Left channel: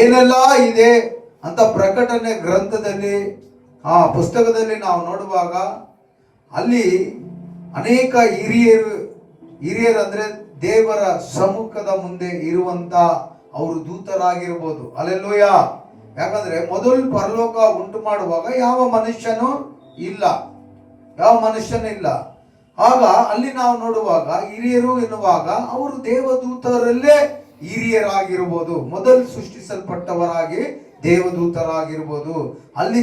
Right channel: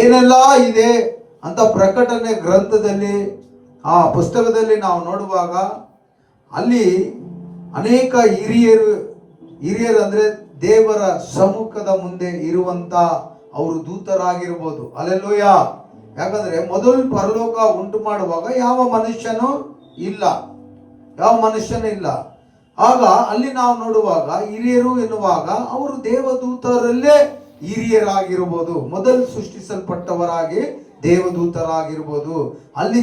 ಏನೆಲ್ಲ ಇದೆ ಅಂತ ಪ್ರಕಟಣೆ ಗ್ರಂಥದಲ್ಲಿ ಆ ಪುಸ್ತಕದಲ್ಲಿ ನಾವು ನೋಡುವಾಗ ಅಲ್ಲಿ ಅನೇಕ ಹಿರಿಯರು ಅಂದ್ರೆ ದೇವರ ಸಮ್ಮುಖದ ಮುಂದೆ ಇರುವಂತ ಅವರು ದೂತರಾಗಿರ್ಬೋದು. ಅಲ್ಲೆಲ್ಲೂಯ. ಯಾಕಂದ್ರೆ ಮೊದಲು ಪರಲೋಕ ಉಂಟು ಮಾಡುವಾಗ ಯಾವ ಮನುಷ್ಯನೂ ಇಲ್ಲ. ಆಗ ಅಲ್ಲಿ ನಾವು ನೋಡುವಾಗ ಹಿರಿಯರು ಎನ್ನುವಾಗ ಅವರು ದೇವದೂತರಲ್ಲೇ ಹಿರಿಯರಾಗಿರ್ಬೋದು, ಮೊದಲು ಸೃಷ್ಟಿಸಲ್ಪಟ್ಟವರಾಗಿ ದೇವದೂತರಾಗಿರ್ಬೋದು. ಅಲ್ಲಿ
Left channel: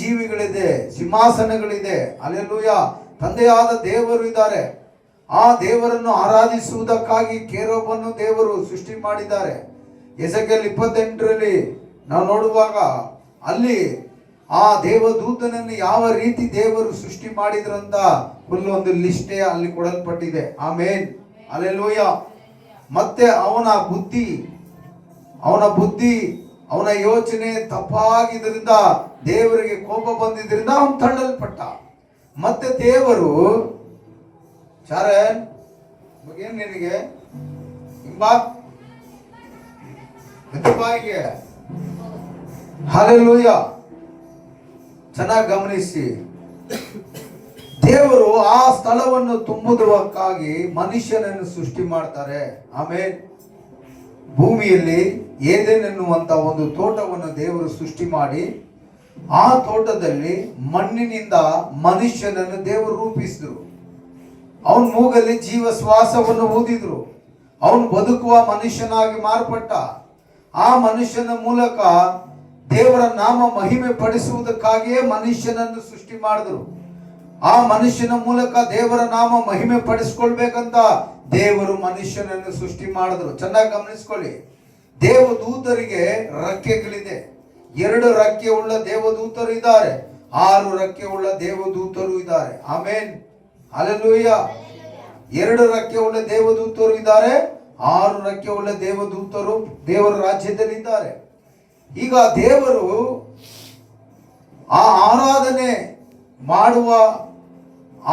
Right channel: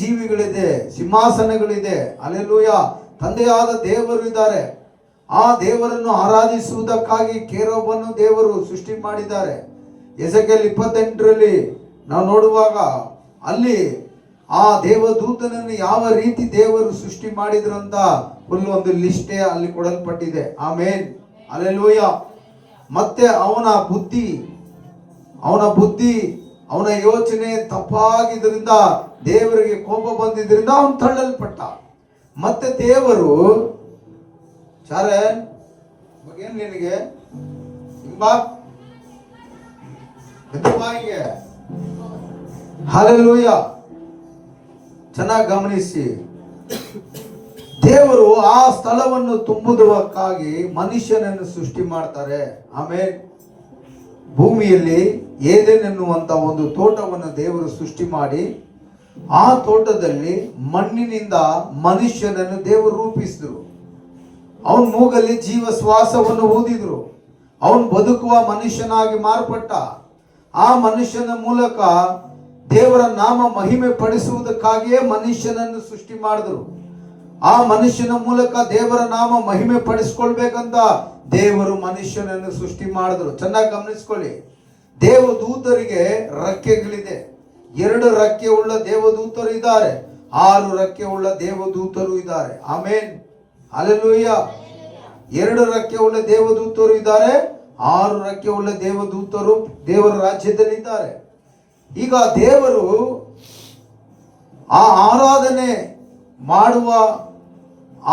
ಜೀವಿಗಳಿದೆ, ಸಿಂಹಾಸನಗಳಿದೆ. ಅಲ್ಲೆಲ್ಲೂಯ. ತಂದೆಯಾದ ದೇವರು ಇದ್ದಾರೆ. ಆ ದೇವರನ್ನು ಆರಾಧಿಸುವುದಕ್ಕಾಗಿ ಕೇರೋಬನ್ನು ದೇವರು ಸೃಷ್ಟಿ ಮಾಡಿದ್ದಾರೆ. ಎಸೆಕೆಲ್ 28ರಲ್ಲಿ ನಾವು ನೋಡುವಾಗ ಅಲ್ಲಿ ಆ ದೇವದೂತನನ್ನು ಯಾವ ರೀತಿ ದೇವರು ಸೃಷ್ಟಿ ಮಾಡಿದ್ರಂತ ಫುಲ್ ಒಂದು ಲಿಸ್ಟೇ ಅಲ್ಲಿ ಕೊಡಲ್ಪಟ್ಟಿದೆ. ಆಮೇನ್, ಅಲ್ಲೆಲ್ಲೂಯ. ಮತ್ತೆ ಅವನ ಬುದ್ಧಿ ಅವನ ಯೋಚನೆ ತಪ್ಪಾಗಿದ್ದರಿಂದ ದೇವರಿಗೆ ಕೋಪ ಬಂದಿದ್ದರಿಂದ ಅವನು ತಳ್ಳಲ್ಪಟ್ಟ. ಮತ್ತೆ ದೇವರು ಶಾರನ್ ಏನ್ ನಿನಗೆ ಹಲ್ಲೆಲೂಯ. ಚೆನ್ನಾಗಿ ಗಮನಿಸಿ, ದೇವರು ಆ ಸ್ಥಳವನ್ನು ತುಂಬುವುದಕ್ಕಾಗಿ ಮನುಷ್ಯನನ್ನು ಸೃಷ್ಟಿ ಮಾಡ್ತಾರೆ. ಆಮೇಲೆ ಭೂಮಿಯಲ್ಲಿ ಏದೇನ್ ಎನ್ನುವಂತ ಒಂದು ತೋಟವನ್ನು ದೇವರು ಸೃಷ್ಟಿ ಮಾಡಿ ಆ ತೋಟದಲ್ಲಿ ಮಣ್ಣಿನಿಂದ ಮನುಷ್ಯನನ್ನು ದೇವರು ರೂಪಿಸಿದ್ರು. ಅವನ ಮೂಗಲ್ಲಿ ಜೀವ ಶ್ವಾಸವನ್ನು ಊದಿದ್ರು. ಅವನು ಬದುಕುವ ಮನುಷ್ಯನಾಗಿ ಮಾರ್ಪಟ್ಟ. ಆ ಮನುಷ್ಯನ ಮೂಲಕ ದೇವರ ನಾಮ ಮಹಿಮೆ ಪಡಿಸುವುದಕ್ಕಾಗಿಯೇ ಮನುಷ್ಯನನ್ನು ಸೃಷ್ಟಿ ಮಾಡಿದ್ರು. ಆ ಮನುಷ್ಯನ ಮೂಲಕ ದೇವರ ನಾಮ ಮಹಿಮೆ ಪಡಿಸ್ಕೊಳ್ಬೇಕಂತ ದೇವರು ಮನುಷ್ಯನನ್ನು ಸೃಷ್ಟಿ ಮಾಡಿದ್ರು. ಚೆನ್ನಾಗಿ ಗಮನಿಸ್ಕೊಳ್ಳಿ. ದೇವದೂತರಿಗೆ ರೆಕ್ಕೆಗಳಿದೆ. 2 ರೆಕ್ಕೆ ಉಳ್ಳ ದೇವದೂತರು ಇದ್ದಾರೆ, 6 ರೆಕ್ಕೆ ಉಳ್ಳ ದೇವದೂತರು ಇದ್ದಾರೆ. ಆಮೇನ್, ಹಲ್ಲೆಲೂಯ. 2 ರೆಕ್ಕೆ ಉಳ್ಳ ದೇವದೂತರು ಇದ್ದಾರೆ, 6 ರೆಕ್ಕೆ ಉಳ್ಳ ದೇವದೂತರು ದೇವರ ರಾಜ್ಯದಲ್ಲಿದ್ದಾರೆ. ಈಗ ದೇವರು ಆ ಆರಾಧನೆ ಮಾಡುವ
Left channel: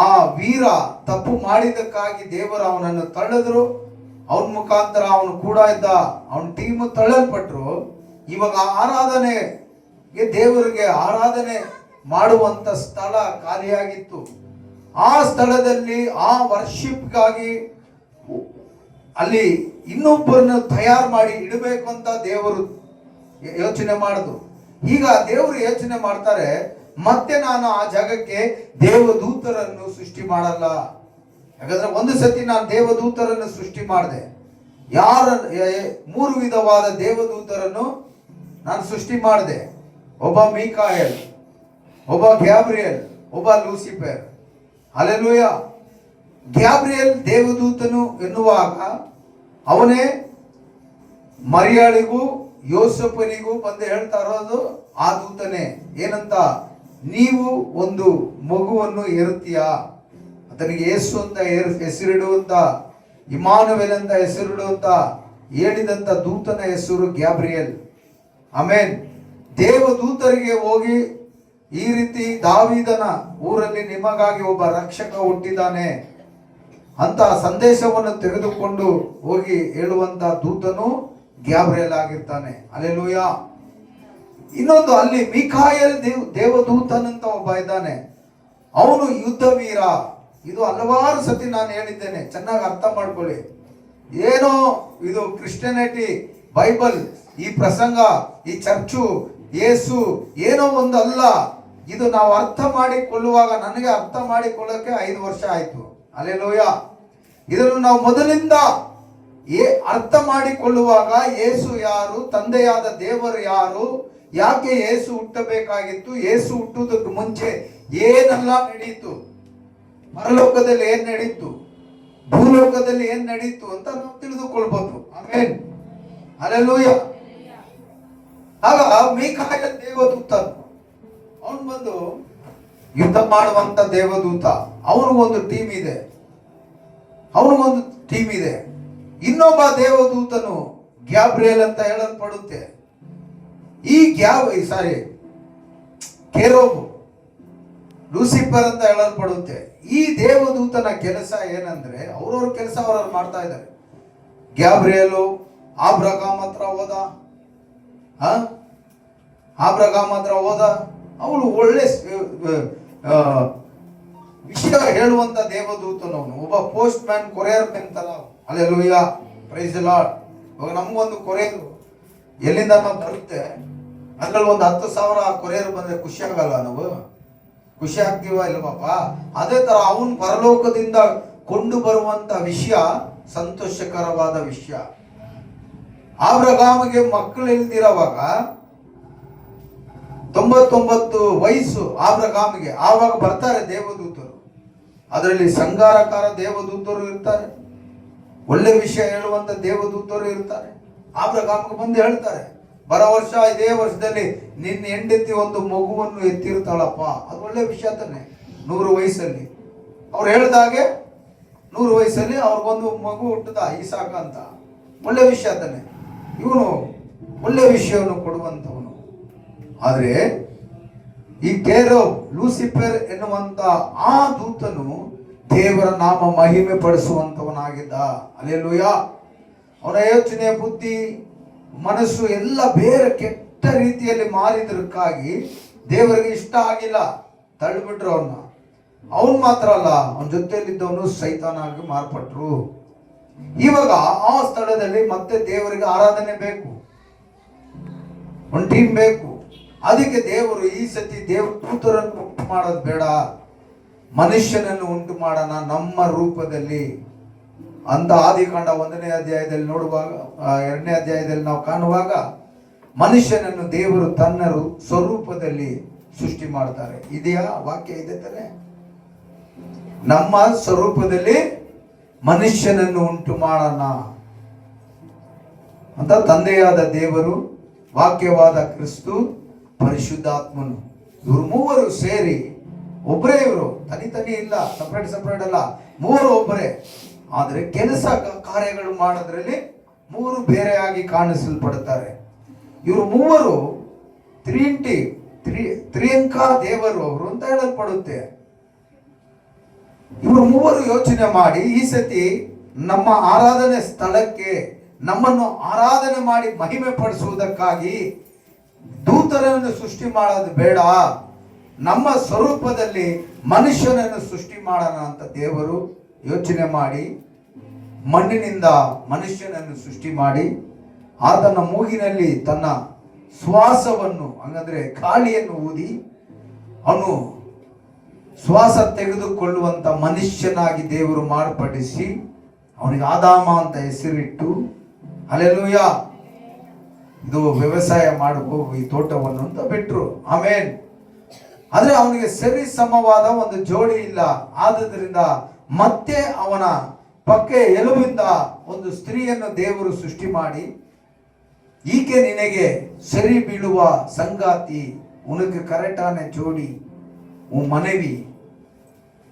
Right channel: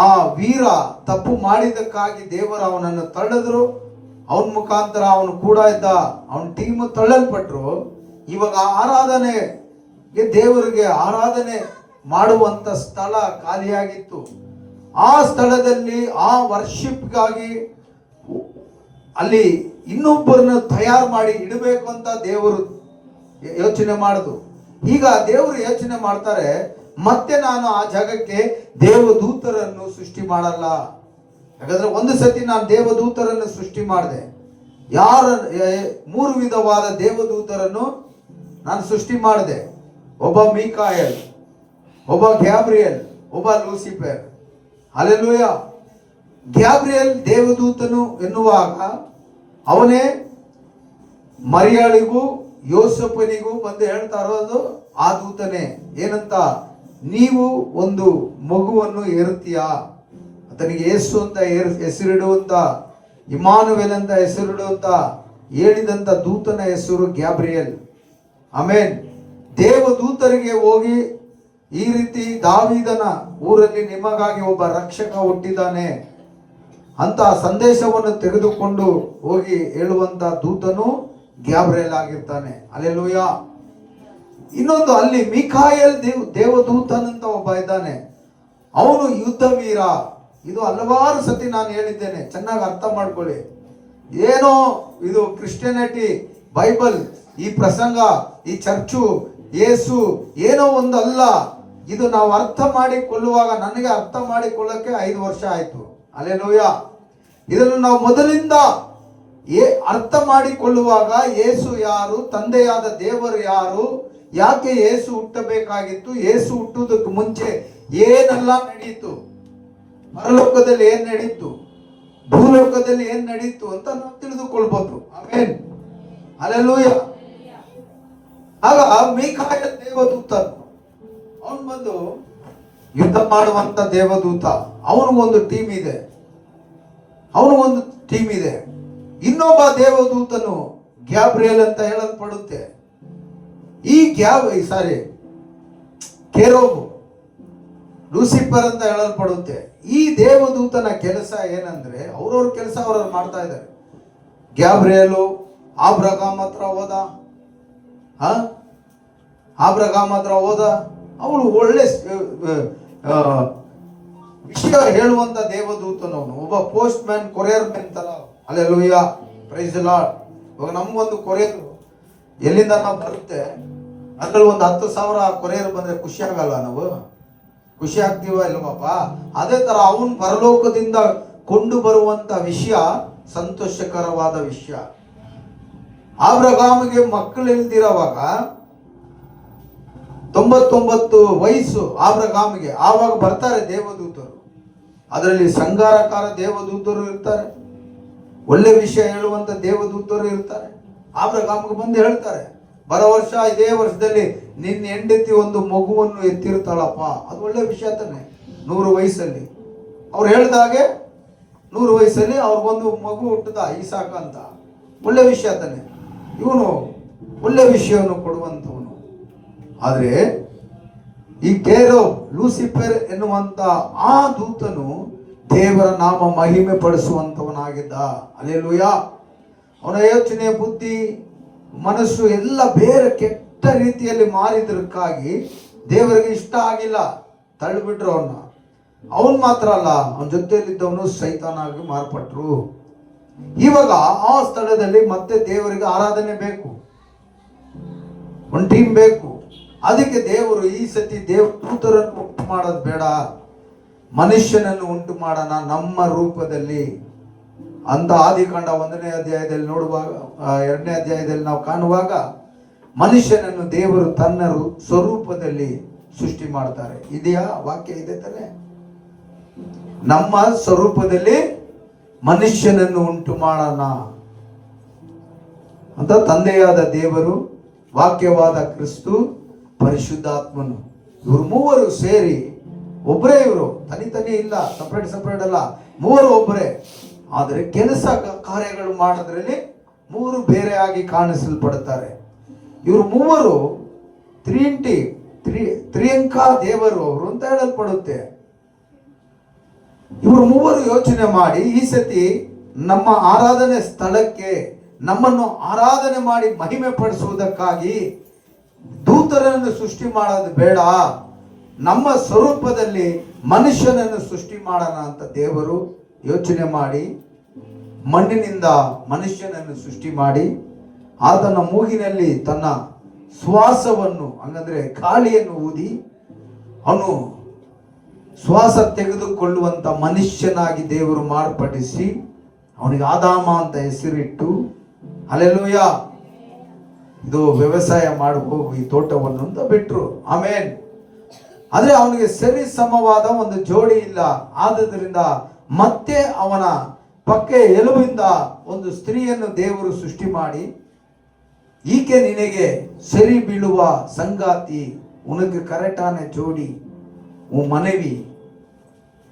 ಆ ವೀರ ತಪ್ಪು ಮಾಡಿದ್ದಕ್ಕಾಗಿ ದೇವರು ಅವನನ್ನು ತಳ್ಳಿದ್ರು. ಅವನ ಮುಖಾಂತರ ಅವನು ಕೂಡ ಇದ್ದ ಅವನ ಟೀಮ್ ತಳ್ಳಲ್ಪಟ್ರು. ಇವಾಗ ಆರಾಧನೆಗೆ ದೇವರಿಗೆ ಆರಾಧನೆ ಮಾಡುವಂತ ಸ್ಥಳ ಖಾಲಿಯಾಗಿತ್ತು. ಆ ಸ್ಥಳದಲ್ಲಿ ಆ ವರ್ಷಿಪ್ಗಾಗಿ ಅಲ್ಲಿ ಇನ್ನೊಬ್ಬರನ್ನು ತಯಾರು ಮಾಡಿ ಇಡಬೇಕು ಅಂತ ದೇವರು ಯೋಚನೆ ಮಾಡಿದ್ರು. ಈಗ ದೇವರು ಯೋಚನೆ ಮಾಡ್ತಾರೆ, ಮತ್ತೆ ನಾನು ಆ ಜಾಗಕ್ಕೆ ದೇವದೂತರನ್ನು ಸೃಷ್ಟಿ ಮಾಡಲ್ಲ. ಯಾಕಂದ್ರೆ ಒಂದು ಸತಿ ನಾನು ದೇವದೂತರನ್ನು ಸೃಷ್ಟಿ ಮಾಡಿದೆ. 3 ವಿಧವಾದ ದೇವದೂತರನ್ನು ನಾನು ಸೃಷ್ಟಿ ಮಾಡಿದೆ. ಒಬ್ಬ ಮೀಕಾಯಲ್, ಒಬ್ಬ ಗ್ಯಾಬ್ರಿಯಲ್, ಒಬ್ಬ ಲೂಸಿಫರ್. ಹಲ್ಲೆಲೂಯ. ಗ್ಯಾಬ್ರಿಯಲ್ ದೇವದೂತನು ಎನ್ನುವಾಗ ಅವನೇ ಮರಿಯಾಳಿಗೂ ಯೋಸೆಫನಿಗೂ ಬಂದು ಹೇಳ್ತಾ ಇರೋದು ಆ ದೂತನೇ. ಏನಂತ? ನೀವು ಒಂದು ಮಗುವನ್ನು ಹೆರುತ್ತೀಯಾ, ಆತನಿಗೆ ಯೇಸು ಅಂತ ಹೆಸರಿಡುವಂತ, ಇಮಾನುವೇಲ್ ಅಂತ ಹೆಸರಿಡುವಂತ ಹೇಳಿದಂತ ದೂತನ ಹೆಸರು ಗ್ಯಾಬ್ರಿಯಲ್. ಆಮೇನ್. ದೇವದೂತರಿಗೆ ಹೋಗಿ ಈ ರೀತಿ ದಾವೀದನ ಊರಲ್ಲಿ ನಿಮಗಾಗಿ ಒಬ್ಬ ರಕ್ಷಕ ಹುಟ್ಟಿದ್ದಾನೆ ಅಂತ ಸಂದೇಶವನ್ನು ತೆಗೆದುಕೊಂಡು ಹೋಗಿ ಹೇಳುವಂತ ದೂತನು ಗ್ಯಾಬ್ರಿಯಲ್ ಆಗಿರ್ತಾನೆ. ಹಲ್ಲೆಲೂಯ. ಇನ್ನೊಂದು ಅಲ್ಲಿ ಮೀಕಾಯಲ್ ದೇವದೂತನಂತ ಒಬ್ಬ ಇದ್ದಾನೆ. ಅವನು ಯುದ್ಧ ವೀರ. ಇದು ಹಲವಾರು ಸತಿ ನಾನು ಹೇಳಿದ್ದೇನೆ, ಚೆನ್ನಾಗಿ ಅರ್ಥ ಮಾಡ್ಕೊಳ್ಳಿ. ಏನೋ ಇದು ಕ್ರಿಶ್ಚಿಯಾನಿಟಿ, ಬೈಬಲ್, ಈ ಪ್ರಸಂಗ, ಈ ಚರ್ಚು, ಯೇಸು ಏನೋ ಒಂದು ಅಲ್ಲ. ಇದು ನಾವು ಅರ್ಥ ಮಾಡಿಕೊಳ್ಳುವಾಗ, ನನಗೆ ಅರ್ಥ ಮಾಡಿಕೊಳ್ಳಕ್ಕೆ 5 ವರ್ಷ ಆಯ್ತು. ಹಲ್ಲೆಲೂಯ. ಇದನ್ನು ನಾವು ಮೊದಲಿಂದ ಅರ್ಥ ಮಾಡಿಕೊಳ್ಳುವಾಗ ಯೇಸು ಯಾರು, ತಂದೆಯಾದ ದೇವರು ಯಾರು, ಯಾಕೆ ಯೇಸು ಹುಟ್ಟಬೇಕಾಗಿತ್ತು, ಯೇಸು ಹುಟ್ಟುವುದಕ್ಕೆ ಮುಂಚೆ ಏನೆಲ್ಲ ನಡೀತು, ಪರಲೋಕದಲ್ಲಿ ಏನ್ ನಡೀತು, ಭೂಲೋಕದಲ್ಲಿ ಏನ್ ನಡೀತು ಅಂತ ನಾವು ತಿಳಿದುಕೊಳ್ಬಹುದು. ಆಮೇನ್, ಹಲ್ಲೆಲೂಯ. ಆಗ ಮೀಕಾಯಲ್ ದೇವದೂತ, ಅವನು ಬಂದು ಯುದ್ಧ ಮಾಡುವಂತ ದೇವದೂತ. ಅವನಿಗೊಂದು ಟೀಮ್ ಇದೆ. ಇನ್ನೊಬ್ಬ ದೇವದೂತನು ಗ್ಯಾಬ್ರಿಯಲ್ ಅಂತ ಹೇಳಲ್ಪಡುತ್ತೆ. ಈ ಕೆರೋಬ್, ಲೂಸಿಫರ್ ಅಂತ ಹೇಳಲ್ಪಡುತ್ತೆ. ಈ ದೇವದೂತನ ಕೆಲಸ ಏನಂದ್ರೆ, ಅವ್ರವ್ರ ಕೆಲಸ ಅವ್ರವ್ರು ಮಾಡ್ತಾ ಇದ್ದಾರೆ. ಗ್ಯಾಬ್ರಿಯಲು ಆಬ್ರಗಾಮ್ ಹತ್ರ ಹೋದ. ಆಬ್ರಗಾಮ್ ಹತ್ರ ಹೋದ. ಅವನು ಒಳ್ಳೆ ವಿಷಯ ಹೇಳುವಂತ ದೇವದೂತನು ಅವನು. ಒಬ್ಬ ಪೋಸ್ಟ್ ಮ್ಯಾನ್, ಕೊರಿಯರ್ ತರ. Hallelujah, praise the Lord. ಇವಾಗ ನಮ್ಗೊಂದು ಕೊರಿಯರ್ ಎಲ್ಲಿಂದ ನಾವು ಬರುತ್ತೆ, ಅದ್ರಲ್ಲಿ ಒಂದು 10,000 ಕೊರಿಯರ್ ಬಂದ್ರೆ ಖುಷಿ ಆಗಲ್ಲ? ನಾವು ಖುಷಿ ಆಗ್ತೀವ ಇಲ್ವಪ್ಪ? ಅದೇ ತರ ಅವನು ಪರಲೋಕದಿಂದ ಕೊಂಡು ಬರುವಂತ ವಿಷಯ ಸಂತೋಷಕರವಾದ ವಿಷಯ. ಆಬ್ರಗಾಮಿಗೆ ಮಕ್ಕಳು ಇಲ್ದಿರೋವಾಗ 99 ವಯಸ್ಸು ಆಬ್ರಗಾಮಿಗೆ. ಆವಾಗ ಬರ್ತಾರೆ ದೇವದೂತರು. ಅದರಲ್ಲಿ ಸಂಗಾರಕಾರ ದೇವದೂತರು ಇರ್ತಾರೆ, ಒಳ್ಳೆ ವಿಷಯ ಹೇಳುವಂತ ದೇವದೂತರು ಇರ್ತಾರೆ. ಆಬ್ರಗಾಮಿಗೆ ಬಂದು ಹೇಳ್ತಾರೆ, ಬರೋ ವರ್ಷ ಇದೇ ವರ್ಷದಲ್ಲಿ ನಿನ್ನ ಹೆಂಡತಿ ಒಂದು ಮಗುವನ್ನು ಎತ್ತಿರ್ತಾಳಪ್ಪ. ಅದು ಒಳ್ಳೆ ವಿಷಯ ತಾನೆ. 100 ವಯಸ್ಸಲ್ಲಿ ಅವ್ರು ಹೇಳ್ದಾಗೆ 100 ವಯಸ್ಸಲ್ಲಿ ಅವ್ರಿಗೊಂದು ಮಗು ಹುಟ್ಟದ, ಈಸಾಕ ಅಂತ. ಒಳ್ಳೆ ವಿಷಯ ತಾನೆ. ಇವನು ಒಳ್ಳೆ ವಿಷಯವನ್ನು ಕೊಡುವಂಥವನು. ಆದರೆ ಈ ಲೂಸಿಫರ್ ಎನ್ನುವಂತ ಆ ದೂತನು ದೇವರ ನಾಮ ಮಹಿಮೆ ಪಡಿಸುವಂತವನಾಗಿದ್ದ. ಹಲ್ಲೆಲೂಯಾ. ಅವನ ಯೋಚನೆ, ಬುದ್ಧಿ, ಮನಸ್ಸು ಎಲ್ಲ ಬೇರೆ ಕೆಟ್ಟ ರೀತಿಯಲ್ಲಿ ಮಾರಿದಕ್ಕಾಗಿ ದೇವರಿಗೆ ಇಷ್ಟ ಆಗಿಲ್ಲ, ತಳ್ಳಿಬಿಟ್ರು ಅವನ್ನ. ಅವನ್ ಮಾತ್ರ ಅಲ್ಲ, ಅವನ ಜೊತೆಯಲ್ಲಿದ್ದವನು ಸೈತಾನಾಗಿ ಮಾರ್ಪಟ್ರು. ಇವಾಗ ಆ ಸ್ಥಳದಲ್ಲಿ ಮತ್ತೆ ದೇವರಿಗೆ ಆರಾಧನೆ ಬೇಕು, ಒಂದು ಟೀಮ್ ಬೇಕು. ಅದಕ್ಕೆ ದೇವರು ಈ ಸತಿ ದೇವದೂತರನ್ನು ಉಂಟು ಮಾಡೋದು ಬೇಡ, ಮನುಷ್ಯನನ್ನು ಉಂಟು ಮಾಡೋಣ ನಮ್ಮ ರೂಪದಲ್ಲಿ ಅಂತ ಆದಿಕಾಂಡ 1ನೇ ಅಧ್ಯಾಯದಲ್ಲಿ ನೋಡುವಾಗ, 2ನೇ ಅಧ್ಯಾಯದಲ್ಲಿ ನಾವು ಕಾಣುವಾಗ ಮನುಷ್ಯನನ್ನು ದೇವರು ತನ್ನ ಸ್ವರೂಪದಲ್ಲಿ ಸೃಷ್ಟಿ ಮಾಡ್ತಾರೆ. ಇದೆಯಾ ವಾಕ್ಯ? ಇದೆ ತಾನೆ. ನಮ್ಮ ಸ್ವರೂಪದಲ್ಲಿ ಮನುಷ್ಯನನ್ನು ಉಂಟು ಮಾಡೋಣ ಅಂತ ತಂದೆಯಾದ ದೇವರು, ವಾಕ್ಯವಾದ ಕ್ರಿಸ್ತು, ಪರಿಶುದ್ಧಾತ್ಮನು, ಇವರು ಮೂವರು ಸೇರಿ ಒಬ್ಬರೇ. ಇವರು ತನಿ ಇಲ್ಲ, ಸಪ್ರೇಟ್ ಅಲ್ಲ, ಮೂವರು ಒಬ್ಬರೇ. ಆದರೆ ಕೆಲಸ ಕಾರ್ಯಗಳು ಮಾಡೋದ್ರಲ್ಲಿ ಮೂವರು ಬೇರೆಯಾಗಿ ಕಾಣಿಸಲ್ಪಡುತ್ತಾರೆ. ಇವರು ಮೂವರು ತ್ರಿಯಂಕ ದೇವರು ಅವರು ಅಂತ ಹೇಳಲ್ಪಡುತ್ತೆ. ಇವರು ಮೂವರು ಯೋಚನೆ ಮಾಡಿ ಈ ಸತಿ ನಮ್ಮ ಆರಾಧನೆ ಸ್ಥಳಕ್ಕೆ ನಮ್ಮನ್ನು ಆರಾಧನೆ ಮಾಡಿ ಮಹಿಮೆ ಪಡಿಸುವುದಕ್ಕಾಗಿ ದೂತರನ್ನು ಸೃಷ್ಟಿ ಮಾಡೋದು ಬೇಡ, ನಮ್ಮ ಸ್ವರೂಪದಲ್ಲಿ ಮನುಷ್ಯನನ್ನು ಸೃಷ್ಟಿ ಮಾಡೋಣ ಅಂತ ದೇವರು ಯೋಚನೆ ಮಾಡಿ ಮಣ್ಣಿನಿಂದ ಮನುಷ್ಯನನ್ನು ಸೃಷ್ಟಿ ಮಾಡಿ ಆತನ ಮೂಗಿನಲ್ಲಿ ತನ್ನ ಶ್ವಾಸವನ್ನು, ಹಂಗಂದ್ರೆ ಗಾಳಿಯನ್ನು ಊದಿ ಅವನು ಶ್ವಾಸ ತೆಗೆದುಕೊಳ್ಳುವಂತ ಮನುಷ್ಯನಾಗಿ ದೇವರು ಮಾರ್ಪಡಿಸಿ ಅವನಿಗೆ ಆದಾಮ ಅಂತ ಹೆಸರಿಟ್ಟು, ಹಲ್ಲೆಲೂಯಾ, ಇದು ವ್ಯವಸಾಯ ಮಾಡಬೇಕು ಈ ತೋಟವನ್ನು ಅಂತ ಬಿಟ್ರು. ಆಮೇನ್. ಆದ್ರೆ ಅವನಿಗೆ ಸರಿ ಸಮವಾದ ಒಂದು ಜೋಡಿ ಇಲ್ಲ. ಆದುದರಿಂದ ಮತ್ತೆ ಅವನ ಪಕ್ಕ ಎಲುಬಿಂದ ಒಂದು ಸ್ತ್ರೀಯನ್ನು ದೇವರು ಸೃಷ್ಟಿ ಮಾಡಿ, ಈಕೆ ನಿನಗೆ ಸರಿ ಬೀಳುವ ಸಂಗಾತಿ, ಉನக்கு கரெக்டான ஜோடி, உன் மனைவி,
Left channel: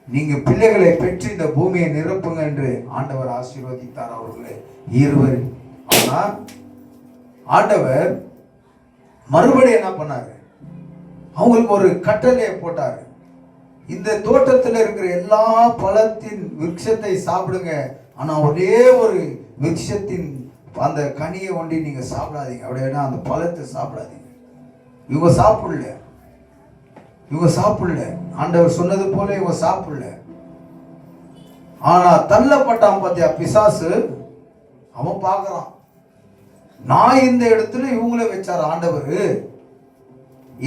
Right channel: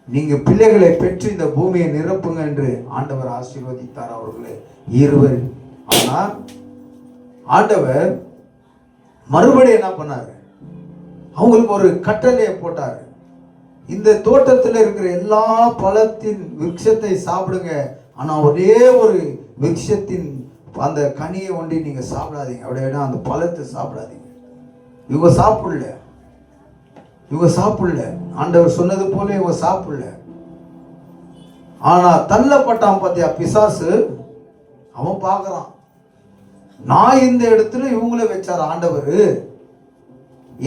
நீங்க பிள்ளைகளை பெற்று இந்த பூமியை நிரப்புங்க என்று ஆண்டவர் ஆசீர்வதித்தார் அவர்களே இருவர். ஆனா ஆண்டவர் மறுபடியும் என்ன பண்ணாரு? அவங்களுக்கு ஒரு கட்டளையை போட்டாரு. இந்த தோட்டத்தில் இருக்கிற எல்லா பழத்தின் விருட்சத்தை சாப்பிடுங்க, ஆனா ஒரே ஒரு விருட்சத்தின் அந்த கனியை ஒண்டி நீங்க சாப்பிடாதீங்க, அப்படின்னா அந்த பழத்தை சாப்பிடாதீங்க. இவங்க சாப்பிடல, ஆண்டவர் சொன்னது போல இவங்க சாப்பிடல. ஆனா தள்ளப்பட்டான் பாத்தியா பிசாசு, அவன் பார்க்கறான், நான் இந்த இடத்துல இவங்கள வச்சார் ஆண்டவர்.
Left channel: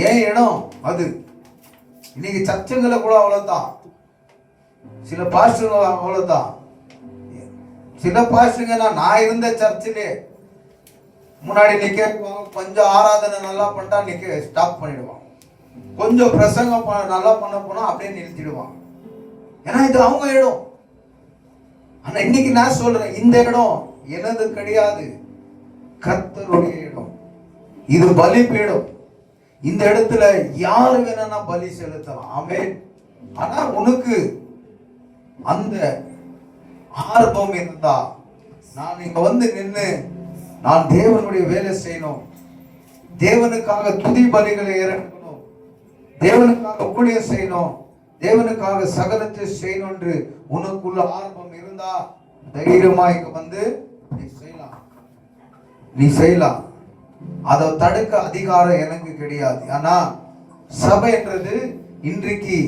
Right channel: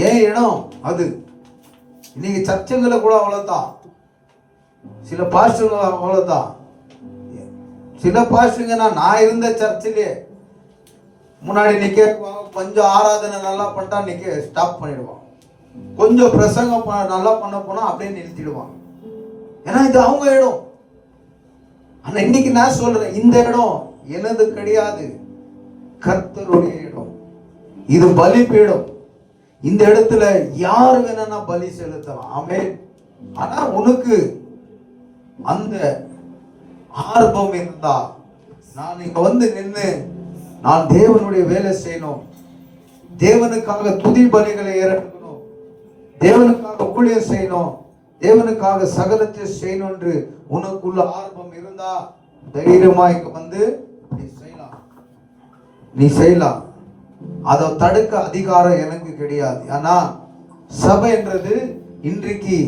ஏன் இடம் அது? இன்னைக்கு சர்ச்சுங்களை கூட அவ்வளவுதான், சில பாஸ்டர்கள் அவ்வளவுதான். சில பாஸ்டருங்க நான் இருந்த சர்ச்சிலே முன்னாடி நிக்க கொஞ்சம் ஆராதனை நல்லா பண்ணிட்டா நிக்க ஸ்டாப் பண்ணிடுவான், கொஞ்சம் பிரசங்கம் நல்லா பண்ண போனா அப்படியே நிறுத்திடுவான். ஏன்னா இது அவங்க இடம். ஆனா இன்னைக்கு நான் சொல்றேன், இந்த இடம் எனது கிடையாது, கர்த்தருடைய இடம். இது பலிபீடம். இந்த இடத்துல யாரு வேணா பலி செலுத்தலாம். ஆமென். ஆனா உனக்கு அந்த ஆர்வம் இருந்தா, நான் இங்க வந்து நின்று நான் தேவனுடைய வேலை செய்யணும், தேவனுக்காக துதி பலிகளை இறக்கணும், தேவனுக்காக ஊழியம் செய்யணும், தேவனுக்காக சகலத்தை செய்யணும் என்று உனக்குள்ள ஆர்வம் இருந்தா தைரியமா இங்க வந்து செய்யலாம். நீ செய்யலாம், அதை தடுக்க அதிகாரம் எனக்கு கிடையாது. ஆனா சபை என்றது இன்றைக்கு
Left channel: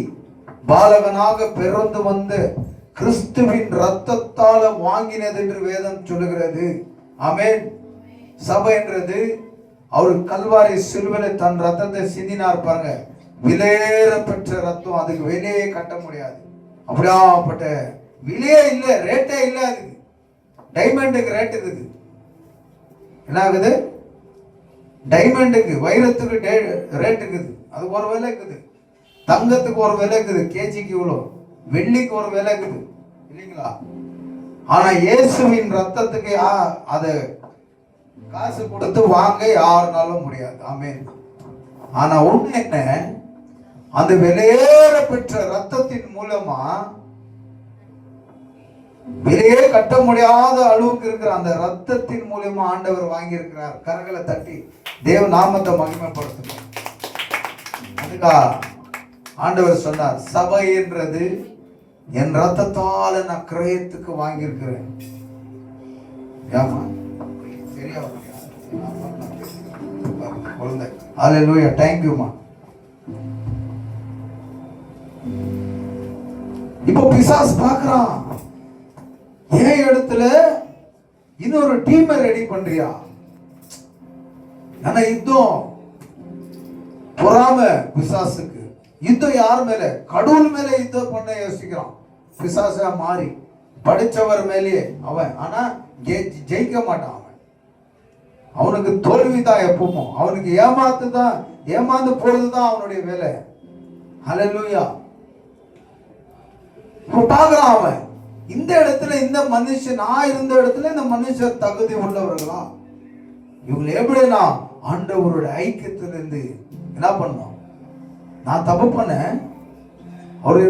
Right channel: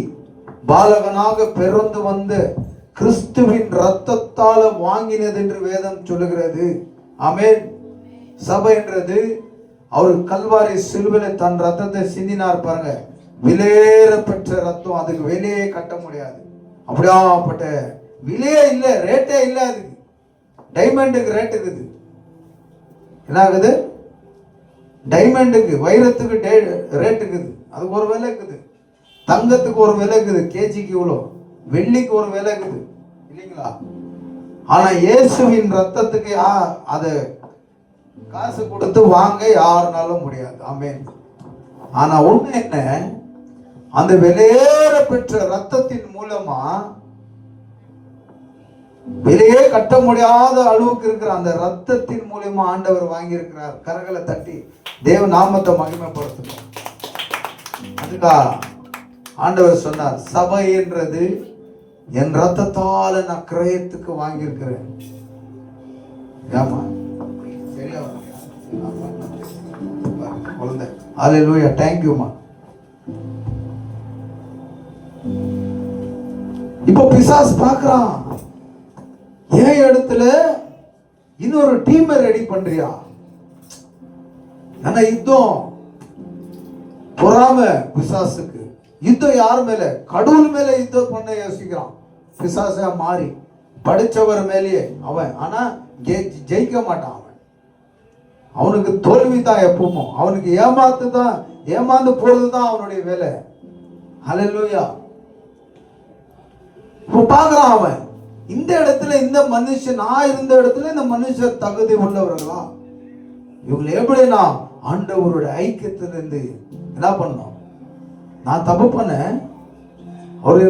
பாலகனாக பிறந்து வந்த கிறிஸ்துவின் ரத்தத்தால வாங்கினது என்று வேதம் சொல்லுகிறது. ஆமென். சபை என்றது அவர் கல்வாரி சிலுவையில தன் ரத்தத்தை சிந்தினார் பாருங்க, விலையேற பெற்ற ரத்தம். அதுக்கு விலையே கட்ட முடியாது. அப்படியாப்பட்ட விலையே இல்லை, ரேட்டே இல்லை. அதுக்கு டைமண்டுக்கு ரேட் இருக்குது. என்ன ஆகுது? டைமண்டுக்கு, வைரத்துக்கு ரேட் இருக்குது. அதுக்கு ஒரு விலை இருக்குது. தங்கத்துக்கு ஒரு விலை இருக்குது, கேஜிக்கு இவ்வளோ. வெள்ளிக்கு ஒரு விலை இருக்குது, இல்லைங்களா? ஆனா இயேசுவின் ரத்தத்துக்கு அது காசு கொடுத்து வாங்க யாருனாலும் முடியாது. ஆமென். ஆனா ஒண்ணு என்ன, அந்த விலையேற பெற்ற ரத்தத்தின் மூலமா விலையே கட்ட முடியாத அளவுக்கு இருக்கிற அந்த ரத்தத்தின் மூலமா ஆண்டவர் வாங்கி இருக்கிறார். கரங்களை தட்டி தேவ நாமத்தை மகிமைப்படுத்தணும். அதுக்கா ஆண்டவர் சொன்னார், சபை என்றது என் ரத்தத்தால நான் கிரயத்துக்கு வாங்கி இருக்கிறேன். சரியா? ஹல்லேலூயா, தேங்க் யூ மா. இப்போ பிசாசு பார்க்கறான், ஏன் இடத்துல இன்னொரு டீமை ரெடி பண்றியா? ஆனா யுத்தம் பொறாம பிசாசுக்கு. யுத்தம் யார் மேல? கடவுள் மேல யுத்தம் பண்ண யோசிக்கிறான். பிசாசா மாறி படிச்சவர் மேலேயே அவன். ஆனா ஜெயிக்க மாட்டான். அவனுக்கு தோல்வி தான் எப்பவும். அவனுக்கு ஏமாந்து போறதுதான் அவனுடைய வேலை. ஹல்லேலூயா. பார்க்கிறான் அவன், இந்த இடத்துல இந்த மனுஷன், நான் இருந்த இடத்துல இந்த மனுஷர் தகுதி உள்ளவர்களா? இவங்களை எப்படி நான் ஆண்டவருடைய ஐக்கியத்திலிருந்து என்ன பண்ணோம்? நான் தப்பு பண்ணேன், அவரு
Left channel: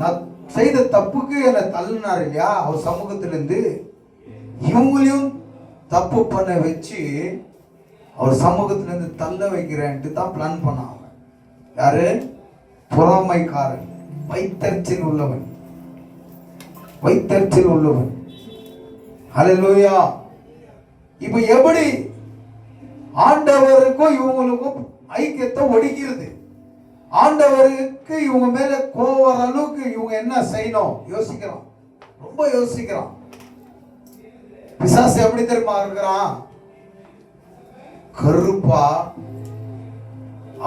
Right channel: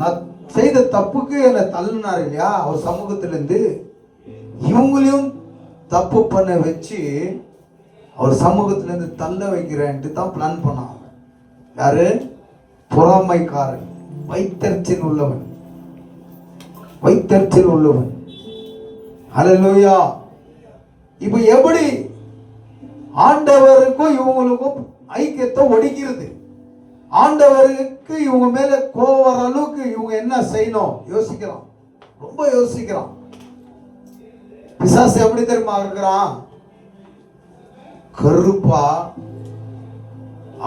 நான் செய்த தப்புக்கு என்னை தள்ளினார் இல்லையா அவர் சமூகத்திலிருந்து. இவங்களையும் தப்பு பண்ண வச்சு அவர் சமூகத்திலிருந்து தள்ள வைக்கிறேன்ட்டு தான் பிளான் பண்ணான். யாரு? பொறாமைக்காரன், வைத்தறிச்சல் உள்ளவன், வைத்தறிச்சல் உள்ளவன். ஹல்லேலூயா. இப்ப எப்படி ஆண்டவருக்கும் இவங்களுக்கும் ஐக்கியத்தை ஒடுக்கிறது? ஆண்டவருக்கு இவங்க மேல கோவர அளவுக்கு இவங்க என்ன செய்யணும் யோசிக்கிறான், ரொம்ப யோசிக்கிறான். பிசாசு எப்படி தெரியுமா இருக்கிறான்? கருப்பா,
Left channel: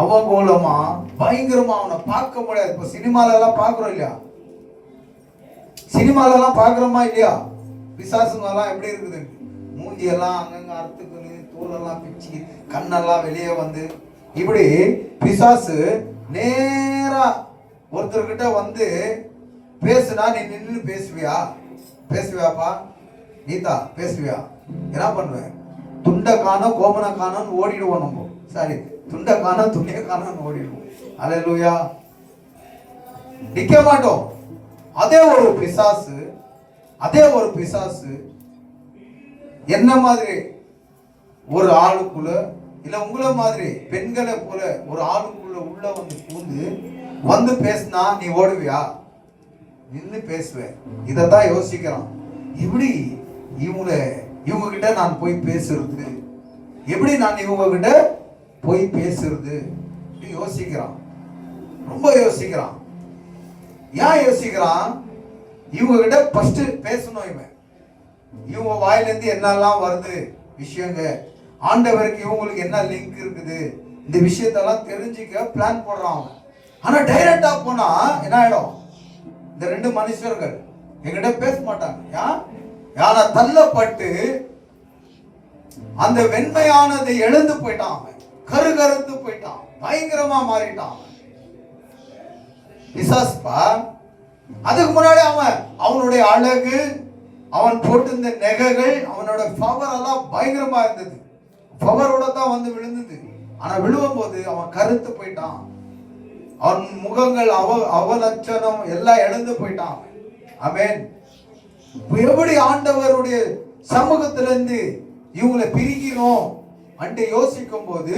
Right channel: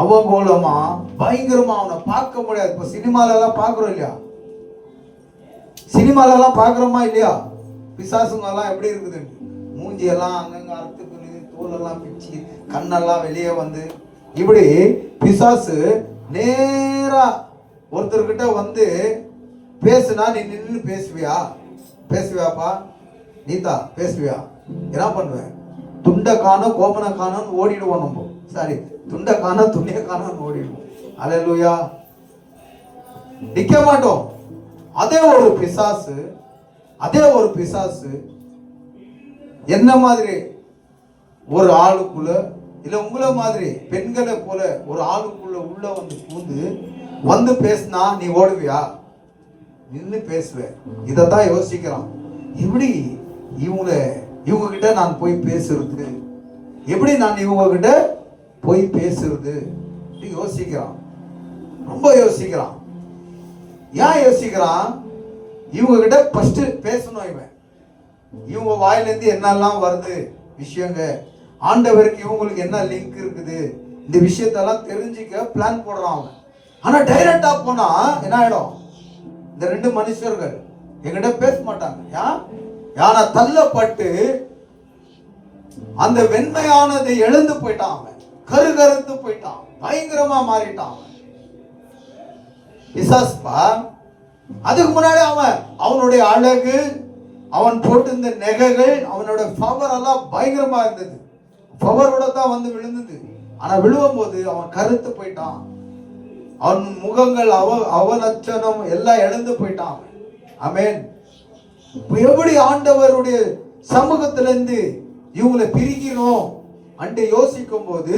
அவகோலமா, பயங்கரமா. அவனை பார்க்க முடியாது. இப்ப சினிமால எல்லாம் பாக்குறோம் இல்லையா? சினிமால எல்லாம் பாக்குறோமா இல்லையா? பிசாசுங்க எல்லாம் எப்படி இருக்குது? மூஞ்சி எல்லாம் அங்கங்க அறுத்துக்குன்னு, தோலெல்லாம் பிச்சு, கண்ணெல்லாம் வெளியே வந்து, இப்படி பிசாசு நேரா ஒருத்தர்கிட்ட வந்து பேசுனா நீ நின்று பேசுவியா? பேசுவியாப்பா? நீதா பேசுவியா? என்ன பண்ணுவேன்? துண்டை காணோம் கோபனை காணோன்னு ஓடிடுவோம் நம்ம. சாரி, துண்டை காணோம் துணியை காணோன்னு ஓடிடுவோம். ஹல்லேலூயா. நிக்க மாட்டோம். அதே ஒரு பிசாசு என்ன மாதிரி ஒரு ஆளுக்குள்ள, இல்ல உங்களை மாதிரி பெண்களை போல ஒரு ஆளுக்குள்ள உள்ள வந்து பூந்து வந்து பேசினா நீ ஓடுவியா? நின்று பேசுவேன். இதைத்தான் யோசிக்கிறான். எப்படி இவங்க கிட்ட நான் போய் பேசுறது? எப்படி நான் இவங்க கிட்ட போய் பேசுறது? யோசிக்கிறான், ரொம்ப யோசிக்கிறான். ஏன் யோசிக்கிறான்? இவங்க கிட்ட ஃபர்ஸ்ட் பேசணும். இவங்க வாயிலிருந்து என்னெல்லாம் வருது விஷயங்க, ஆண்டவருக்கு இவங்களுக்கு என்ன லிங்க் இருக்குது, இந்த விஷயத்தெல்லாம் தெரிஞ்சுக்க பிளான் போடுறான் அவன். ஆனா டைரக்டா போனா என்ன ஆயிடும்? இந்த ரெண்டு மனுஷர்கள் என்கிட்ட பேச மாட்டாங்க. யானை தள்ளப்பட்டு அந்த வெண்மையானதை எழுந்து போயிட்டான். அவன் கருத்து போயிட்டான், பயங்கரமா மாறிட்டான் பிசாசுப்பா. அதுக்கு முன்னாடி அவனுடைய அழகு, அவன் போட்டிருந்த நெகைகள், அவனோட பவர் எல்லாம் பயங்கரமா இருந்தது. பவரோட தான் வந்து விழுந்தது. ஆனா விழுவும் போது அவன் கருத்து போயிட்டான். அவன் முகங்கள் அவலட்சணம் எல்லாம் எழுந்து போயிட்டான். ஆமென். எப்படி ஆண்டவருடைய சமூகத்திலிருந்து இவங்களை பிரிக்கணும் அண்டு யோசிக்கும் போது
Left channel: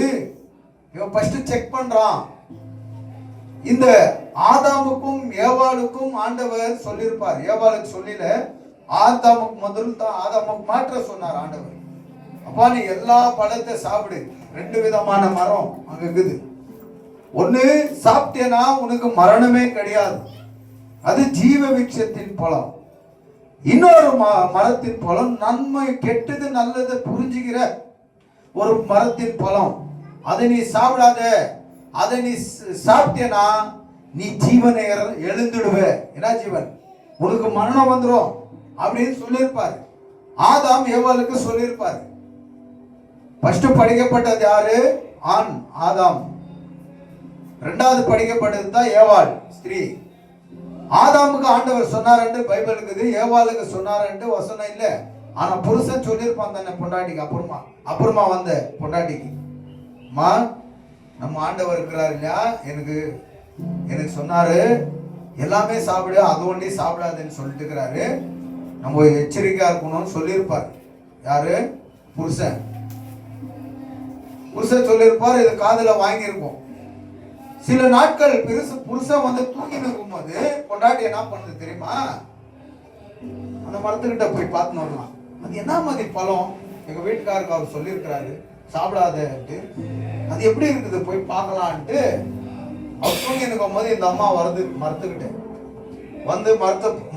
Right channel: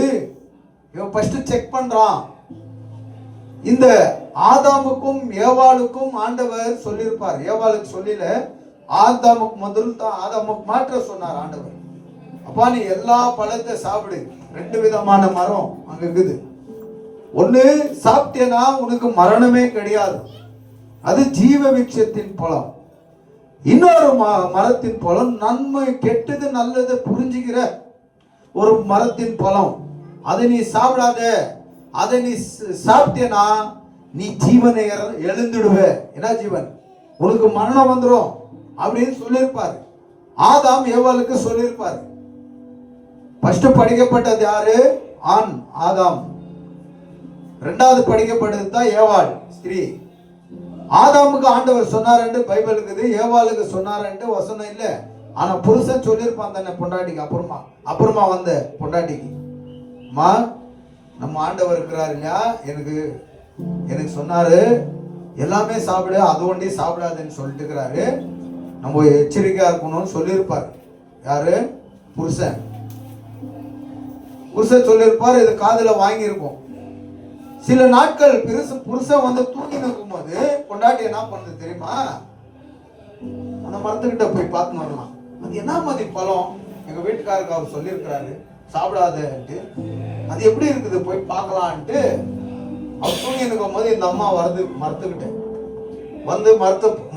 இவன் ஃபர்ஸ்ட் செக் பண்றான். இந்த ஆதாமுக்கும் ஏவாளுக்கும் ஆண்டவர் சொல்லியிருப்பார். ஏவாளுக்கு சொல்லல, ஆதாமுக்கு முதல் தான் ஆதாமுக்கு மாற்ற சொன்னார் ஆண்டவர். அப்பா நீ எல்லா பழத்தை சாப்பிடு. 2 விதமான மரம் அங்க இருக்குது. ஒண்ணு சாப்பிட்டேனா உனக்கு மரணமே கிடையாது, அது ஜீவ விருட்சத்தின் பழம். இன்னொரு மரத்தின் பழம் நன்மை கெட்டது நல்லது புரிஞ்சுக்கிற ஒரு மரத்தின் பழம். அதை நீ சாப்பிடாத. அதை நீ சாப்பிட்டேனா நீ ஜீவனை எழுந்துடுவ. என்ன ஜீவன்? உனக்கு மரணம் வந்துடும் அப்படின்னு சொல்லியிருப்பாரு. ஆதாம் ஏவாளுக்கு சொல்லியிருப்பாரு. ஃபர்ஸ்ட் படிக்கப்பட்டது யாரு? ஆண் ஆதாம். 2வது படிக்கப்பட்டது தான் ஏவாள் ஸ்திரீ. ஆதாமுக்கு ஆண்டவர் சொன்னார் பைபிள் இருக்குது, ஏவாளுக்கு சொன்னார் வசனம் இல்லை. ஆனா புருஷன் சொல்லியிருப்பான் தானே பொண்டாட்டிக்கு. அப்புறமா வந்த பொண்டாட்டிக்கு, அம்மா நம்ம ஆண்டவர் இருக்கிறாரு இல்லையா, எனக்கு சொன்னாரு எல்லாமே சாப்பிடு, அது ஒண்டி சாப்பிடாதுன்னு சொல்லிட்டு இருக்கிறாரு, நம்ம எச்சரிக்கையா இருக்கணும்னு சொல்லியிருப்பார். யாரு? புருஷன் சொல்லியிருப்பார். இது காதுல வாங்கியிருப்போம். சில நாட்கள் புருஷன் வந்து தூங்கி நிற்கும் போது பொண்டாட்டி என்ன பண்ணுது தெரியுமா? அந்த மரத்துக்கிட்ட போய் பார்த்து வரலாம், அது என்ன மாதிரி பழம், எங்க வீட்டுக்காருக்கு அவர் சொல்லியிருக்கிறாரு சாப்பிடாதேன்ட்டு, அது எப்படி இருக்குது போய் பார்க்கலான்ட்டு அவர் தூங்கி நிற்கும் போது இந்த அம்மா வருது மரத்துக்கிட்ட வந்து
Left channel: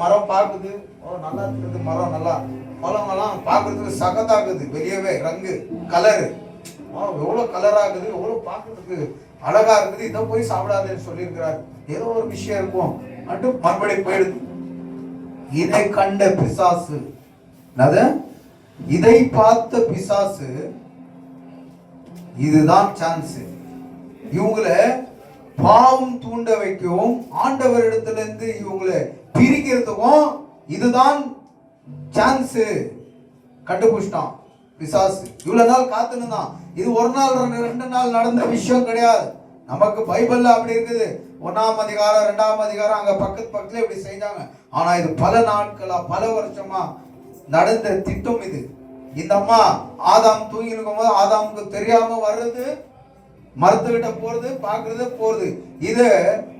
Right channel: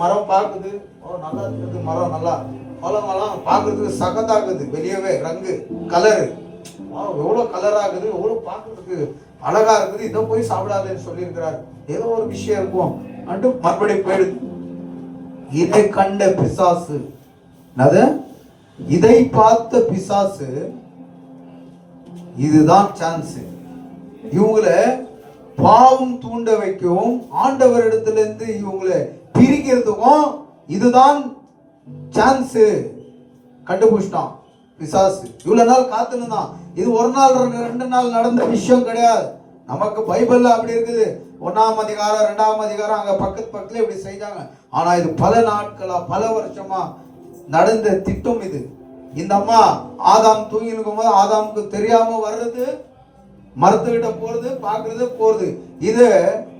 மரம் பார்க்குது. ஓ நல்லா இருக்குது மரம், நல்லா பழமெல்லாம் பார்க்கறதுக்கு சகத்தாக்குது, வெளியவே ரங்கு கலரு எவ்வளவு கலரா இருக்குது, எவ்வளவு பார்க்கறதுக்கு அழகா இருக்குது, இதை போய் சாப்பிடாதுன்னு சொல்லி இருக்கிறாரு. ஏதோ ஒரு விஷயம் இருக்கும் அண்டு மறுபடியும் போயிடுது. இதை கண்ட பிசாசு, இதை பார்த்த பிசாசு, இதுதான் சான்ஸ் இவங்களை பாவம் தூண்ட வைக்கவும் ஆண்டவரிடத்துல இருந்து இவங்களை பிரிக்கிறதுக்கும் இதுதான் சான்ஸ். கண்டுபிடிச்சிட்டான் பிசாசு. இவ்வளவு நாள் காத்துனுதான். இது ஒரு நாள் 2 நாள் நடந்த விஷயம் கிடையாது. நமக்கு பைபிள்ல அப்படி இருக்குது. 1ஆம் அதிகாரம் 2ஆம் அதிகாரம் அங்க பக்கத்துல இப்படி செய்தாங்க. ஆனா இது பல நாட்களா பல வருஷமா நடந்த திட்டம் இது. இந்த அம்மா ஆதாம் தூங்கி இருக்கும் போது ஆதாமுக்கு தெரியாம வர்றது, மரத்துக்கிட்ட போறது, பாக்குறது, போறது, இது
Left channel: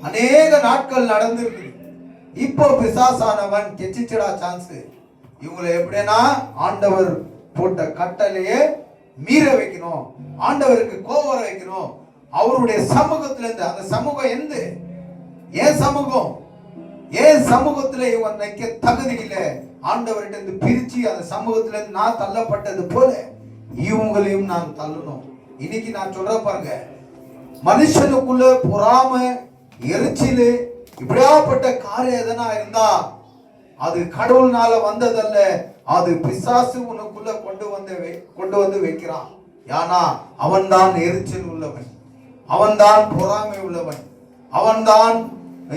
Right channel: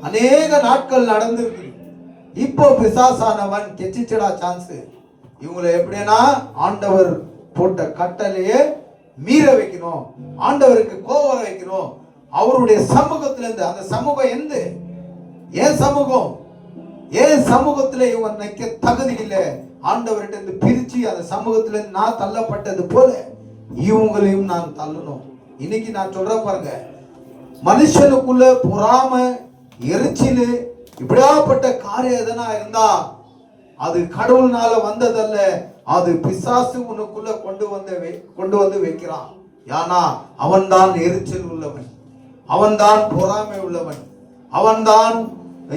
அநேக நாட்கள் நடந்திருக்கு. இப்போ பிசாசானவன் கெச்சிச்சடா சான்ஸ். இவங்களை எப்படின்னா ஆண்டவர் போட்ட கட்டளையே மீற வைக்கணும், ஆண்டவருக்கு கோவம் வைக்கணும். அவருடைய சமூகத்துல இருந்து, அந்த சமூகம் எந்த ஏன் சமூகம், ஏன் சமூகத்துல இவங்க நிக்க தகுதி இல்லை, ஆண்டவர்கிட்ட இருந்து பிரிச்சு அந்த சமூகத்துல இருந்து நான் தள்ளப்பட்டது போல இவங்களையும் நான் தள்ளணும். இன்னைக்கு நான் சொல்றேன் பாருங்க, மனுஷனுக்குள்ள பொறாமை, எரிச்சல், இப்படியாப்பட்ட காரியம் எதனா இருந்தா அது கடவுள்னால வந்ததல்ல, அது பிசாசு உனக்குள்ள கொண்டு வந்து வைக்கிறான். ஏன்னா அவன் தான் எரிச்சல் உள்ளவன், அவன் தான் பொறாமை உள்ளவன், அவன் தான்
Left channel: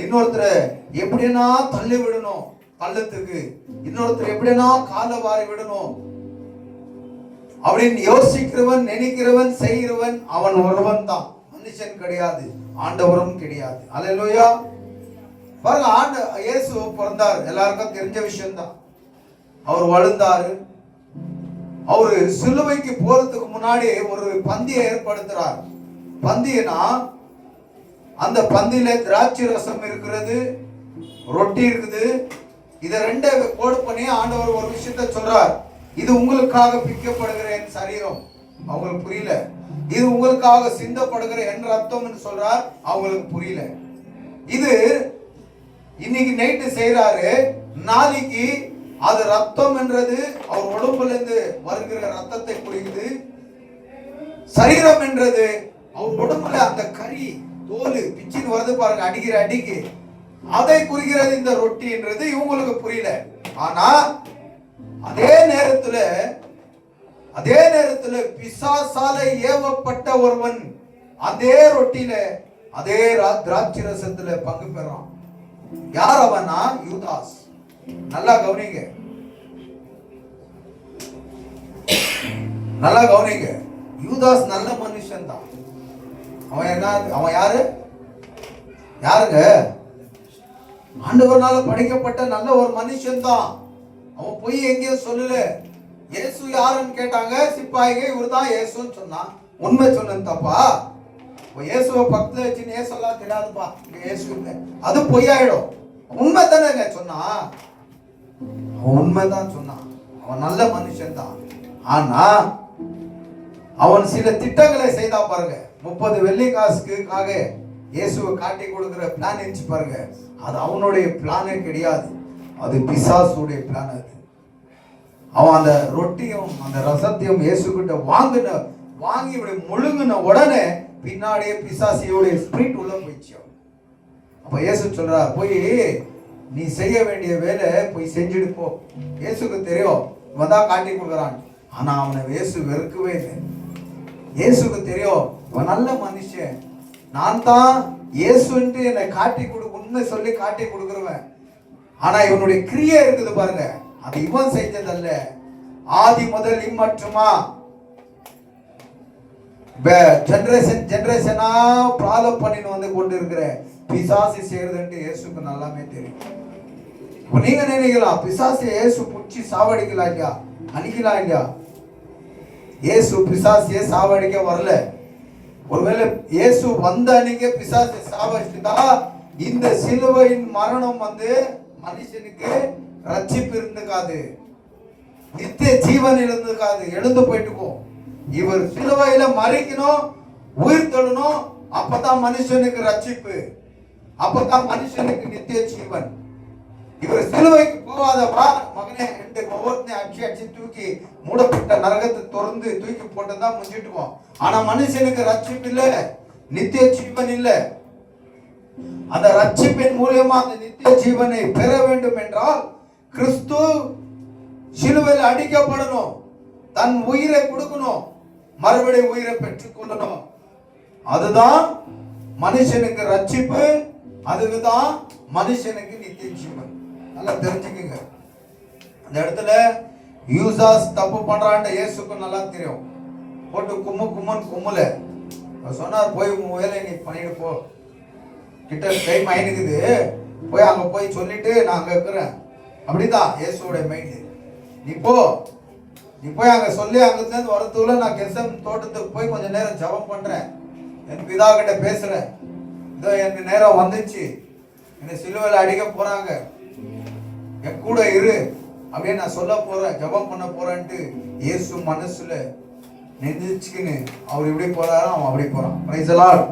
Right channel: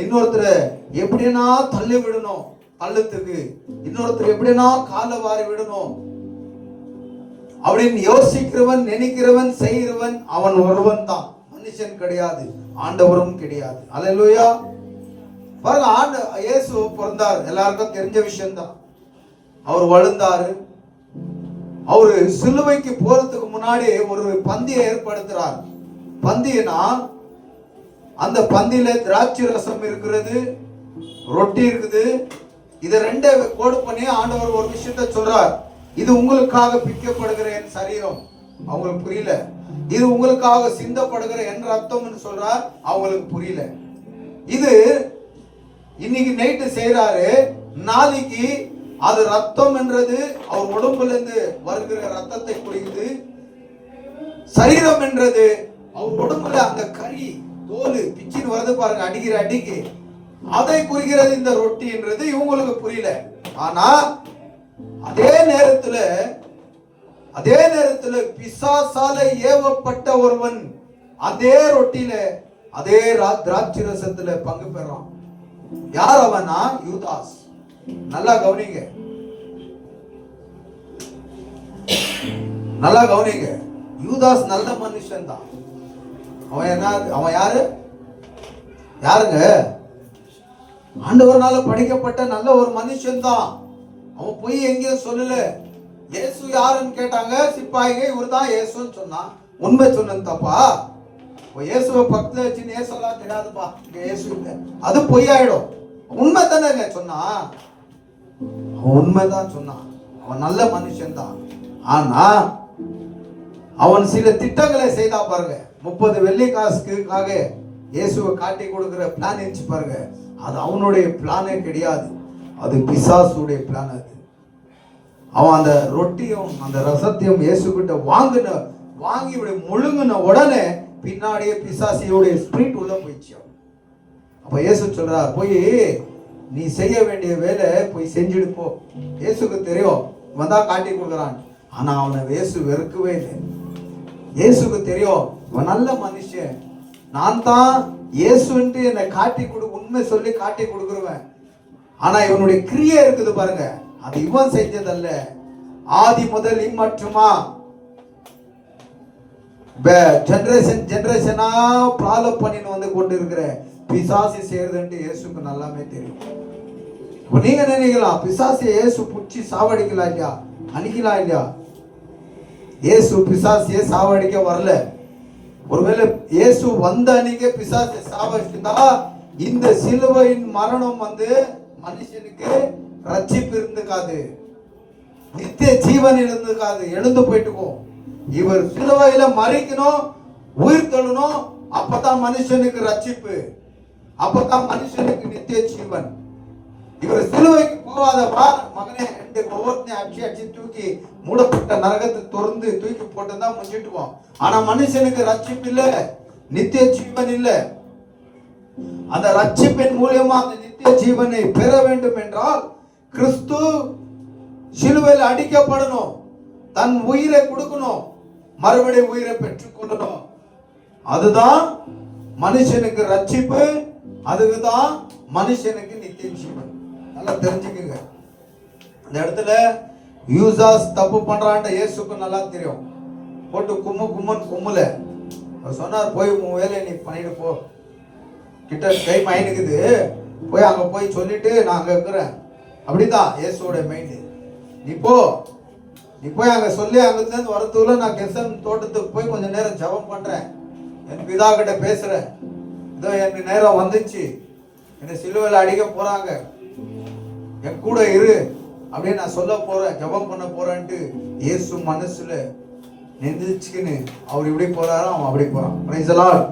இன்னொருத்தரை எப்படின்னா தள்ளி விடணும், பள்ளத்துக்கு இன்னொருத்தர் எப்படின்னா காலை வாரி விடணும் அப்படின்னு யோசிக்கிறவன், நினைக்கிறவன், செய்கிறவன் அவன் ஒருவன் தான். மனுஷன் கிடையாது, ஆண்டவரும் கிடையாது. அல்லேலூயா. பாருங்க, இயேசு பிறந்தார், எல்லாருக்கும் தெரிஞ்ச விஷயம் தான். அவர் வளர்ந்தாரு. அவரு சிலுவைக்கு போறதுக்கு முன்னாடி ஒரு பந்தியை ஏற்படுத்துறார். பந்தினா அந்த பந்தியில திராட்சை ரசம் இருக்கிறது, ரொட்டி இருக்குது. இதை 2 கோடு பண்ணி ஆண்டவர் ஒரு விஷயத்த சொல்றார். இது உங்களுக்காக பிக்கப்படுகிற என் சரீரம். அவங்களுக்கு புரியல. இது உங்களுக்காக சிந்தப்படுகிற என் ரத்தம் சொல்றார். அவங்களுக்கு புரியல. இது இன்னைக்கு நைட்டு செய்யறாரு, நாளைக்கு அது ரத்தம் என்றது அவர் உடம்புல இருந்து வருகிற ரத்தத்தை குடிக்குது. சரீரம் என்றது அவர் உடம்புல அந்த கறி தோல் பிச்சின்னு வருது பாருங்க, அடிக்கிற அடிக்கு, அதை குறிக்கிறது இந்த ரொட்டி என்றது இவங்களுக்கு புரியல. ஆனா அதே நேரத்துல பிசாசால ஏவப்பட்ட ஒருவன் அதே ரொட்டியில அதே திராட்சை ரசத்துல பங்கு பெறான். யார் அவனா? யூதாஸ். நல்லா கவனிங்க, நல்லா கவனிங்க. யூதாஸ் நல்ல மனுஷன் தான். அவன் யாருங்க? ஆண்டவர்னால படைக்கப்பட்ட நல்ல ஒரு மனுஷன் தான். அவன் போய் எங்கேயும் சொல்லல. இயேசு யாருன்னு கேட்டாங்க சிப்பாய்ங்க, இவர் தான் இயேசுன்னு சொன்னான். உண்மை சொன்னது தப்பா? இயேசுவை பக்கத்துல வச்சு இயேசுலாம் தெரியாதுப்பா, இயேசு இல்லை, அது பொய்யாயிடும். உண்மை தானே சொன்னான், அவன் உண்மைதான் சொன்னான். அவன் நல்ல மனுஷன் தான். ஆனா அவன் சில திட்டங்களை செய்தா பாருங்க. 30 வெள்ளி காசுக்காக இயேசுவை காட்டி கொடுக்கிற பிளான் இருந்துச்சு பாருங்க. அது அவனுடைய பிளானே கிடையாது, அது பிசாசுடைய பிளான். அது அவன் அந்த ரொட்டியும் அந்த ரசத்தையும் இயேசு கிட்ட வாங்கி முழுங்கின உடனே பின்னாடியே பிசாசியோடைய ஸ்பிரிட் உள்ள போயிடுச்சு. அப்ப இயேசு சொல்றார், போய் நீ செய்ய வேண்டிய வேலை போய் செஞ்சுட்டு போ. இயேசுக்கு தெரியும் இவன் தான் காட்டி கொடுக்குறான். ஆனா அவனை இயேசு வெறுக்கவே இல்லை. இயேசுக்கு தெரியும் இவன் நல்ல மனுஷன், நான் தான் இயேசுன்ட்டு என்னை காட்டி உண்மை சொல்லி காட்டி கொடுக்குறவன். ஆனா இவனுடைய கிரியை இருக்குது பாருங்க, அது இவன் செஞ்சதல்ல, ஆதி முதல் இம்மட்டுமா ஜெனரேஷனா ஃபாலோ பண்ணின்னு வந்து கொண்டு இருக்கிற பிசாசு செய்யறதுன்ட்டு இயேசுக்கு நல்லாமே தெரியும். நீங்க நினைக்கலாம் பிசாசு இயேசு புடிச்சு சாவடிக்கலாம் இல்லையா, அழிக்கலாம் இல்லையா? இயேசு பிசாசியை சாவடிக்க வரல. ஒருவேளை இயேசு வந்த அன்னைக்கு பிசாசை சாவடிச்சுட்டா இந்த சிலுவையின் மரணம் வந்து மனுஷனுக்கு ரட்சிப்பு இருந்துக்காது, நித்திய ஜீவன் இருந்துக்காது, எழுந்து போயிட்டுக்கும். இவர் சிலுவையில மறிக்கணும், உயிர் தொழணும், அப்பதான் மனுஷனுக்கு ரட்சிப்பு, அப்பதான் மனுஷனுக்கு நித்திய ஜீவன். இவர் சிலுவைக்கு போகாதப்பா மகனே என்று ஒவ்வொருத்தையும் அடிச்சு தூக்கி மூடப்பட்ட நரகத்தை திறந்து தூக்கி போட்டுதான் முடிஞ்சிட்டுவோம். ஆனா மனுஷனுக்கு ரட்சிப்பு இல்ல, நித்திய ஜீவன் இல்ல. அந்த ரட்சிப்பின் மூலியமா அந்த நித்திய ஜீவனை பெற வேண்டும் என்றால் கிறிஸ்து சிலுவையில் அடிக்கப்படணும், தன் உயிரை கொடுக்கணும், மறுபடியும் உயிரை பெற்றுக் கொள்ளணும். அதுதான் மனுஷனுக்கு ரட்சிப்பு, அதுதான் மனுஷனுக்கு நித்திய ஜீவன். நல்லா தெரிஞ்சுக்கங்க. அந்த இடத்துல யூசாஸ் தப்பு பண்றான்ட்டு இயேசுக்கு நல்லா தெரியும். போட்டு கும்முல சொன்னார், போய் உன் வேலையை நீ பண்ணிட்டு போ, கிட்ட டைம் ஆயினுக்குது, போய் அங்க போய் சொல்லிட்டு நான் அங்க இருக்கிறேன். அப்படிதான் இயேசுவோட மைண்ட். நீ போய் அங்க சொல்லி அங்கிருந்து இருந்து வரதுக்குள்ள நான் கெசன் தோட்டத்துக்கு போய் கொஞ்ச நேரம் ஜெபம் பண்றேன், என் பிதா கிட்ட பேசுறேன், இதோ எனக்கு நேரம் வந்துச்சு, என்னை சிலுவையில் அடிக்க போறாங்க, என் கூட இரு அப்படின்னு நான் சொல்ல போறேன், ஜெபம் பண்ண போறேன்ட்டு இயேசு மனசுல நெஞ்சுக்குன்னு அவர் இப்படி போறாரோ அவன் அப்படி போறான். Praise the Lord.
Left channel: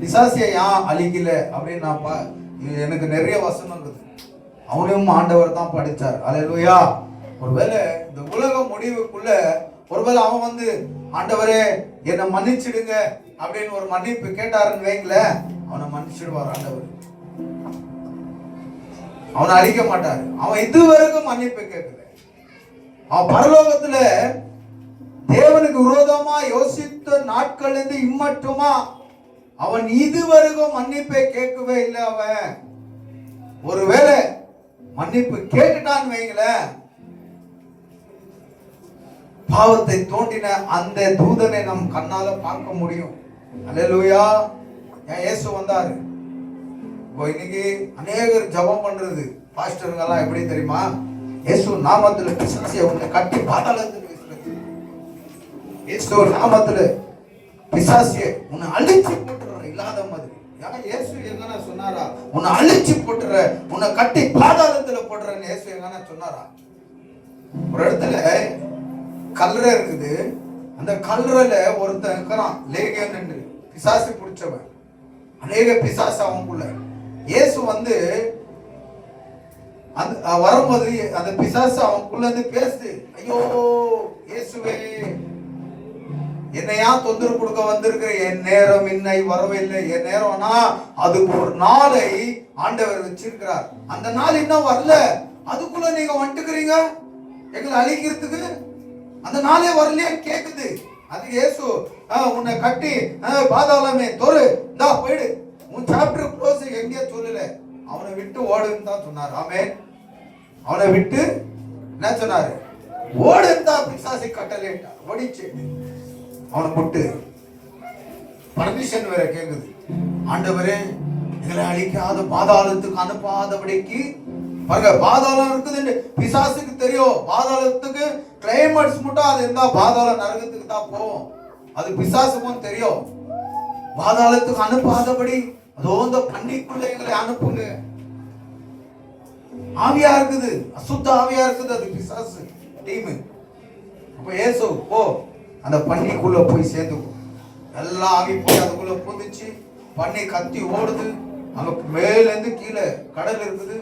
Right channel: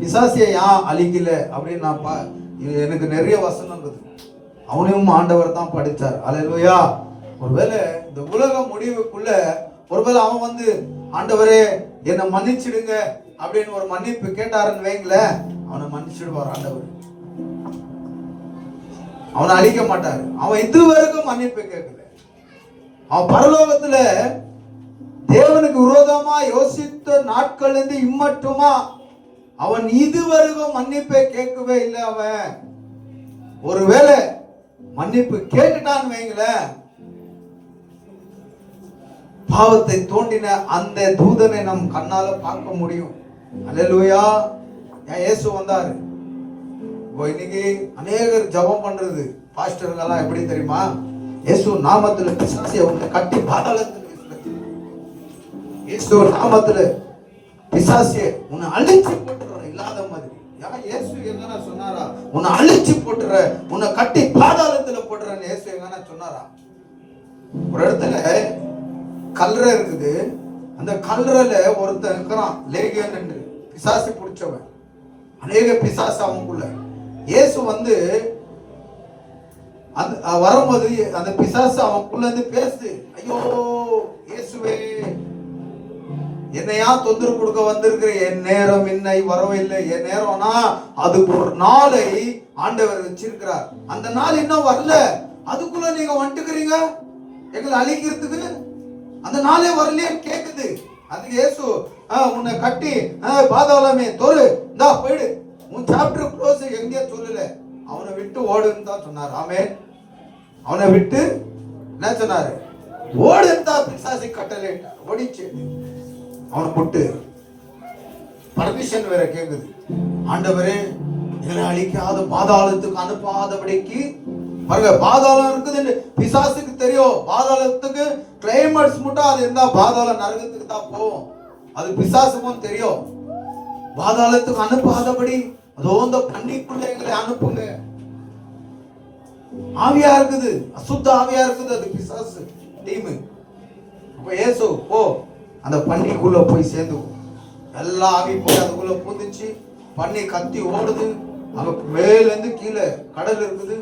பிசாசியை ஏன் அழிக்கல அப்படின்னு நான் எனக்கு நிறைய வசனம் இருக்குது. அவனையும் ஆண்டவர் தான் படிச்சார். அல்லேலூயா. ஒருவேளை இந்த உலக முடிவுக்குள்ள ஒருவேளை அவன் வந்து ஆண்டவரே என்னை மன்னிச்சிடுங்க அப்படின்னு ஒரு மன்னிப்பு கேட்டாருன்னு வைங்களேன், அவனை மன்னிச்சிடுவார் ஆண்டவர், அவனை அழிக்க மாட்டாரு. அவன் இதுவரைக்கும் மன்னிப்பு கேட்கல. அவன் பரலோகத்துல தேவனுக்கு விரோதமா யோசித்த நாட்கள் இருந்து இம்மட்டுமா அவன் இதுவரைக்கும் மன்னிப்பை கேட்கவே இல்லை. அவன் ஒருவேளை மன்னிப்பு கேட்டுட்டான்னு வைங்களேன், பாவத்தை தோண்டின அந்த தூதனை நம் கண்ணால பார்க்க முடியும். அல்லேலூயா. இயேசு வந்தாரு. இன்னைக்கு அநேகர் ஜெபம் பண்றது பாஸ்டர்கள்லாம் எப்படி தெரியுமா, இயேசு நாமத்துல பிசாசியை உன்னை கட்டி பாதாளத்துல, இயேசு நாமத்துல பிசாசியை உன்னை அழிச்சு போட்டுற இல்லாத மாதிரி. இயேசு எங்கன்னா சொன்னாரா உன்னை அழிச்சு போட்டுற, உன்னை கட்டி பாதாளத்துல போட்டுறன்னு இயேசு எங்கன்னா சொன்னாரா? ஒரு இடத்துல கல்லறை இருக்குது, அந்த கல்லறையில ஒருத்தன் இருக்கிறான், லேகியன் என்று பிசாசு பிடிச்சவன், அநேக பிசாசு அவனுக்குள்ள. இயேசு வந்து வரும்போது அந்த பிசாசு அவனுக்குள்ள இருந்து பேசுது, ஐயோ இயேசுவே என்னையா தொந்தரவு கொடுக்க வந்திருக்கிற, என் நேரம் இன்னை வரவில்லை. என் நேரம்னா அதுக்கு ஒரு நாளை ஆண்டவர் வச்சிருக்கிறார், அந்த நாள் இன்னும் வரல, அதுக்குள்ள நீங்க வந்துக்கிறீங்க எங்களை அழிக்கிறதுக்கு, அந்த நாளே வரலையே கேக்குது. அதுக்கு இயேசு உன்னை கட்டி பாதாளமே தொரு இந்தா போயிடு, உன் சாப்டர் க்ளோஸ் எங்கேயே சொல்லல, அவனை விட்டு ஓடுன்னு தான் சொன்னார். ஆமென். அவனை விட்டு என்ன சொன்னாரு, ஓடுன்னு தான் பிசாசை கட்டலேட்டா ஓடிச்சு. அவனை விட்டு பர்மிஷன் வேற கேக்குது, ஆண்டவரே எங்களை அழிக்காத பாதாளத்துக்கு அனுப்பாதபடிக்கு. பாருங்க, பாதாளம் இருக்குதுன்னு பிசாசுக்கு தெரியும். பாதாளத்துக்கு கிளைமேட்ஸ் மட்டும் அது இருந்தா பாதாள நரகத்துக்கு தான் போவோம், அது பிசாசுக்கும் தெரியும். பாதாளத்துக்கு அனுப்பாதபடி அதோ இந்த பண்டிக்குள்ள எங்களை அனுப்புங்க. ஆவியா இருக்குது, அசுத்த ஆவியா இருக்குது, அது பிசாசு டீம். அப்ப இயேசு போ அந்த பன்னிக்குள்ள போய் சேர்ந்துக்கும். எல்லாம் ஆவி போய் அதுக்குள்ள பூந்துச்சு. பன்னி கத்தி ஓடுது. அங்க மேலேருந்து கீழே கடல் இருக்குது.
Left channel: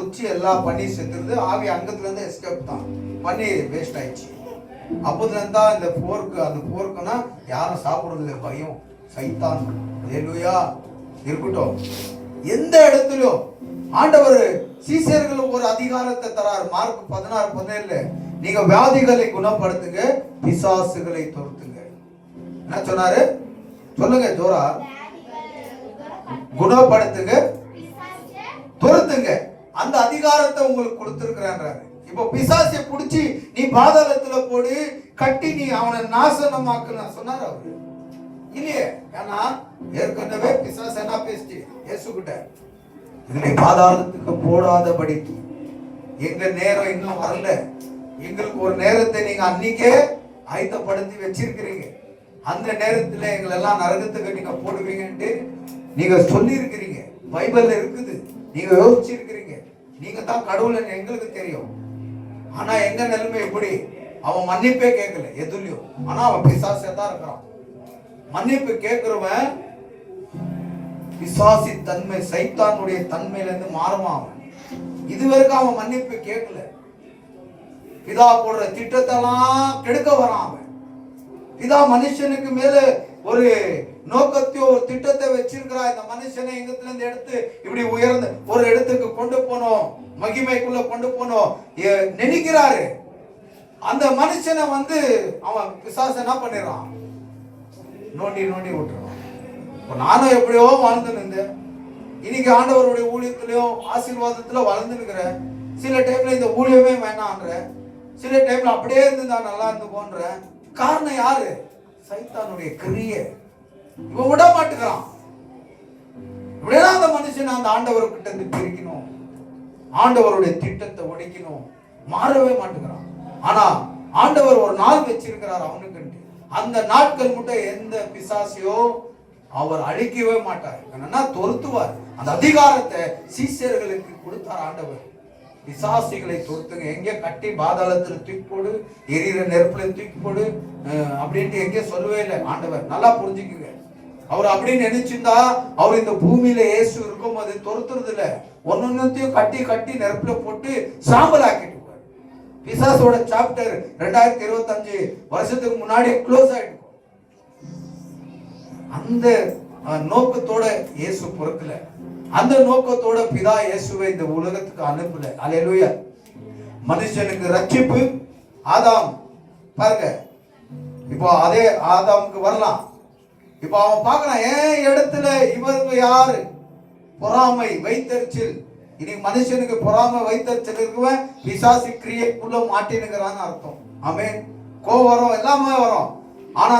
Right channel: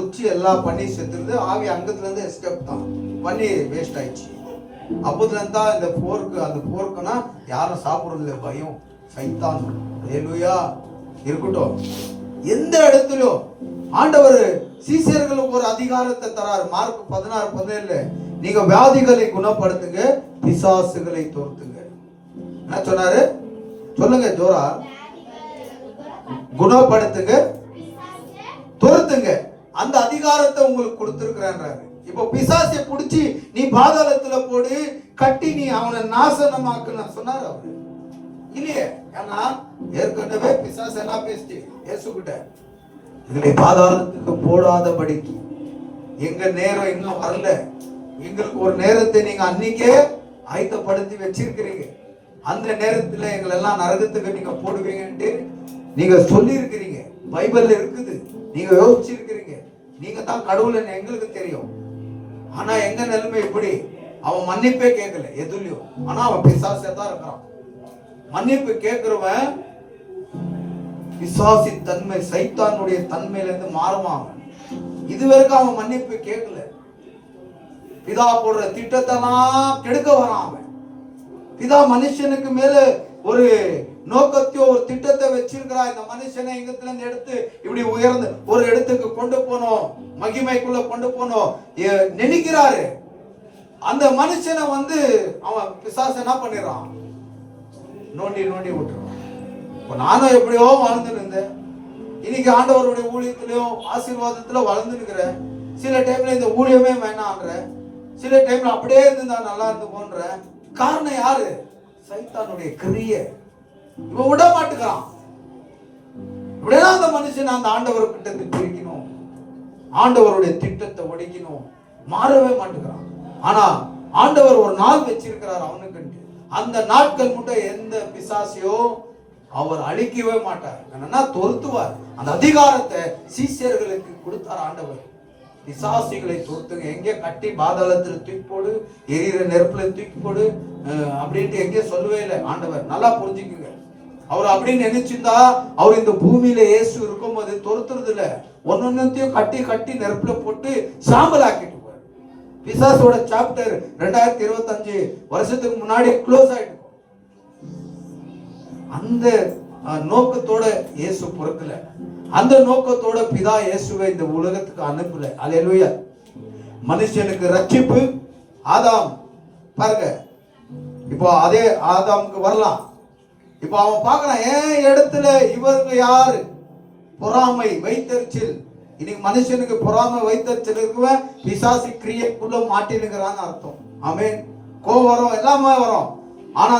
உச்சி எல்லாம் பன்னி செத்துருது. ஆவி அங்கத்துல இருந்து எஸ்கேப் தான். பன்னி வேஸ்ட் ஆயிடுச்சு. அப்பத்துல இருந்தா இந்த போருக்கு, அந்த போருக்குன்னா யாரும் சாப்பிடுறது இல்லை, பயம், சைத்தான். ஹல்லேலூயா இருக்கட்டும். எந்த இடத்துலயும் ஆண்டவர் சீசர்களுக்கு ஒரு அதிகாரத்தை தராரு. மார்க் 16:17 நீங்க வியாதிகளை குணப்படுத்துங்க, பிசாசுகளை துரத்துங்க. என்ன சொன்னாரு? சொல்லுங்க ஜோரா. குணப்படுத்துங்க, துரத்துங்க. அந்த அதிகாரத்தை உங்களுக்கு கொடுத்திருக்கிறாரு. இப்ப பிசாசை புடிச்சு நீ பாதாளத்துல போடு, கட்டி நீ அவனை நாசனமாக்குன சொன்னார் அவரு இல்லையே. ஏன்னா ஏற்கனவே பிசாசு என்ன பேசி இயேசுகிட்ட, இதுல பாதாளத்துக்கு போடாதபடிக்கு எங்க நேரம் இன்னும் வரல, எங்களுக்கு ஒரு நேரத்தை நீங்க அன்னைக்கே ஆயத்தப்படுத்தி வச்சிருக்கிறீங்க, அந்த நேரத்துல எங்களை எல்லாம் நரகத்துக்கு நீங்க போடுவீங்கன்ட்டு நீங்க சொல்லி இருக்கிறீங்க. பைபிள்ல இருக்குது. நீங்க யோசிச்சிருக்கிறீங்க. நீங்க தான் கடவுள் எங்களுக்கு தெரியும். ஆனா எங்க நிலைமை இப்படி, அவன் மன்னிப்பே கேட்கல எதுலயும். ஆனா அவன் பிசாசே தான் இருக்கிறான். மன்னிப்பு கேட்கிறவன் பிசாசி தன்மை, சைத்தானுடைய தன்மையில இருந்து மாறுவான். இதுவரைக்கும் அவன் மன்னிப்பு கேட்கல. பிதா போடுற திட்டத்தெல்லாம் கெடுக்க வரான். பிதா மனுஷனுக்கு மேல ஒரு நோக்கத்தையோ ஒரு திட்டத்தை வச்சிருக்கிறா. இந்த மனுஷனை இங்கத்துல இருந்து எடுத்து இப்படி உயர்ந்த ஒரு இடத்துக்கு கொண்டு போனோம், மகிமைக்குள்ள கொண்டு போனோம் நினைக்கிறாரு. அந்த மனுஷனை அவன் பிசாசு என்ன பண்ணிடுறான், நோண்டி நோண்டி விட்டுறான். இப்ப நானும் எப்படியோ வளர்ந்து இருந்தேன். இன்னைக்கு ஆண்டவருடைய ஊழியத்திலையும் ஆசீர்வாதத்துல வளர்ந்து இருக்கிறேன். சில டைம்ல இந்த ஊழியமே வேணான்ற, சில டைம்ல அப்படியே இருந்தா நல்லா இருந்து போன்ற. காரணம் யாரு? சைத்தானுடைய கிரியை. இவன் விட மாட்டுக்கிறான். இப்படியா அந்த மனுஷன் அந்த ஆண்டவர்கிட்ட இருந்து பிரிக்கணும், ஆண்டவருடைய திட்டத்தை உடைக்கணும், மாறவே மாட்டுக்கிறான். ஆனா ஆண்டவர் ஒரு நாள் வச்சிருக்கிறார் அவனுக்கு. அந்த நாட்கள் மட்டும் எந்த பிசாசையோ அவர் அழிக்கவே மாட்டார். என்னன்னா துரத்துவார். அந்த அதிகாரத்தை சீஷர்களுக்கு கொடுத்தார் ஆண்டவர். பிசாசிகளை துரத்துங்க. எங்க கட்டி பாதாளத்துல தூக்கி போடு, எரியிற நெருப்புல தூக்கி போடு அப்படின்ட்டு எங்க சொல்லவே இல்லை ஆண்டவர். நல்லா புரிஞ்சுக்குங்க. அவர் அப்படின்னு நினைச்சிருந்தா அவர் இந்த பூமியில இயேசு இருக்கும் போது துரத்துறது இல்ல, ஒன்னொன்னையும் கட்டி கட்டி நெருப்புல போட்டு சாம்பல் ஆக்கிட்டு. பிசாசோட சாப்டர் 2025 வருஷத்துக்கு முன்னாடி க்ளோஸ் ஆயிடும். அந்த நோக்கத்தோட இயேசு பிறக்கல. அந்த நோக்கத்தோட பிதா இயேசுவை இந்த உலகத்துக்கு அனுப்பல. அல்லேலூயா. மனுஷனுக்கு ரட்சிப்பு ஆதாம் பாருங்க. இப்போ அதே ஆதாமுக்கு வரலாம். இப்போ அவன் பார்க்கறான், ஏன் இடத்துல இவருக்கு யாரு பொறாமை, வைத்தறிச்சல். இன்னைக்கு மனுஷனுக்கு பொறாமை, வைத்தறிச்சல் இருக்குவன் பிசாசி கிரியைக்குள்ள மாட்டினுங்கிறான்னு அர்த்தம். ஆமென். கோவம் வரும், எல்லாமே வரும். ஆனா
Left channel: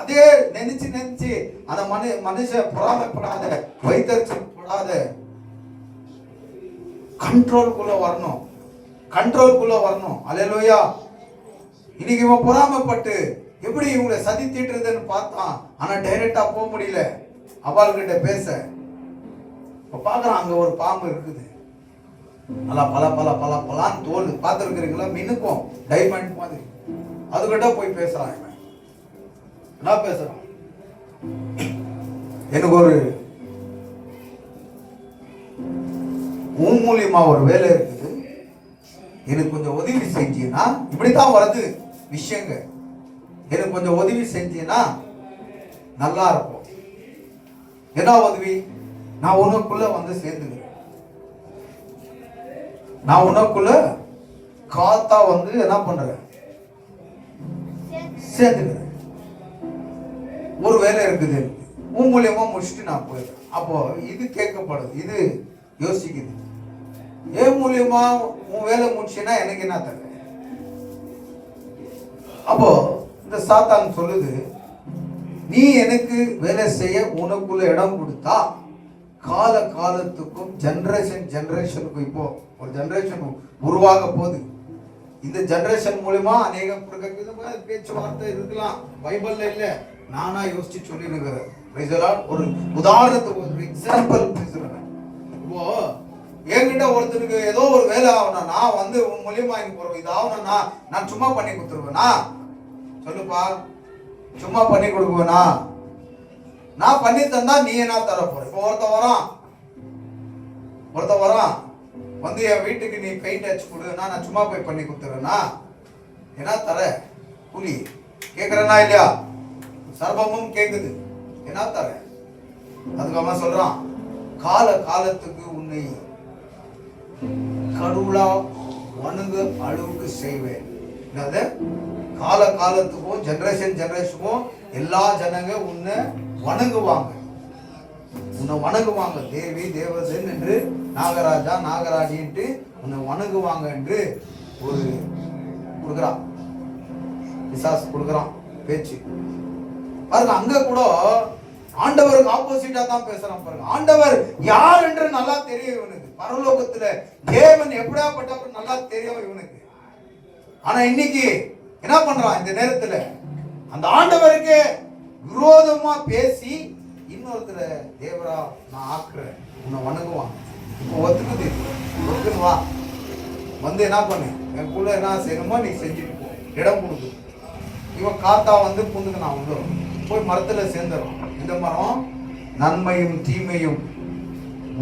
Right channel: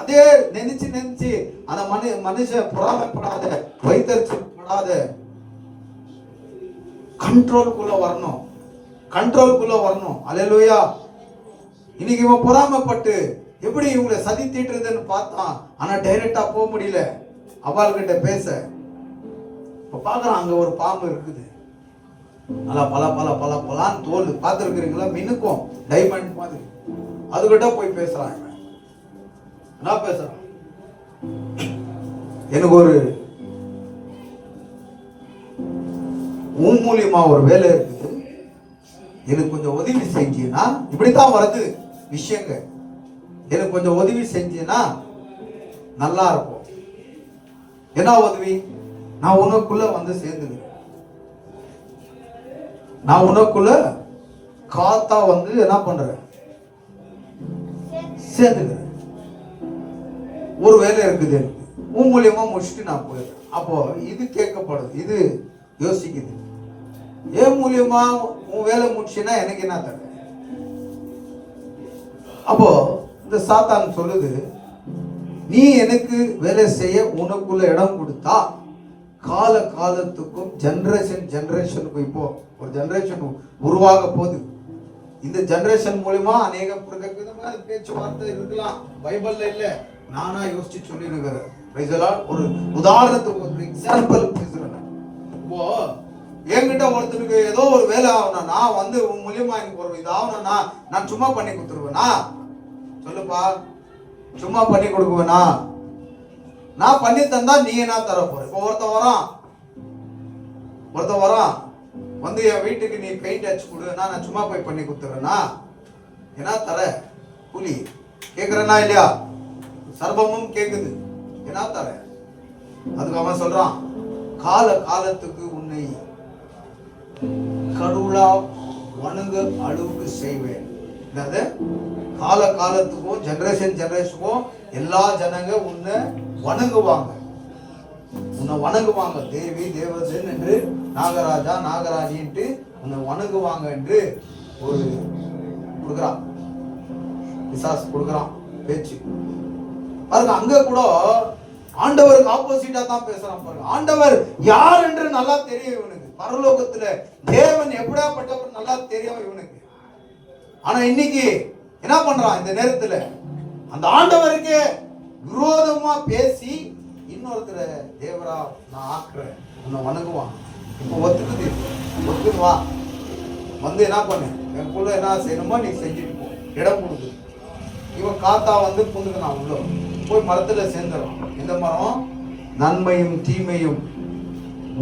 அதே நினைச்சு அந்த மனுஷன் பொறாமைப்படாத, வைத்தறிச்சல் படாத, கண்ட்ரோலுக்குள்ள வரணும், கண்ட்ரோலுக்குள்ள வரணும். அல்லேலூயா. இன்னைக்கு இவன் பொறாமைப்பட்டு எப்படி இவங்களை சதி தீட்டுறதுன்னு பார்த்தான். ஆனா டைரக்டா போக முடியல அவள்கிட்ட பேச. பாக்குறான், அங்க ஒரு பாம்பு இருக்குது. நல்லா பல பல பல பலான்னு தோல் பார்த்துருக்கிறீங்களா, மினுக்கும் டைமண்ட் மாதிரி. அதுகிட்ட போய் பேசுறான். என்ன பேசுறான்? எனக்கு ஒரு மூலியமா ஒரு வேலை இருக்குது, எனக்கு கொஞ்சம் உதவி செஞ்சீங்கன்னா, இப்படித்தான் வருது விஷயங்க, எனக்கு கொஞ்சம் உதவி செஞ்சீங்கன்னா நல்லா இருக்கும். என்ன உதவி? நான் உனக்குள்ள சேர்ந்துக்கிறேன். நான் உனக்குள்ள காத்தா என்ன பண்றேன், சேர்ந்துக்கிறேன். ஒரு வேலை இருக்குது, உன் மூலியமா முடிச்சுட்டு நான் போயிடுறேன். அப்போ இது கேட்கப்படுது, இது யோசிக்குது. ஏன் மூலியமா உன் வேலை முடிச்சுன்னா எனக்கு என்ன தர? அப்போ இந்த சாத்தான் சொல்லுது, நீ எனக்கு வேலை செய்ய உனக்குள்ள இடம் கொடுத்தா கால காலத்துக்கும் ஜெனரேஷனுக்கும், இப்போ ஒரு ஜெனரேஷன் உருவாக போகுது. இந்த ஜெனரேஷன் மூலமா அநேக பேச்சுவார்த்தை இருக்கலாம், பைபிள்ல இல்ல, நானா யோசிச்சு சொல்லிருக்கிறேன். ஒரு உதாரணத்துக்கு ஒரு எக்ஸாம்பிள் பேசுறேன். இப்போ என்கிட்ட ஒருத்தருக்கு ஏதோ ஒரு வேலை ஆகணும்னா உன் மூலியமா எனக்கு ஒரு இது ஆகணும்னா நான் சும்மா பண்ணி கொடுத்துருவேனா? சொல்லுப்பா, சும்மா பண்ணி கொடுக்குவேனா? நான் பண்ணி தந்தா நீ என்ன தர போற? இப்போ ஒருத்த வரான் வந்து என் வீட்டுக்கு நீ பெயிண்ட் அடிச்சு கொடுனா நான் சும்மா போய் பண்ணி கொடுத்துறேன்னா என்ன தர? கூலி கேக்குறேன்னா இல்லையா? சர்வமும் கேக்குது, என்ன தர? அதுக்கு அவன் சொல்றான், காலத்துக்கு உன்னை கடவுளா வணங்கு அளவுக்கு செய்வேன். காலத்துக்கும் ஜெனரேஷனுக்கும் எல்லா ஜனங்க உன்னை வணங்குவாங்க, தேவி தேவதன் என்று, நாகராஜா நாகராஜின்ட்டு உன்னை வணங்குவாங்க என்று ஒரு கொடுக்குறான், பிசாசு கொடுக்குறான் பேச்சு பாருங்க. அங்க கூட ஆண்டவருக்கு ஆப்போசிட்டா தான் பேசுறான் பாருங்க. ஆண்டவர் யார் என்று நல்லா தெரியும் இவனுக்கு, பரலோகத்துல தேவன் எப்படியாப்பட்டவர் நல்லா தெரியும் இவனுக்கு. ஆனா இன்னைக்கு என்ன பண்றான்? இந்த நேரத்துல அந்த ஆண்டவருக்கு விரோதமா பேசி இன்னொருத்தர தேவரா நான் ஆக்குறேன், உன்னை வணங்குவான். இப்போ ஒத்துக்குது வா வந்து என்ன பண்ணு, எனக்குள்ள என்ன செய்யணுமோ நீ செஞ்சுட்டு போ, இடம் கொடுக்கு. இவன் காத்தா வந்து புந்துக்கிறான், உள்ள போய் மரத்துல சேர்ந்துறான். இந்த மரம் நன்மையும் தீமையும்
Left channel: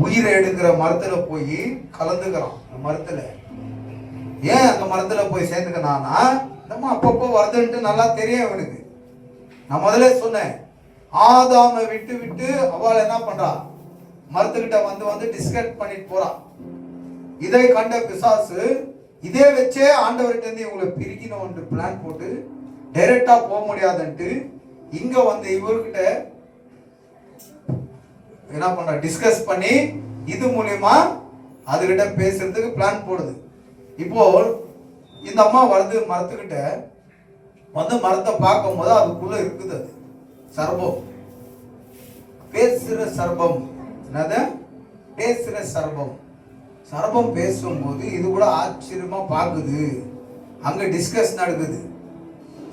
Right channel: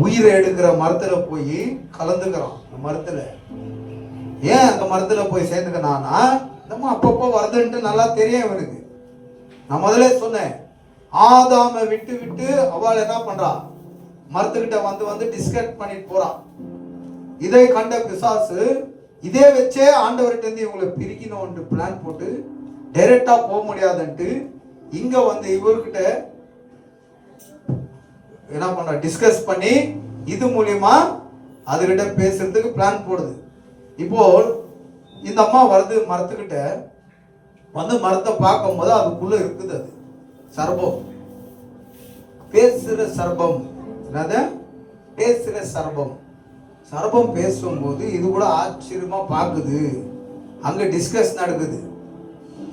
உயிரை எடுக்கிற மரத்துல போய் கலந்துக்கிறான். அந்த மரத்துல ஏன் அந்த மரத்துல போய் சேர்ந்துக்கிறான்னா, நம்ம அப்பப்போ வருதுன்ட்டு நல்லா தெரியும் இவனுக்கு. நான் முதல்ல சொன்னேன், ஆதாமை விட்டு அவள் என்ன பண்றா, மரத்துக்கிட்ட வந்து டிஸ்கஸ் பண்ணிட்டு போறான். இதை கண்ட பிசாசு இதே வச்சே ஆண்டவர்கிட்ட இருந்து இவங்களை பிரிக்கணும் பிளான் போட்டு டைரக்டா போக முடியாதுன்ட்டு இங்க வந்து இவர்கிட்ட என்ன பண்ற, டிஸ்கஸ் பண்ணி இது மூலியமா அதுகிட்ட பேசுறதுக்கு பிளான் போடுது. இப்போ இந்த அம்மா வருது மரத்துக்கிட்ட வந்து, மரத்தை பார்க்கும் போது அதுக்குள்ள இருக்குது அது சர்பம், பேசுற சர்பம். என்னது பேசுற சர்பம்? சர்பம் பேசும்போது இது கூட ஆச்சரியமா பாக்குது. அங்க டிஸ்கஸ் நடக்குது,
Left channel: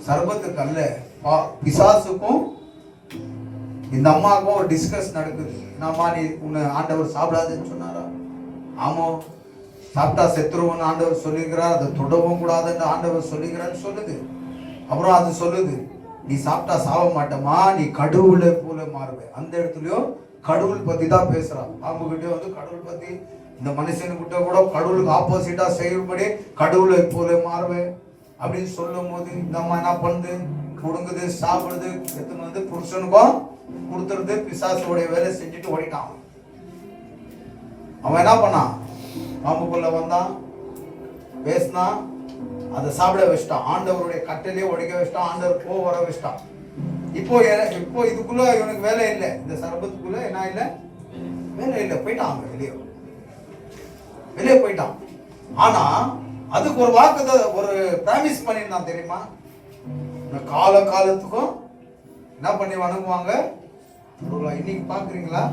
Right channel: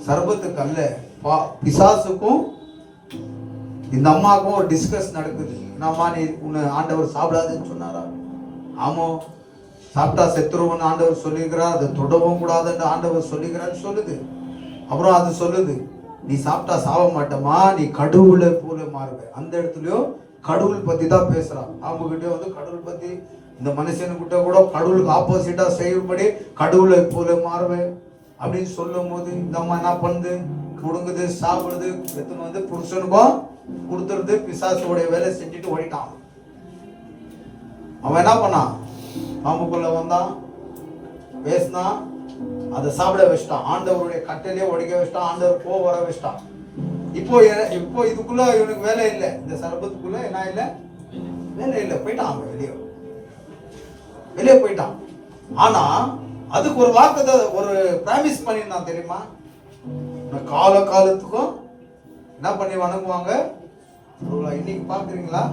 சர்பத்துக்கு அல்ல பிசாசுக்கும் இந்த அம்மாவுக்கும் ஒரு டிஸ்கஸ் நடக்குது. என்னம்மா நீ உன்னை ஆண்டவர் சாப்பிடாதுன்னு சொன்னாரா? ஆமா, சாப்பிட்டா செத்துருவோம்னு ஆண்டவர் சொல்லிக்கிறார், அதை தொடவும் கூடாதுன்னு ஆண்டவர் சொல்லிக்கிறான்னு சொல்லுது. அப்புறம் அது சொல்லுது, நீ சாப்பிட்டா சாவ மாட்டமா, நீ கடவுளை போல மாறுவே. அந்த இடத்துலயும் கடவுள் பத்தி தான் பேசுறான். அவங்க கிட்ட வந்து கடவுள் பத்தி, இந்த மனுஷனுக்கிட்ட கூட கடவுளுக்கு ஆப்போசிட்டா செய்யும்படி கடவுளை போல மாறுவே அப்படின்னு சொல்லும் போது இந்த அம்மா என்ன பண்ணுது, கொடுங்குது, சாப்பிடுது, எத்தனை வந்து புருஷனுக்கும் கொடுத்துருது. பிசாசுடைய வேலையை செஞ்சுட்டு ஓடிட்டான். அவன் என்ன பண்ணான், பாம்புக்குள்ள வந்தான், பேசினான், அதை சாப்பிட வச்சிட்டான், ஆண்டவருடைய கட்டிலே ஒடிக்க வச்சிட்டான், ஆண்டவர் போ வர வச்சிட்டான். இப்போ இதுக்குள்ள இவனுக்கு வேலை இல்லை, இந்த சர்பத்துக்குள்ள என்ன இல்லை, வேலை இல்லை, போயிட்டான். அவன் வெளியே போயிட்டான். ஆனா அதுக்கு ஒரு வாக்கு, ஒரு பிராமிஸ் பண்ணிருந்தான் தெரியுமா, காலத்துக்கும் என்ன பண்ணி வணங்குவாங்க. இன்னைக்கு பாக்குறீங்களா?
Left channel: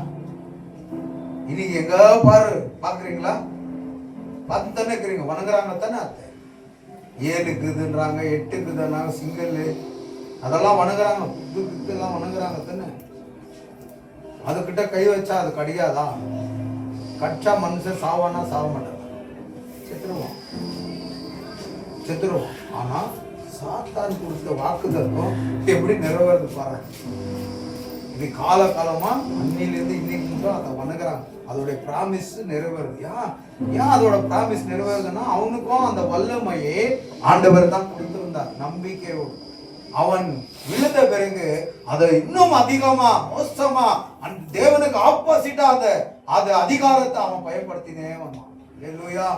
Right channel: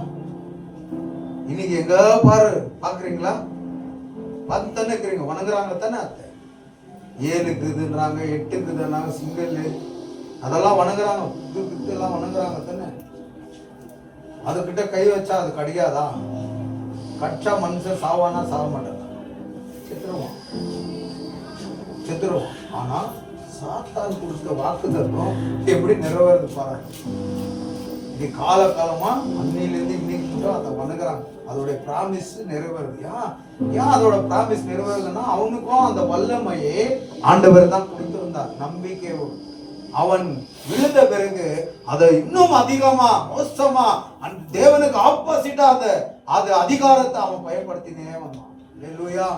இன்னைக்கு எங்க பாரு பாக்குறீங்களா? பார்த்து தானே இருக்கிறீங்க, வணங்குறாங்க தானே. 7 8 சிங்கிள் அதெல்லாம் வணங்குறாங்க, எல்லாம் வணங்குறாங்க தானே. அதுகிட்ட கை வச்சா அது கடியாதா? கச்சா மனுஷன் சாவானா சாவ மாட்டாங்க, செத்துருவான். ஆனா சாத்தான் கொடுத்த வாக்குதத்தம் எப்படி நிறைவேறது பாரு. இது காலமா அன்னையிலிருந்து இன்னைக்கு கூட அதை வணங்குறாங்க. அதோட பிராமிஸ் நிறைவேறுது. ஏன் அதோட பிராமிஸ் நிறைவேறுதுன்னா, அவனுக்கும் அந்த வல்லமையே ஆண்டவர் தான் கொடுத்திருந்தார். நம்பிக்கையோடு அவன் விழுந்த பிறகு அதை இன்னும் அதிகமா மோசமா தேவனுக்கு ஆப்போசிட்டா அந்த அதிகாரத்தை அவன் பயன்படுத்தினே வந்தான். அல்லேலூயா,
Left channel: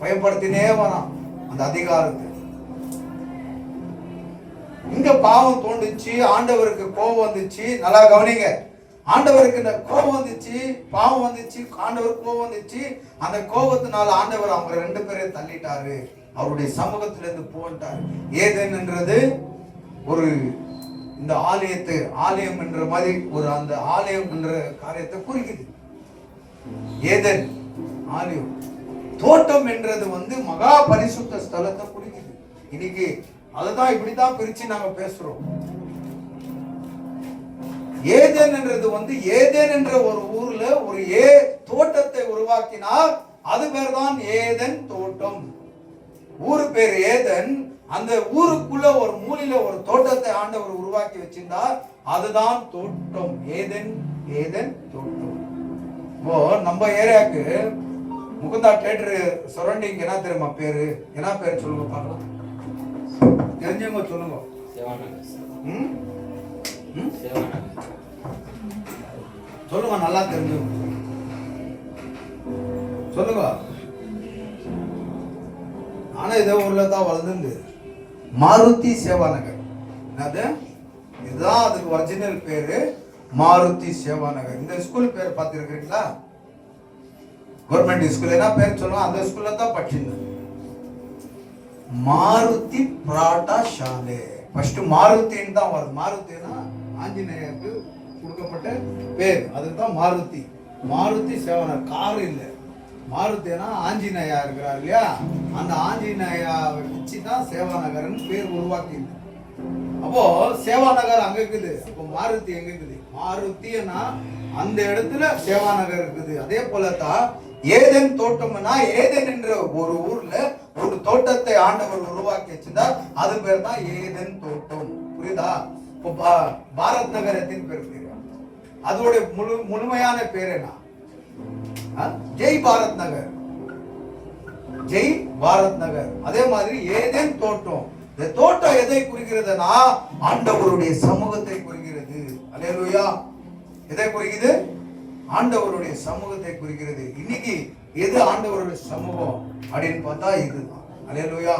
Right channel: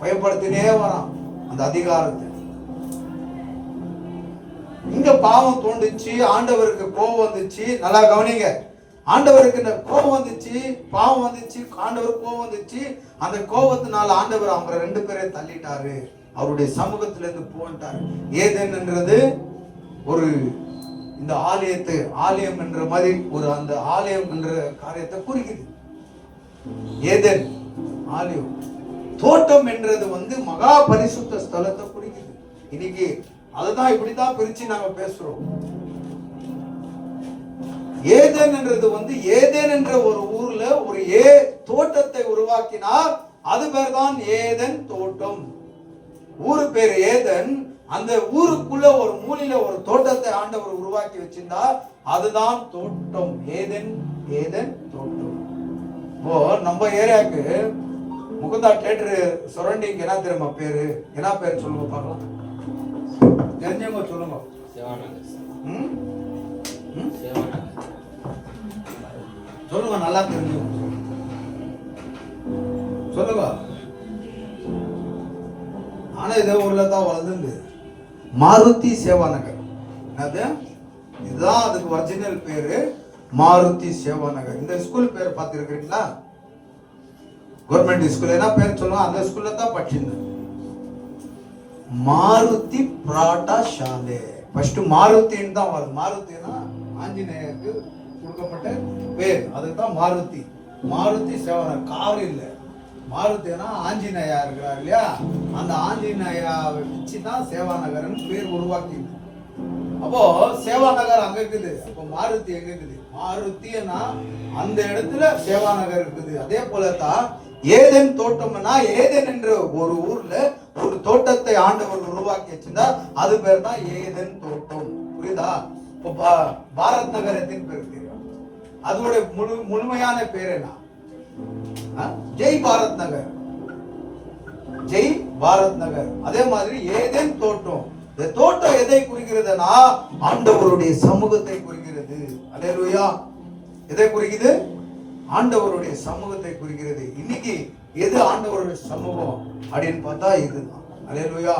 பயன்படுத்தினே வரான் அந்த அதிகாரத்தை. இங்க பாவம் தோண்டுச்சு, ஆண்டவருக்கு கோபம் வந்துச்சு. நல்லா கவனிங்க, ஆண்டவருக்கு கோபம் வந்துச்சு, பாவம் வந்துச்சு, ஆண்டவருக்கு கோபம் வந்துச்சு. அந்த கோபத்தினால ஆண்டவர் அவங்க 2 பேரையும் தள்ளிட்டாரு, அவருடைய சமூகத்துல இருந்து போட்டாரு. ஏதேன்ன்றது ஒரு இந்த ஆலயம் என்ற மாதிரி ஒரு அந்த ஆலயம் என்ற காரியத்தை குறிக்குது. ஏதேன் ஆலயம், தோட்டம் என்றது வந்து மகா பரிசுத்த ஸ்தலத்தை குறிக்குது. இன்னைக்கு அதுதான் இப்படிதான் பிரிச்சு நாங்க பேசுறோம். ஏதேன் என்றது வந்து ஏதேன் என்ற ஒரு ஊர்ல ஒரு தோட்டத்தை உருவாக்கினார். அது பேர் தான் ஏதேன் தோட்டம். ஊரு பேர் ஏதேன், அந்த ஊருக்குள்ள ஒரு மூலையில ஒரு தோட்டத்தை ஆண்டவர் உருவாக்கி வச்சிருந்தார். அதுதான் தோட்டம், ஏதேன். ஏதேன் தோட்டம். இப்போ நம்ம ஏரியாவுக்கு முகுந்தா தியேட்டர் சரௌண்டிங் என்ன தெரியுமா பேரு? என்ன பேரு சொல்லுங்க பார்க்கலாம். தெரிஞ்சவங்க சொல்லுங்க. சொல்லுங்க, நல்லா தெரிஞ்சு சொல்லுங்க. ஆனா இதே ஊர்ல தான் வளர்ந்து மாருதி சேவா நகர். அது இதுதான் அதுக்கு ஒரிஜினல் பேரு, மாருதி சேவா நகர். இந்த ஸ்கூல் பேர் பார்த்துருக்கீங்களா? Government school. என்ன பேர் சொல்லுவாங்க? அந்த ஸ்கூல்ல தான் படிச்சிருந்தேன். மாருதி பிராட்டா ஷாலே. ஃபர்ஸ்ட் மாருதின்னு தான் வரும். மாருதினா ஆஞ்சநேயருக்கு கொடுக்கப்பட்ட பேர், அதுதான் மாருதி. மாருதி சேவா கார் இல்ல. மாருதினா ஆஞ்சநேயா இருக்கிறார் இல்லையா, அந்த ஆஞ்சநேயாவை வச்சுதான் சேவா நகர்னு பேர் உருவாக்கி. அப்போ சேவா நகர் அங்க இருக்குது. அப்போ மாருதி எங்க இருக்குது? மாருதினா அந்த இடத்துல சேவா நகர் இருக்குது. அதே போலதான் ஏதேன் தோட்டம்னா, ஏதேன் என்ற ஒரு ஊர்ல ஒரு தோட்டத்தை ஆண்டவர் உருவாக்கி வச்சிருந்தார். அது பேர் தான் ஏதேன் தோட்டம். புரியுதா? இப்போ பாரத் நகர் எத்தனை பேர் தெரியும்? அதோட முழுமையான பேர் என்ன? ஜெய் பாரத் நகர். ஜெய் பாரத் நகர். அதே மாதிரி ஏதேன் தோட்டம். இந்த தோட்டம் எதை குறிக்கிறதுனா ஆண்டவருடைய சமூகத்தை குறிக்கிறது. அல்லேலூயா. எதை குறிக்கிறது? ஆண்டவருடைய சமூகத்தை குறிக்கிறது. இன்னைக்கு எது ஆண்டவருடைய சமூகம் அப்படின்னு பார்த்தா இதுதான். அல்லேலூயா.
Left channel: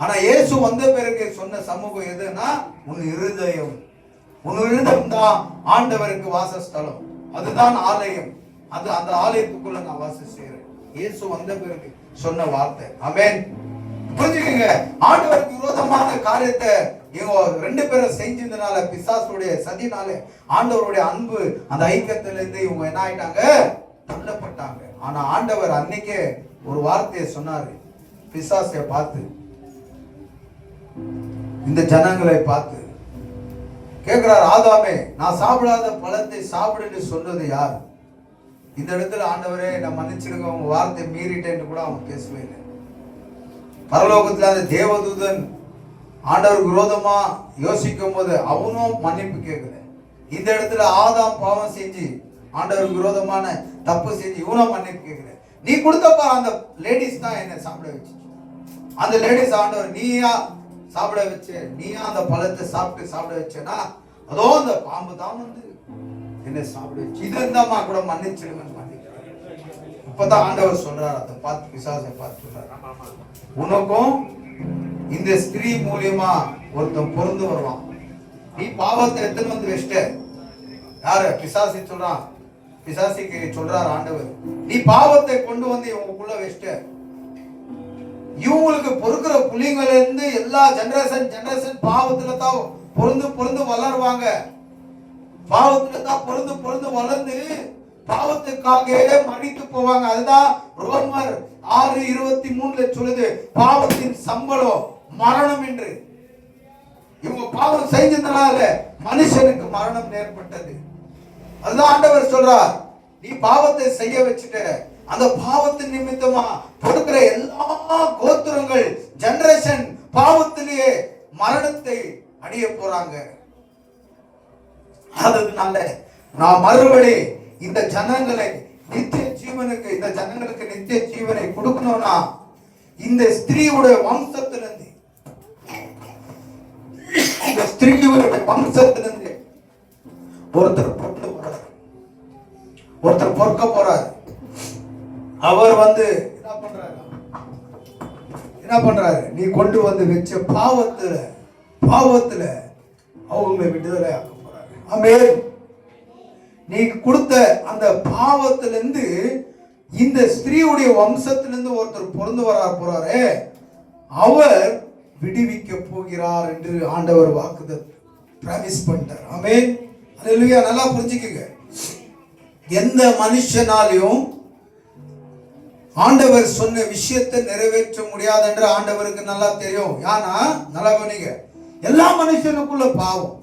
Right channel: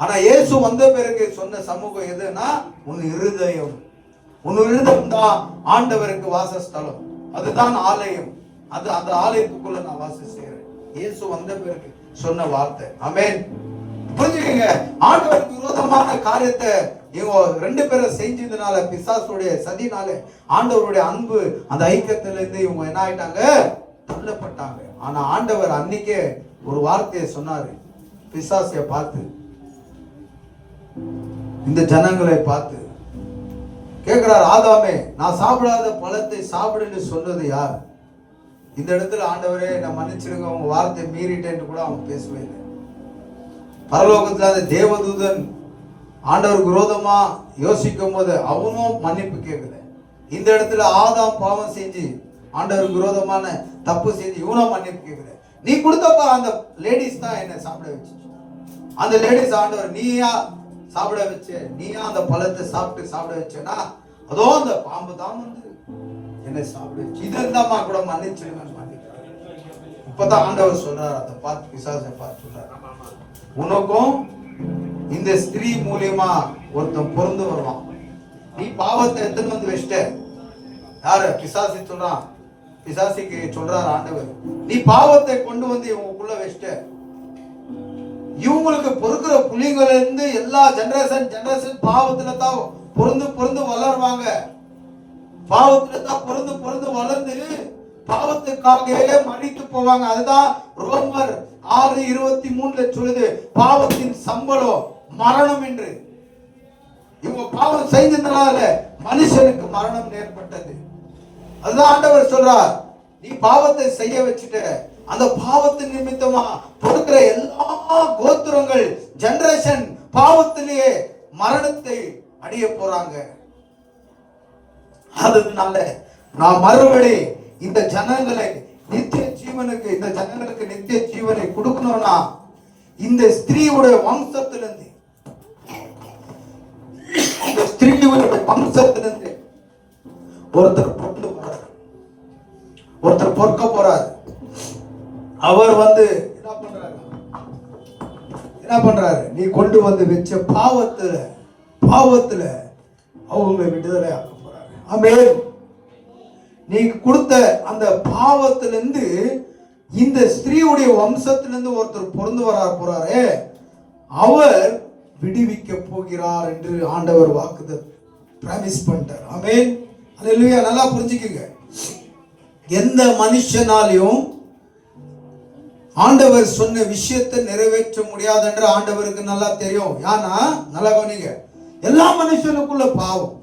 ஆனா இயேசு வந்த பிறகு சொன்ன சமூகம் எதுனா உன் இருதயம். உன் இருதயம் தான் ஆண்டவருக்கு வாசஸ்தலம். அதுதான் ஆலயம். அது அந்த ஆலயத்துக்குள்ள நான் வாசம் செய்யறேன். இயேசு வந்த பிறகு சொன்ன வார்த்தை. ஆமென். புரிஞ்சுக்கங்க. ஆண்டவருக்கு விரோதமான காரியத்தை இவங்க ரெண்டு பேரும் செஞ்சதுனால, பிசாசுடைய சதினால ஆண்டவருடைய அன்பு அந்த ஐக்கியத்துல இருந்து இவங்க என்ன ஆயிட்டாங்க? தள்ளப்பட்டாங்க. ஆனா ஆண்டவர் அன்னைக்கே ஒரு வார்த்தையை சொன்னாரு. பிசாசை பார்த்து, இந்த ஜனங்களை பார்த்து கேட்கிறார், ஆதாமே நான் சாப்பிடாத பழத்தை சாப்பிடுன்னு சொன்னது யார்? இந்த இடத்துல ஆண்டவரே நான் மன்னிச்சிருங்க, உங்க வார்த்தை மீறிட்டேன்னு கூட அவன் பேசவே இல்லை. பரலோகத்துல அந்த தேவதூதன் ஆண்டவருக்கு விரோதமா யோசிக்கும் போது அவனும் மன்னிப்பு கேட்கல. இந்த இடத்துல ஆதாம் பாவம் செஞ்சு ஆண்டவருக்கு விரோதமான தப்பு செஞ்சு இவனும் மன்னிப்பு கேட்கல. நீ கொடுத்தப்ப அந்த லேடிஸ் தான் என்ன சாப்பிட வச்சு. அந்த லேடிஸ் ஆண்டவர் நீயா சாப்பிட வச்ச, நீயா அந்த பழத்தை சாப்பிட வச்சேன்னா அதோ அந்த பாம்பு தான் வந்து என்ன சாப்பிட வச்சு. இது இருந்தாமா கூட மன்னிச்சிடுங்க. இப்பதான் ஆண்டவர் சொல்றாரு, அதை பார்த்து பிசாசை பார்த்து சொல்றாரு, உனக்கும் இந்த ஸ்திரீ மூலியமா ஒருத்தன் பொருந்து வருவான். நீ பாவத்தை எத்தனை வந்து வச்சிட்ட. யாரு? பிசாசி சொல்றான். பிசாசிக்கு சொல்றாரு ஆண்டவர், நீ பாவத்தை கொண்டு வந்து இவங்களுக்குள்ள வச்சிட்ட. இவங்களுக்கு பொறுக்கிற புலிங்கள இருந்து எல்லா ஜெனரேஷன் பாவத்துல தான் பொருந்து வளருவாங்க. பாவத்துல தான் பொருந்து வளர்ந்து பாவத்துக்காக மடித்து போவாங்க. அதுதான் ரோமர் 6:23 சொல்லுது, பாவத்தின் சம்பளம் மரணம் என்று. இவங்க பாவம் செஞ்சதுனால மனுஷனுக்கு மரணம் ஏற்பட்டது. அதுதான் ஆண்டவர் சொல்றார், நீ பாவத்தை செய்ய வச்சுட்ட, அந்த பாவத்தின் நிமித்தமா கொடுக்கிற எல்லா கோத்திரங்கள் ஜெனரேஷன் பாவத்திலேயே மரணத்தை அடைய போறாங்க. அதனால நான் மறுபடி இந்த ஜனங்களை நித்திய ஜீவனுக்கு, இந்த ஜனங்களுக்கு நித்திய ஜீவனை கொடுக்கணும்னா இந்த ஸ்திரீவுடைய வம்சத்திலிருந்து, இந்த ஸ்திரீவுடைய வம்சத்திலிருந்து ஒருத்தர் பொறுக்க போறார். அவர் வந்து என்ன பண்றாரு? நீ கொண்டு வந்து வச்ச பாவத்துல அவங்களை விடுதலை ஆக்க போறாரு. ஆமென். நீ கொடுத்த அந்த பாவத்திலிருந்து இந்த ஸ்திரீவுடைய வம்சத்திலிருந்து ஒருத்தர் பொருந்து போறாரு, அவர் விடுவிக்க போகிறார் என்று ஆண்டவர் வாக்குதத்தம் பிராமிஸ் பண்ணிட்டார். ஆமென். அல்லேலூயா. நல்லா புரிஞ்சுக்கங்க. எந்த மனுஷனாலையும் ஆண்டவர் சொன்ன விஷயத்தை நிறைவேற்ற முடியாது என்று ஆண்டவருக்கு நல்லா தெரியும். ஏன்னா நல்லா கவனிங்க, எல்லா மனுஷனுக்குள்ள பாவம்,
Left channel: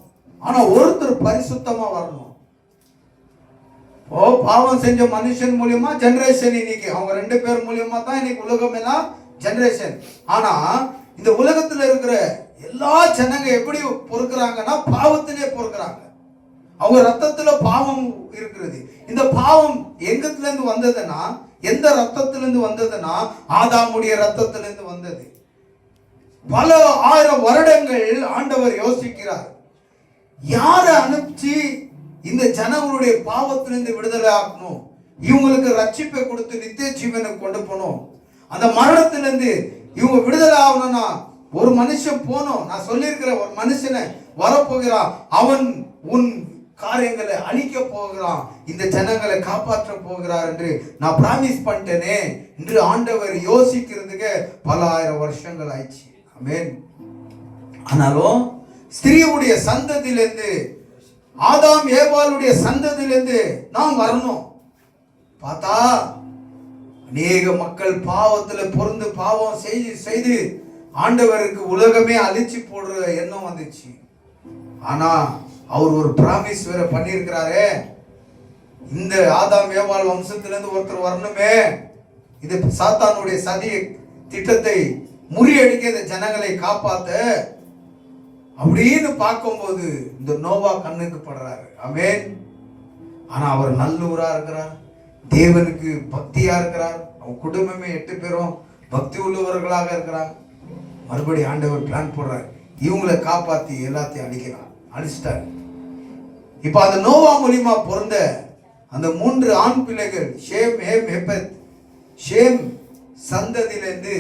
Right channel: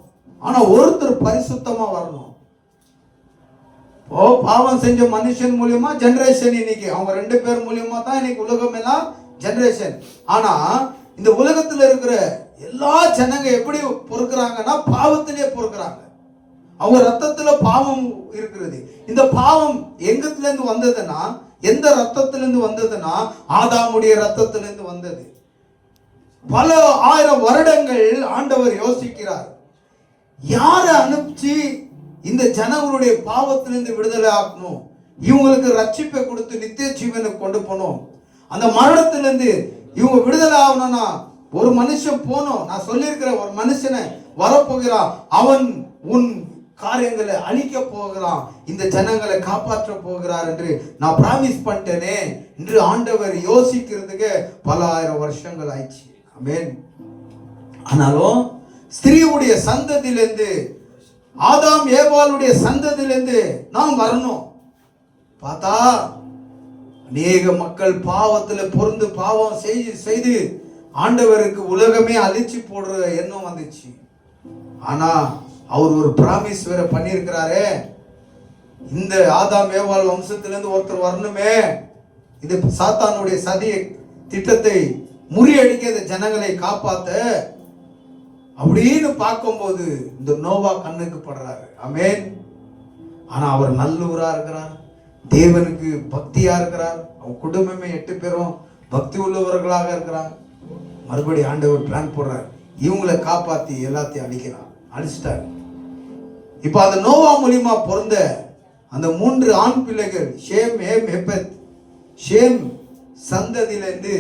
ஆனா ஒருத்தர் பரிசுத்தமா வரணும். பாவம் செஞ்ச மனுஷன் மூலியமா ஜெனரேஷன், இன்னைக்கு அவங்க ரெண்டு பேர் மூலியமா தான் இன்னைக்கு உலகம் எல்லாம் ஜெனரேஷன். ஆனா இந்த உலகத்துல இருக்கிற எல்லா ஜனங்க எப்படி பொறுக்கிறாங்கன்னா பாவத்திலே பொறுக்கிறாங்க. அவங்க ரத்தத்துல பாவம் இருக்கிறது. இந்த பாவம் எங்கத்துல இருந்து வந்ததுன்னா, எந்த ரத்தத்திலிருந்து வந்ததுன்னா ஆதாமுடைய ரத்தத்திலிருந்து வந்தது. பல ஆயிரம் வருடங்கள் ஆண்டவர் யோசிக்கிறார், யாரை அனுப்பிச்சு இந்த ஜனங்களுடைய பாவத்திலிருந்து விடுதலை ஆக்கணும், இவங்களுக்கு ரட்சிப்பை கொடுத்து நித்திய ஜீவனுக்கு கொண்டு போகணும். அந்த மரணத்திலிருந்து இவங்க விடுதலை ஆகணும்னா ஒரு மனுஷன் போனோம். நான் சொல்லியிருக்கிற ஒரு மனுஷனை வரப்போகிறான், அவன் உன் காரியங்களை அழிக்க போகிறான், இந்த ஜனங்களை காப்பாற்ற போகிறார் என்று நான் பிராமிஸ் பண்ணிட்டேனே என்று ஆண்டவர் யோசிக்கிறதுக்கு பல ஆயிரம் வருஷங்கள் ஆயிடுச்சு. ஆமென். ஆனாலும் ஸ்திரீவுடைய சந்ததியிலிருந்து, ஆதாம் ஏவாளுடைய சந்ததியிலிருந்து நாம் வரணும். பார்த்தா அநேக மக்கள் பாவத்துல பொருந்து பாவம் செய்து ஆண்டவருக்கு உலகமே அழிச்சு போடுற எண்ணம் வந்துச்சு. ஆனா அவர் ஒரு பிராமிஸ் வேற பண்ணியிருக்கிறாரே, இந்த ஆதாம் ஏவாள் வம்சத்திலிருந்து ஒருத்தர் வரணுமே, இது சாத்தானுடைய சதி திட்டத்தை முறியடிக்க இந்த ஜனங்களை காப்பாத்த அப்படின்னு பார்க்கும்போது இந்த நோவா கண்ணுக்கு படுறாரு. ஆமென். ஆனா அவர் நல்லூரா இருக்கிறார், தேவனுக்கு பக்தியா இருக்கிறார், அவன் குடும்பமே 8 பேரும் பக்தி உள்ளவர்களாக இருக்கிறாங்க. மறுபடி ஆண்டவர் பிளான் போடுறார், இவங்களை காப்பாத்தி எல்லாத்தையும் அழிச்சிட்டார். இப்ப அந்த நோவா மூலியமா பிறந்த அந்த 3 ஆண் பிள்ளைகள் ஷேம், ஹேம், எபெத். ஷேம் சந்ததியிலிருந்து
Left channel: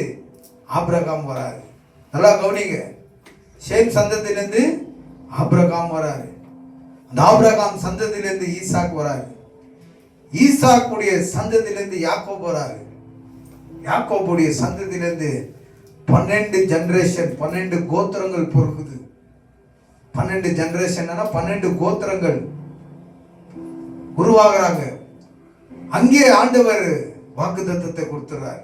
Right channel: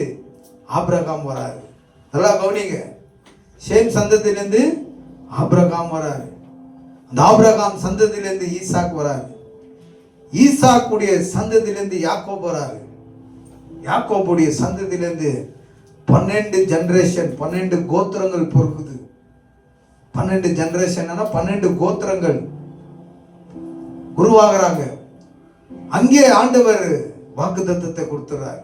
ஆபிரகாம் வராரு. நல்லா கவனிங்க, ஷேம் சந்ததியிலிருந்து ஆபிரகாம் வராரு. அந்த ஆபிரகாம் சந்ததியிலிருந்து ஈசாக் வராரு. ஈசாக்குடைய சந்ததியிலிருந்து யாக்கோபு வராரு. யாக்கோபுடைய சந்ததியிலிருந்து 12 ஜெனரேஷன், 12 கோத்திரங்கள் பொறுக்குது. 12 ஜெனரேஷன் 12 கோத்திரங்கள் உருவாகிறாங்க. அங்கே ஆண்டவர் வாக்குத்தத்தத்தை கொடுத்துறாரு.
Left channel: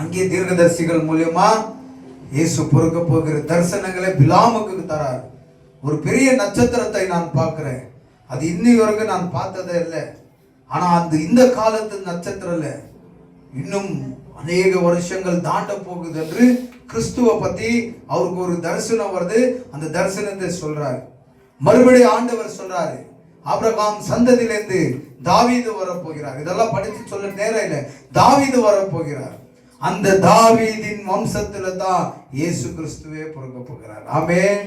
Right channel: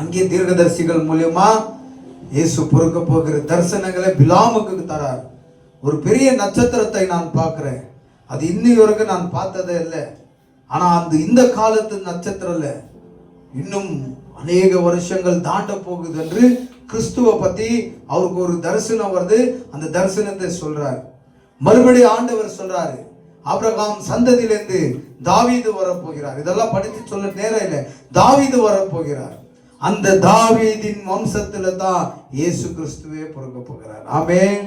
அங்கே தீர்க்கதரிசிகள் மூலமா இயேசு பொறுக்க போகிற தரிசனங்களை பிலாமுக்கு தரார். ஒரு பெரிய நட்சத்திரத்தை நான் பார்க்கிறேன், அது இன்னி வரைக்கும் நான் பார்த்ததே இல்லை. ஆனா இந்த காலத்து நட்சத்திரம் இல்லை, இன்னும் அநேக வருஷங்கள் தாண்ட போகுது என்று கிறிஸ்துவ பத்தி அவருக்கு ஒரு தரிசனம் வருது. அந்த தரிசனத்தை சொல்றாரு. மறுபடியும் ஆண்டவர் சொல்றாரு, ஆபிரகாம் சந்ததியிலிருந்து தாவீது வரப்போகிறார். இதெல்லாம் படித்து சொல்ல நேரம் இல்லை. தாவீது வரப்போகிறார். அந்த தாவீதின் வம்சத்துல தான் இயேசு கிறிஸ்துவே பிறக்க போகிறார். ஆமென்.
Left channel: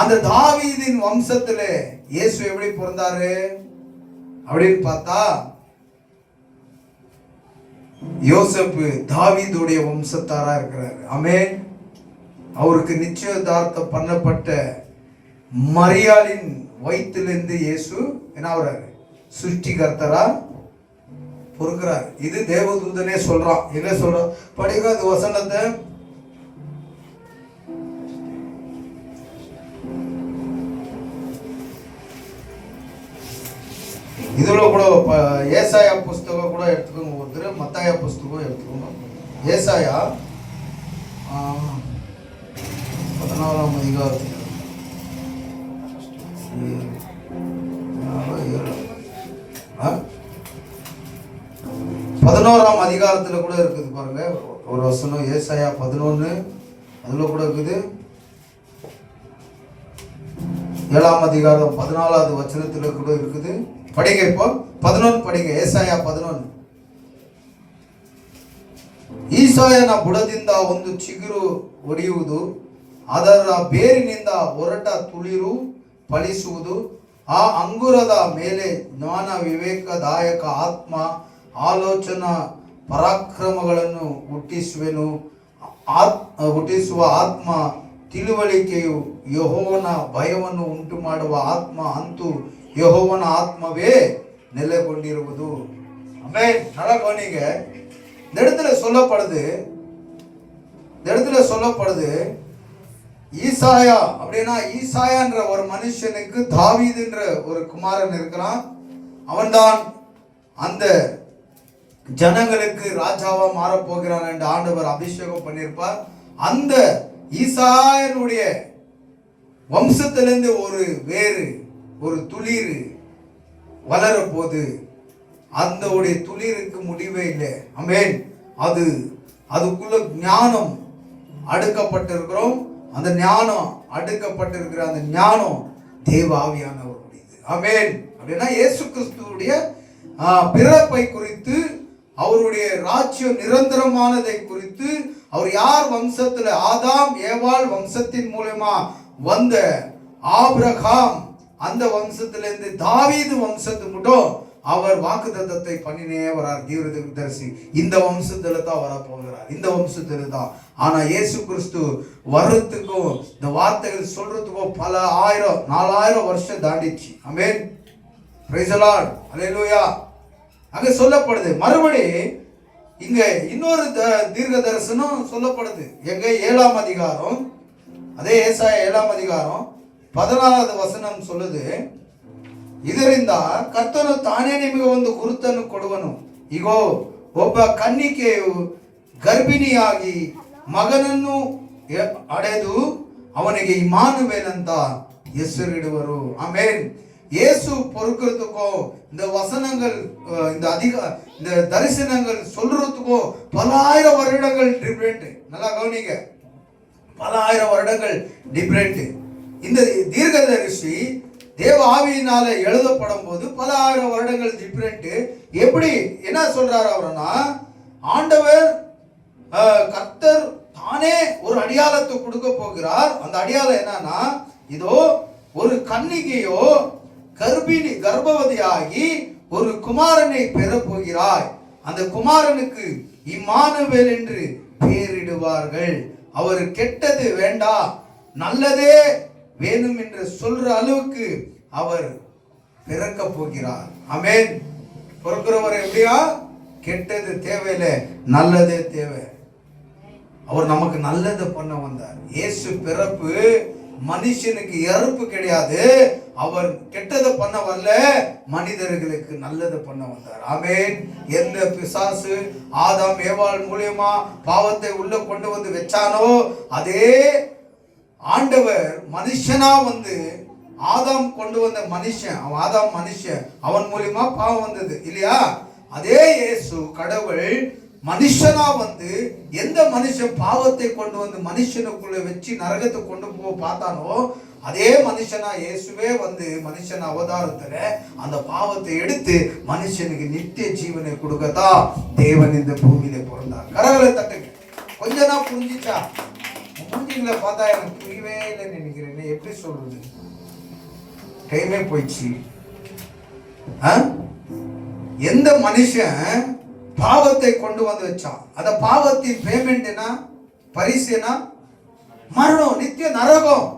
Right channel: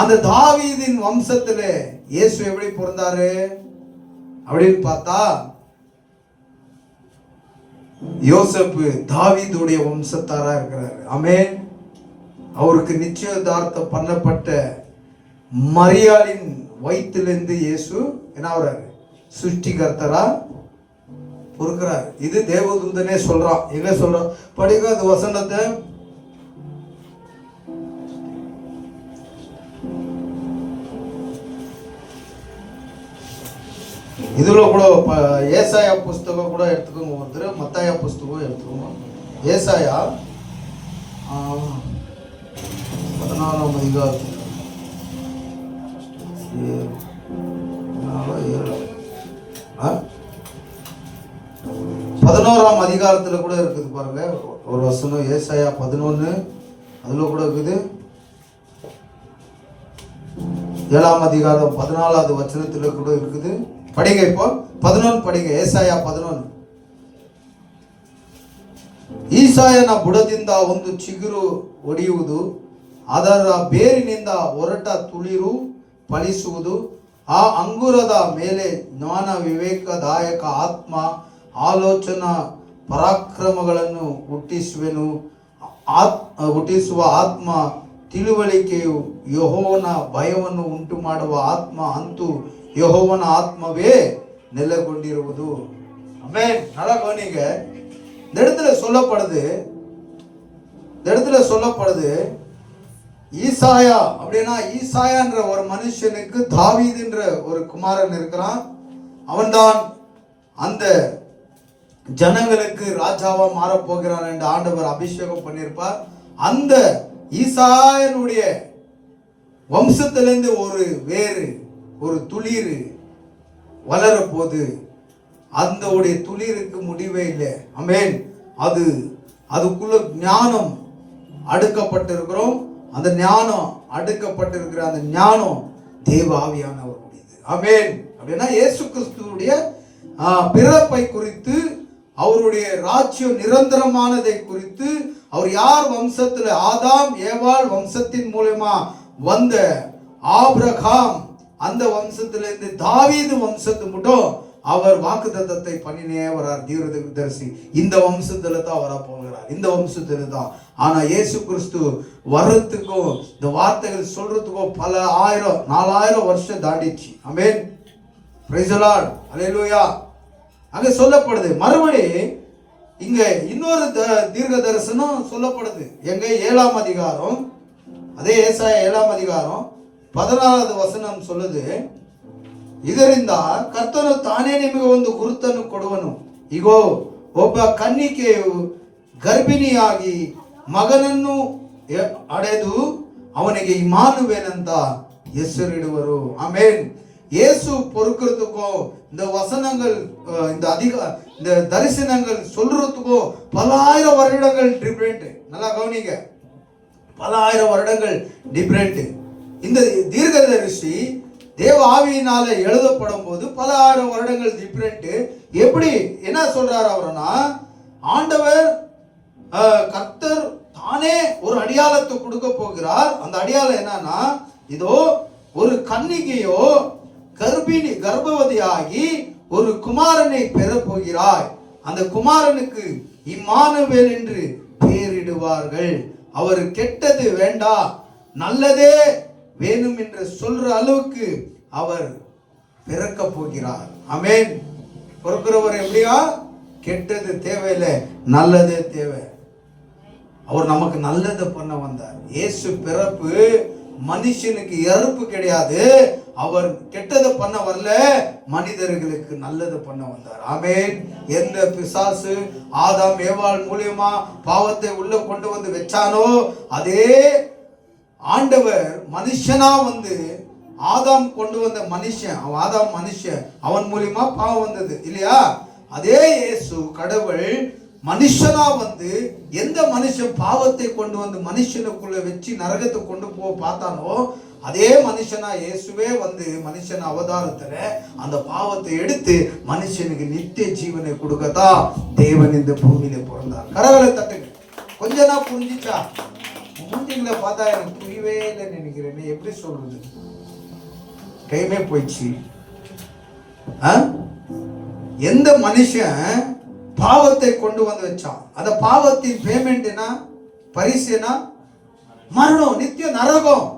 அந்த தாவீதின் வம்சத்துல இயேசு எப்படி பிறந்தாரு அப்படின்னு பார்த்தா, யோசேப்பு தாவீதுடைய வம்சத்தாரா இருக்கிறார். ஆமென். அவருக்கு நிச்சயதார்த்தம் பண்ணப்பட்ட மரியாளின் வயிற்றிலிருந்து இயேசு என்ன ஆகிறாரு, சிருஷ்டிகர்த்தரா பொறுக்கிறார். இது தேவதூதனே சொல்றான். என்ன சொல்றான் படிக்க அந்த வசனத்தை. இதுல கூட ஏசாயா புஸ்தகம் கூட எடுத்துக்கோங்க, ஒருத்தர் மத்தாயா புஸ்தகம் எடுத்துக்கோங்க. ஏசாயா 14ஆம் அதிகாரம் 11ஆம் அதிகாரத்துல கூட இருக்குது பாருங்க ஒரு வசனம். ஏசாயா 11 அதுல கூட இருக்குது. 7ஆம் அதிகாரம் 14வது வசனத்துல கூட இருக்குது. படிங்க, இப்போ 11 படிங்க. ಏಸಾಯ 11. ಈಸಾಯನ ಬುಡದಿಂದ ಒಂದು ಚಿಗುರು ಒಡೆಯುವುದು, ಅದರ ಬೇರಿನಿಂದ ಹೊರಟ ತುಳಿರು ಫಲಿಸುವುದು. ಆ ಅಂಗುರದ ಮೇಲೆ ಜ್ಞಾನ ವಿವೇಕದಾಯಕ ಆತ್ಮ ಆಲೋಚನಾ ಪರಾಕ್ರಮಗಳನ್ನು ಹುಟ್ಟಿಸುವ ಆತ್ಮ ತಿಳುವಳಿಕೆಯು ಯೆಹೋವನ ಭಯವನ್ನು ಉಂಟು ಮಾಡುವ ಆತ್ಮ, ಅಂತೂ ಯೆಹೋವನ ಆತ್ಮವೇ ನೆಲೆಗೊಂಡಿರುವುದು. ஆமென். நல்லா கவனிங்க. இந்த இடத்துல சொல்லப்படுது ஈசாயா அப்படின்னா, ஈசாயான்ற ஒரு மனுஷனுக்கு தாவீதுன்ற ஒரு குமாரன் இருக்கிறான். அவன்தான் அந்த ஜனங்களுக்கு ராஜாவா மாற போகிறான் என்று ஆண்டவர் அபிஷேகம் பண்ணியிருப்பார். அந்த ஈசாயனுடைய வம்சத்திலிருந்து ஒரு வேறு, ஒரு துளிர் வளர போது, அந்த துளிருக்கு முடிவே இல்லை. ஆமென். அதுக்குள்ள ஞானம், அடுக்கப்பட்டிருக்கிறோம். அந்த ஞானம், அடுக்கப்பட்டிருக்கிற அந்த ஞானம் தேவ ஆவியானவருடையது. ஆமென். அப்படின்னா இயேசு கிறிஸ்துவுடைய பிறப்பை குறித்து, அவருடைய ராஜ்யம் நிரந்தரமானதை குறித்து, அவர் யார் வம்சத்துல, ஆதாம் ஏவாள் வம்சத்தின் மூலமா வந்த ஆபிரகாம், அந்த வம்சத்திலிருந்து தாவீது வம்சத்து மட்டும் அவர் வாக்குத்தத்தத்தை பண்ணினே வரார். தீர்க்கதரிசி இந்த வம்சத்துல தான் வர போகிறார், இந்த வம்சத்துல தான். ஆனா இயேசு கிறிஸ்து வர்றதுக்கும் இந்த வார்த்தைகள் சொல்றதுக்கும் பல 4000 வருஷம் தாண்டிச்சு. ஆமென். Praise the Lord. ஹல்லேலூயா. அங்க சொல்லப்படுது மறுபடி இங்க இன்னொரு தீர்க்க தரிசனம் சொல்லப்படுது. எங்க 7ஆம் அதிகாரம், அதே ஏசாயா 7ஆம் அதிகாரம் 14வது வசனம் சொல்லுது, ಇದರಿಂದ ಕರ್ತನು ತಾನೇ ನಿಮಗೆ ಒಂದು ಗುರುತನ್ನು ಕೊಡುವನು. ಇಗೋ ಒಬ್ಬ ಕನ್ನಿಕೆಯು ಗರ್ಭಿಣಿಯಾಗಿ ಮಗನನ್ನು ಅಡೆದು ಅವನಿಗೆ ಇಮ್ಮಾನುವೇಲ್ ಅಂತ ಹೆಸರಿಡುವರು. ಆಮೆನ್. இயேசு பொறுக்கிறதுக்கும் இந்த வசனங்கள், இந்த தரிசனங்கள் சொல்றதுக்கும் பல ஆயிரம் வருடங்கள் டிஃபரெண்ட். நல்லா கவனிங்க, பல ஆயிரம் வருடங்கள் டிஃபரெண்ட். இந்த தீர்க்கதரிசி தேவ ஆவியினால எழுதப்படும் போது பல ஆயிரம் வருடங்கள் டிஃபரெண்ட். எப்படி என்ன சொல்றாரு அவர்னா, ஆண்டவர் கர்த்தர் தானே ஒரு அடையாளத்தை கொடுக்க போகிறார். அந்த அடையாளம் என்னன்னா, இதோ ஒரு கன்னிகையோ கர்ப்பவதியாகி ஒரு குமாரனை பெற போகிறாய். அந்த குமாரனுக்கு இம்மானுவேல் என்று பெயரிடுவார்கள். அவர் கெட்டது வேண்டாம் நல்லதே வேணும் என்று சொல்ற அளவுக்கு அவர் பிறக்க போகிறார். ஆமென். பிறக்கிறவர் எப்படியா? கெட்டது தேவையில்லை, நல்லதே தேவை. அவர் நமக்கு நல்லது பண்ண வந்தார். இயேசு பிறப்பு மனுஷனுக்கு இறப்பு கிடையாது. அவர் கெட்டதை பண்ண வரல, மனிதர்களுக்கு நல்லது பண்ண வந்தார். ஆமென். எந்த பிசாசு ஆதாம் ஏவாள் மூலியமா பாவத்தை உள்ள கொண்டு வந்து வச்சானோ, அதே ஆண்டவர் மனுஷனா வந்து, ஆதாம் கொண்டு வந்த மனுஷன், ஆதாம் மனுஷன், அவன் மூலியமா பாவம் வந்தது இல்லையா? அதே இயேசு கடவுள் மனுஷனா வந்து, எந்த மனுஷன் பாவத்தை கொண்டு வந்து மனுஷனுக்குள்ள வச்சு நரகத்தை கொண்டு போக பார்த்தானோ, அதே மனுஷனா இயேசுவே வந்து மனுஷன் அவதாரத்துல அந்த பாவத்தை எடுத்து மனுஷனுக்கு நித்திய ஜீவனை கொடுக்கத்தான் தேவன் இந்த பூமியில பிறந்தார். கரங்களை தட்டுங்க. கொஞ்ச நாள் புரிஞ்சிச்சா? மூஞ்சிங்களை பார்த்தா எனக்கு புரியவே இல்லைன்னு நினைக்கிறேன். எப்படி சொல்றது? டைமே போயிடுச்சு. எந்த மனுஷன் பாவத்தை கொண்டு வந்து வச்சான், அந்த பாவத்தின் பேமெண்ட் என்ன? பரிசு என்ன? மரணம், நித்திய நரகம்.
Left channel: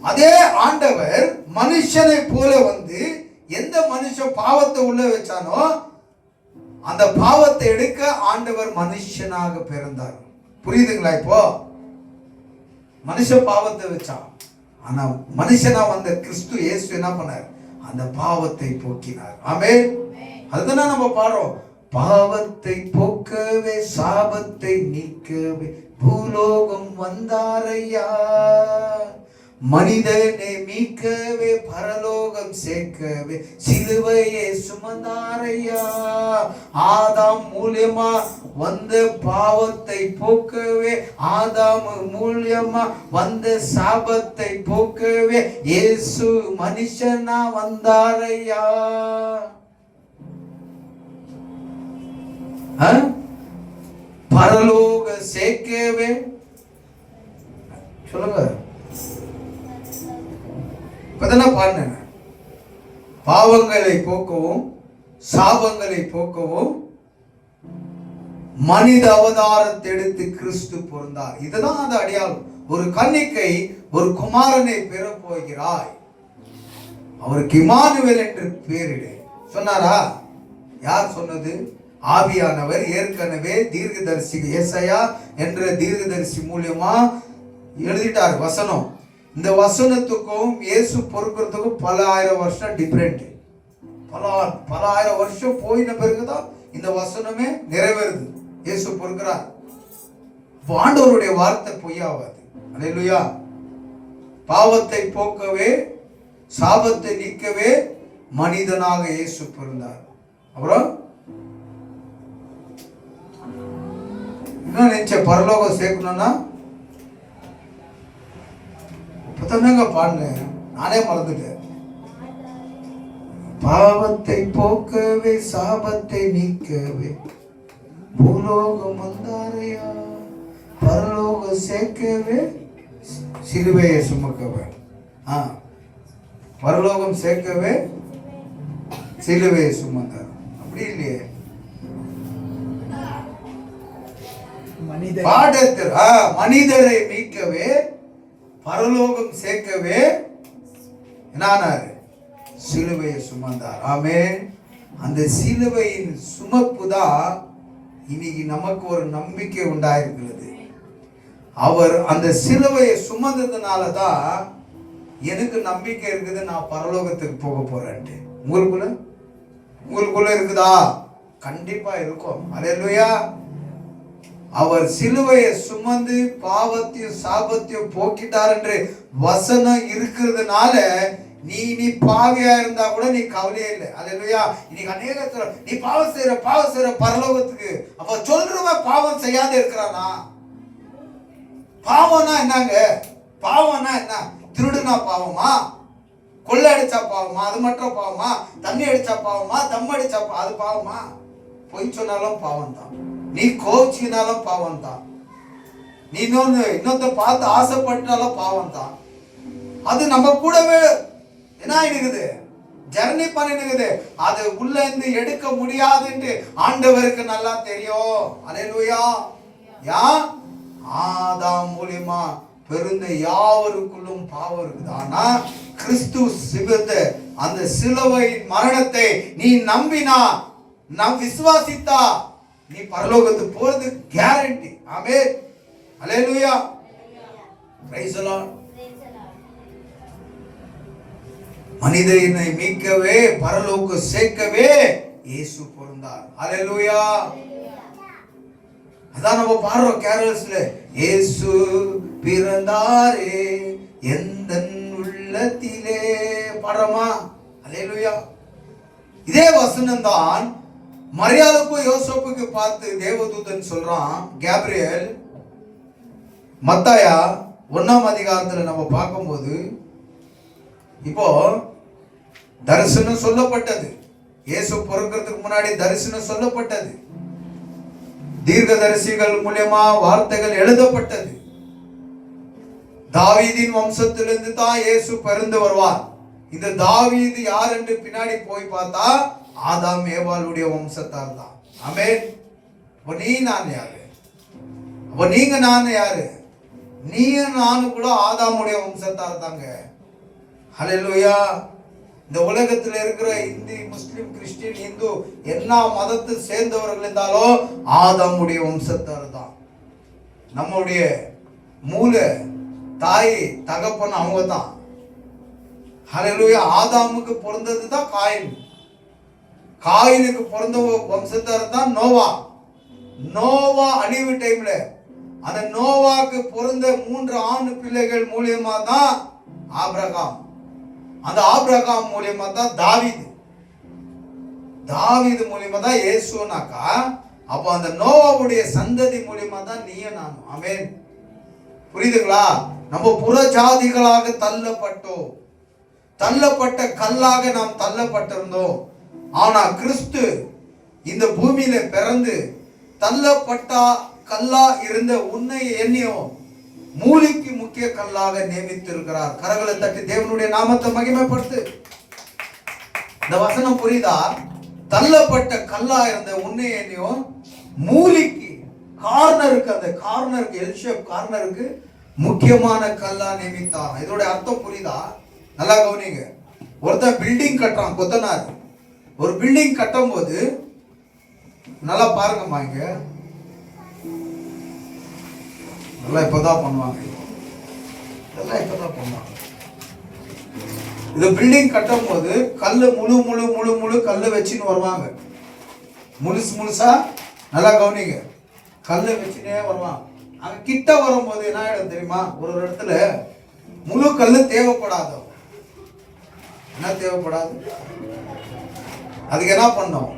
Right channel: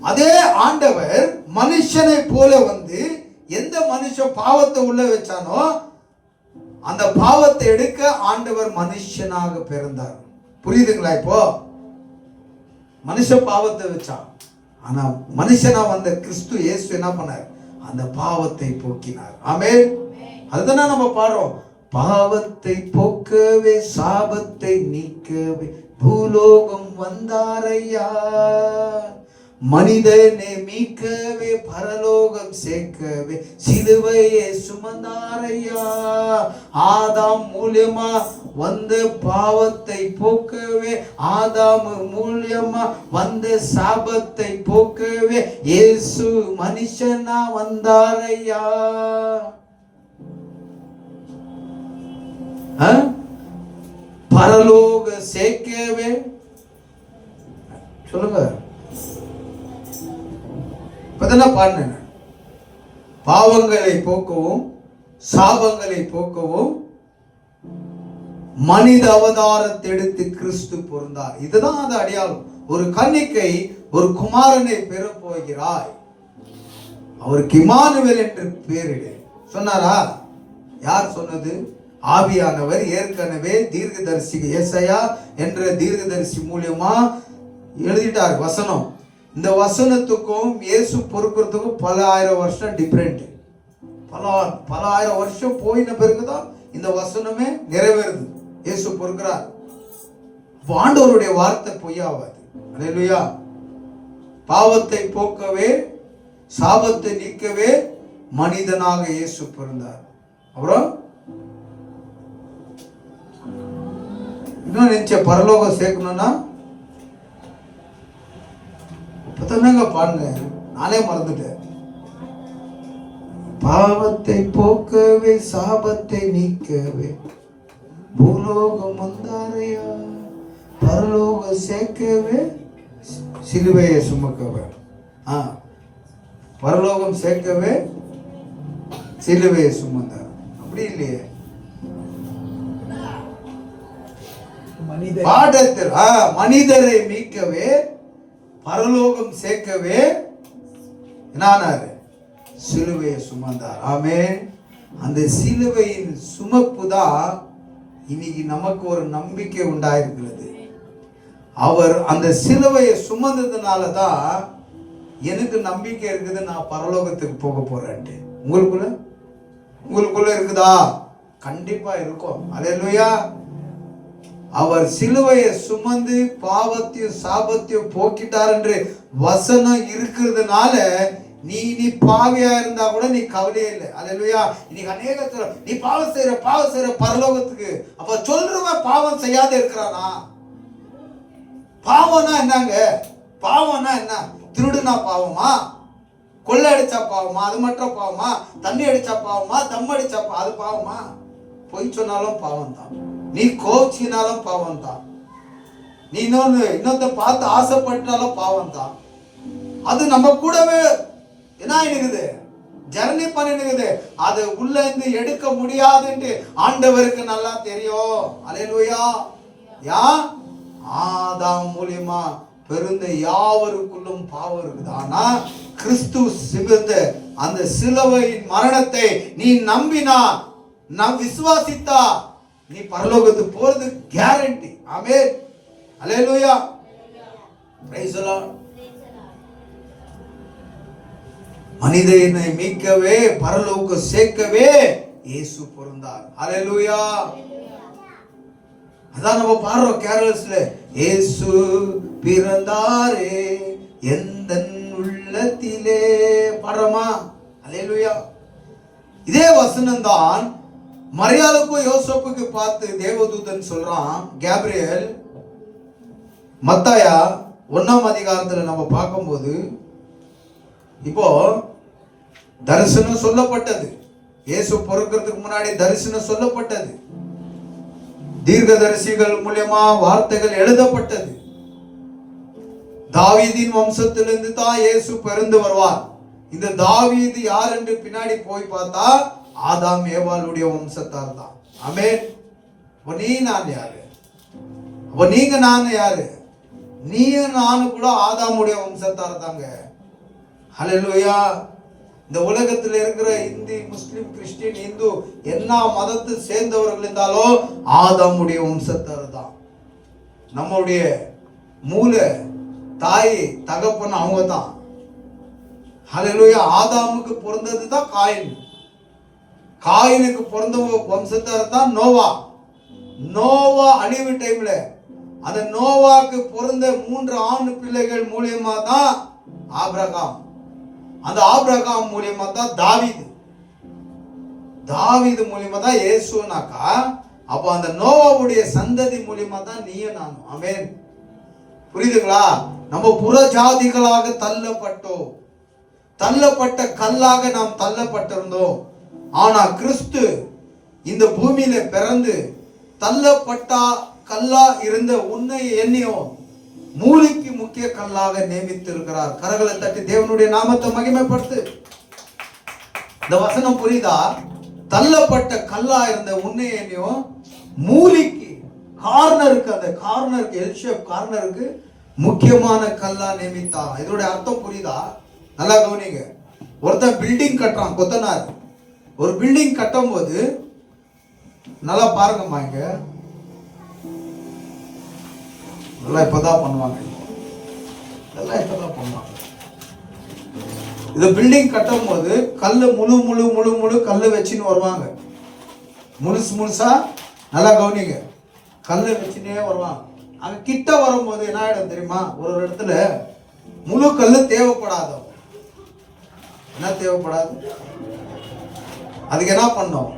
அதே ஆண்டவர் மனுஷனை போல வந்து, எந்த மனுஷன் பாவத்தை உள்ள வச்சானோ அந்த பாவத்தை எடுக்க ஆண்டவர் மனுஷனாக பிறந்தார். புரியுதுங்களா? இப்போ மனுஷன் பாவத்தை வச்சான், ஆனா மனுஷனா வந்த கிறிஸ்து இயேசு என்ன பண்ணார்? அந்த பாவத்தை போக்கினார். ஆமென். அதுதான் நம்ம பாடுறோம், பாவத்தை போக்கவே சாபத்தை நீக்கவே பூலோகம் வந்தாரையா, மனிதனை மீட்கவே பரலோகம் சேர்க்கவே சிலுவையை சுமந்தாரையா. ஆதாம் மூலியமா வந்த பாவத்தை போக்கவே, ஆதாம் மூலியமா வந்த சாபத்தை போக்கவே இயேசு மனுஷனா வந்தாரையா. பரலோக சேர்க்கவே, சொல்லுங்க, பாருங்க, பாவங்களை போக்கவும் சாபங்களை போக்கவும் மனித அவதாரத்தை எடுத்து கிறிஸ்து பிறந்தார். இதுதான் அந்த அடையாளம். ஒரு கன்னிகை ஒரு குமாரனை பெற போகிறாய், அவருக்கு இம்மானுவேல் என்று பெயரிடு சொன்னாரா? யார் சொன்னது? ஆவியானவர் ஏற்கனவே தீர்க்கதரிசி ஏசாயா என்ற தீர்க்கதரிசி மூலியமா எழுதிட்டார் வசனம். இந்த வசனத்துக்கும் இயேசு பொறுக்கிறதுக்கும் பல ஆயிரம் வருஷம் டிஃபரெண்ட். பல ஆயிரம் வருஷம் போயின பிறகுதான் இந்த வசனமே நிறைவேறுது. இயேசு பொறுக்கிறார். ஆண்டவருடைய வார்த்தை பொய்யாவாது. அல்லேலூயா. பாவத்தை போக்கவே சாபத்தை நீக்கவே மனிதனாக இயேசு பிறந்தார். அப்புறம் இன்னும் நினைச்ச பரலோகம் சேர்க்கணும்னா இப்பதாங்க பாடுங்க, நானே மறந்துட்டேன். பாவத்தை போக்கவே சாபத்தை நீக்கவே பூலோகம் வந்தாரையா, பரலோகம் சேர்க்கவே சிலுவையை சுமக்கவே. பரலோகம் சேர்க்கவே சிலுவையை சுமந்தார். அப்படி இல்லையே, மனிதரை மீட்கவே பரலோகம் சேர்க்கவே என்னானாரு? சிலுவையை சுமந்தார். ஆமென். அந்த சிலுவையின் சுமப்பு தான் இன்னைக்கு நமக்கு ஒரு நம்பிக்கை உண்டாயிருக்கிறது. அவர் அந்த சிலுவையை சுமந்ததுனால தான் எனக்கு நம்பிக்கை இருக்குது, நான் பரலோகத்துக்கு போக போறேன். உங்களுக்குள்ள இருக்குதா? கண்டிப்பா இருக்கும். அல்லேலூயா. அவர் சிலுவையை சுமந்து பாவத்தையும் சாபத்தையும் போக்கிட்டார் என்று வசனம் இருக்கிறதுனால நீ பாவியா இருந்தா கூட நீ கவலையே இல்லை. அல்லேலூயா. இன்னைக்கு அநேகத்துல நீ பாவம் செய்யற பரலோகத்துக்கு. அப்ப சொல்றவன் பாவம் செய்யாத இருக்கிறானா? பாவம்னா என்னங்க? பாவம்னா என்ன? திருடுனா பாவமா? கொள்ளை அடிச்சா பாவமா? அது மட்டும் பாவமா? தண்ணி அடிச்சா பாவமா? தம் அடிச்சா அது பாவமா? பொய் சொன்னாலும் பாவம் தான். நீ கோச்சினாலும் பாவம் தான். நீ இன்னொருத்த பார்த்து ஆசைப்பட்டாலும் பாவம் தான். அது நம்ம கூடவே என்ன இருக்குது? ஜர்னி பண்ணிடுது. அது உள்ள இருந்து எடுக்க முடியாதுன்னு ஆண்டவருக்கு நல்லா தெரியும். அல்லேலூயா. யா ஆதாம் மூலியமா பிறந்த யாவருக்குள்ளும் பாவம் இருக்குது. ஆனா கிறிஸ்து சிவந்த அந்த சிலுவை மரணத்தை நீ நம்பினா, நாம் விசுவாசித்தா, நீ பரலோகத்துக்கு போறது guarantee. Amen. Hallelujah. Praise the Lord. மனிதனை மீட்கவே பரலோகம் சேர்க்கவே இயேசு பிறந்தார். அல்லேலூயா. அதான் நம்ம பாடுறோம் கேரளஸ்ல, இயேசு பிறந்தாரே எந்தன் உள்ளத்திலே பாடுறோமா? அல்லேலூயா. இதே வசனம் தான் மரியாளுக்கும் யோசேப்புக்கு பார்த்து தேவதூதன் சொல்றான். கேப்ரியல் மத்தாயா 1ஆம் அதிகாரத்துல நம்ம பார்க்கும்போது இப்போ தரிசனம் சொல்லப்பட்டது. இயேசு பிறக்கிறதுக்கு முன்னாடி தரிசனம் சொல்லப்பட்டது. தீர்க்கதரிசிகள் மூலமா வார்த்தைகள் எழுதப்பட்டது. தாவீதின் வம்சத்திலிருந்து தான் இயேசு பிறந்து வருவார். இந்த தாவீது யார் என்று பின்னாடி போய் பார்த்தா ஆதாம் ஏவாளுடைய வம்சத்தார் தான். ஆமென். நீ நான் யாரு? நீங்க நான் யாரு? நீங்க நானும் கூட ஆதாமுடைய வம்சத்தார் தாங்க. ஹல்லேலூயா. இந்த உலகத்தில் இருக்கிற இந்து, முஸ்லிம், கிறிஸ்டியன், இந்து எல்லா மதத்தை சேர்ந்தவர்கள் இருந்தாலும் ஆதாமுடைய வம்சத்தார் தான். நம்முடைய மூல தாய் தகப்பன் அவங்க தான். ஹல்லேலூயா. ஆதாமுக்கு பிறந்தது தான் காயின். காயினுக்கு பிறந்த வம்சத்தார் தான் நோவா. நோவா அழிவு டைம்ல அந்த நோவாக்கு பிறந்த 3 ஆண் பிள்ளைகள் மூலியமா தான் ஆபிரகாம். அந்த ஆபிரகாம் மூலியமா தான் தாவீது. தாவீது மூலியமா தான் இயேசுனாக்கா, அப்ப அந்த நோவாவுடைய சந்ததி மூலியமா தான் நீயே நானும். ஆமென். புரியுதுங்களா? நம்ம புற ஜாதிகளாக தள்ளப்பட்டோம். தள்ளப்பட்ட கல்லாக நாம் தள்ளப்பட்டிருந்தோம். ஆனா கிறிஸ்து இந்த பூமியில பிறந்து தள்ளப்பட்டா கல்லா இருந்த உன்னை என்னையும் மூலிக்கு முக்கிய கல்லாக நியமித்திருக்கிறார். கரங்களை தட்டி தேவனுடைய நாமத்தை மகிமைப்படுத்து. இந்த வசனம் புரியுதா? தள்ளப்பட்ட கல்லா இருந்த உன்னை என்னையும் மூலிக்கு கார்னருக்கு, அந்த கார்னருக்கு, எல் ஷேப் கார்னருக்கு முக்கியமான கல்லா நியமித்தார். இதோட அர்த்தம் புரியுதா? நல்லா கவனிங்க. ஒருத்தன் பில்டிங் கட்டுறான், கொத்தனார். ஒரு பில்டிங் கட்டும் போது நல்லா பாருங்கம்மா, இங்க நல்லா இப்பதான் பண்ணுவாங்க. இதெல்லாம் இப்பதான் பண்ணுவாங்க. இந்த பில்டிங் கட்டும் போது கல்லு முழு முழு முழு முழு கல்லு வச்சுன்னு வருவாங்க. முழுசு முழுசா நல்லா கவனிங்க. கல்லு வச்சுனே வருவாங்க. அங்க கிட்ட வரும்போது என்ன ஆயிடும் தெரியுமா? ஒரு இடத்துல முழு கல்லு தேவைப்படாது. என்ன தேவைப்படாது? அதுக்கு என்ன பண்ணோம்?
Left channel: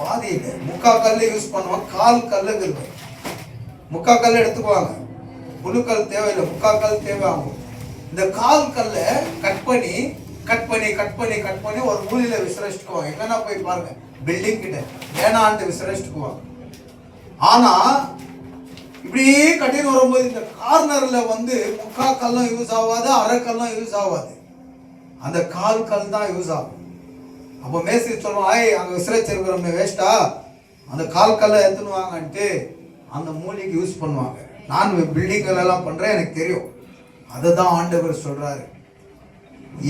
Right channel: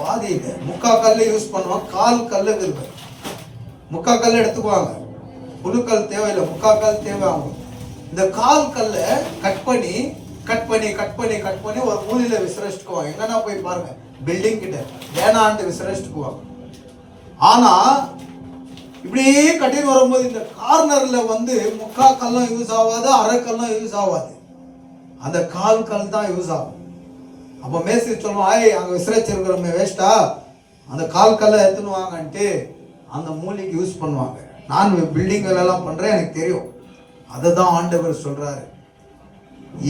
பாதி இல்லை. முக்கா கல் யூஸ் பண்ணுவாங்க, கால் கல்லு இருக்கு. முக்கா கல் எடுத்துக்குவாங்க, புழுக்கல் தேவையில்லை, முக்கா கல் தேவை ஆகும். இந்த கால் கல்லை கட் பண்ணி கட் பண்ணி கட் பண்ணி கட் பண்ணி ஒரு மூலையில விசிரச்சிக்குவாங்க. என்னன்னா போய் பாருங்க, பில்டிங் கிட்ட வேணான்ட்டு விசிரச்சிக்குவாங்க. ஆனா இப்படியே கட்டின்னு வரும்போது இந்த கார்னர்ல வந்து முக்கா கல்லும் யூஸ் ஆகாது, அரை கல்லும் யூஸ் ஆகாது, அந்த கால் கல் தான் யூஸ் ஆகும். அப்போ மேஸ்திரி சொல்லுவோம், ஆய் அங்கே விசிரச்சிருக்கிறோமே வேஸ்டா, அந்த கால் கல்லை எடுத்துன்னு வாங்கன்ட்டு அந்த மூலிக்கு யூஸ் பண்ணுவாங்க. நான் பில்டிங் எல்லாம் பண்றேன், எனக்கு தெரியும். அதை தான் ஆண்டவர் சொல்றாரு.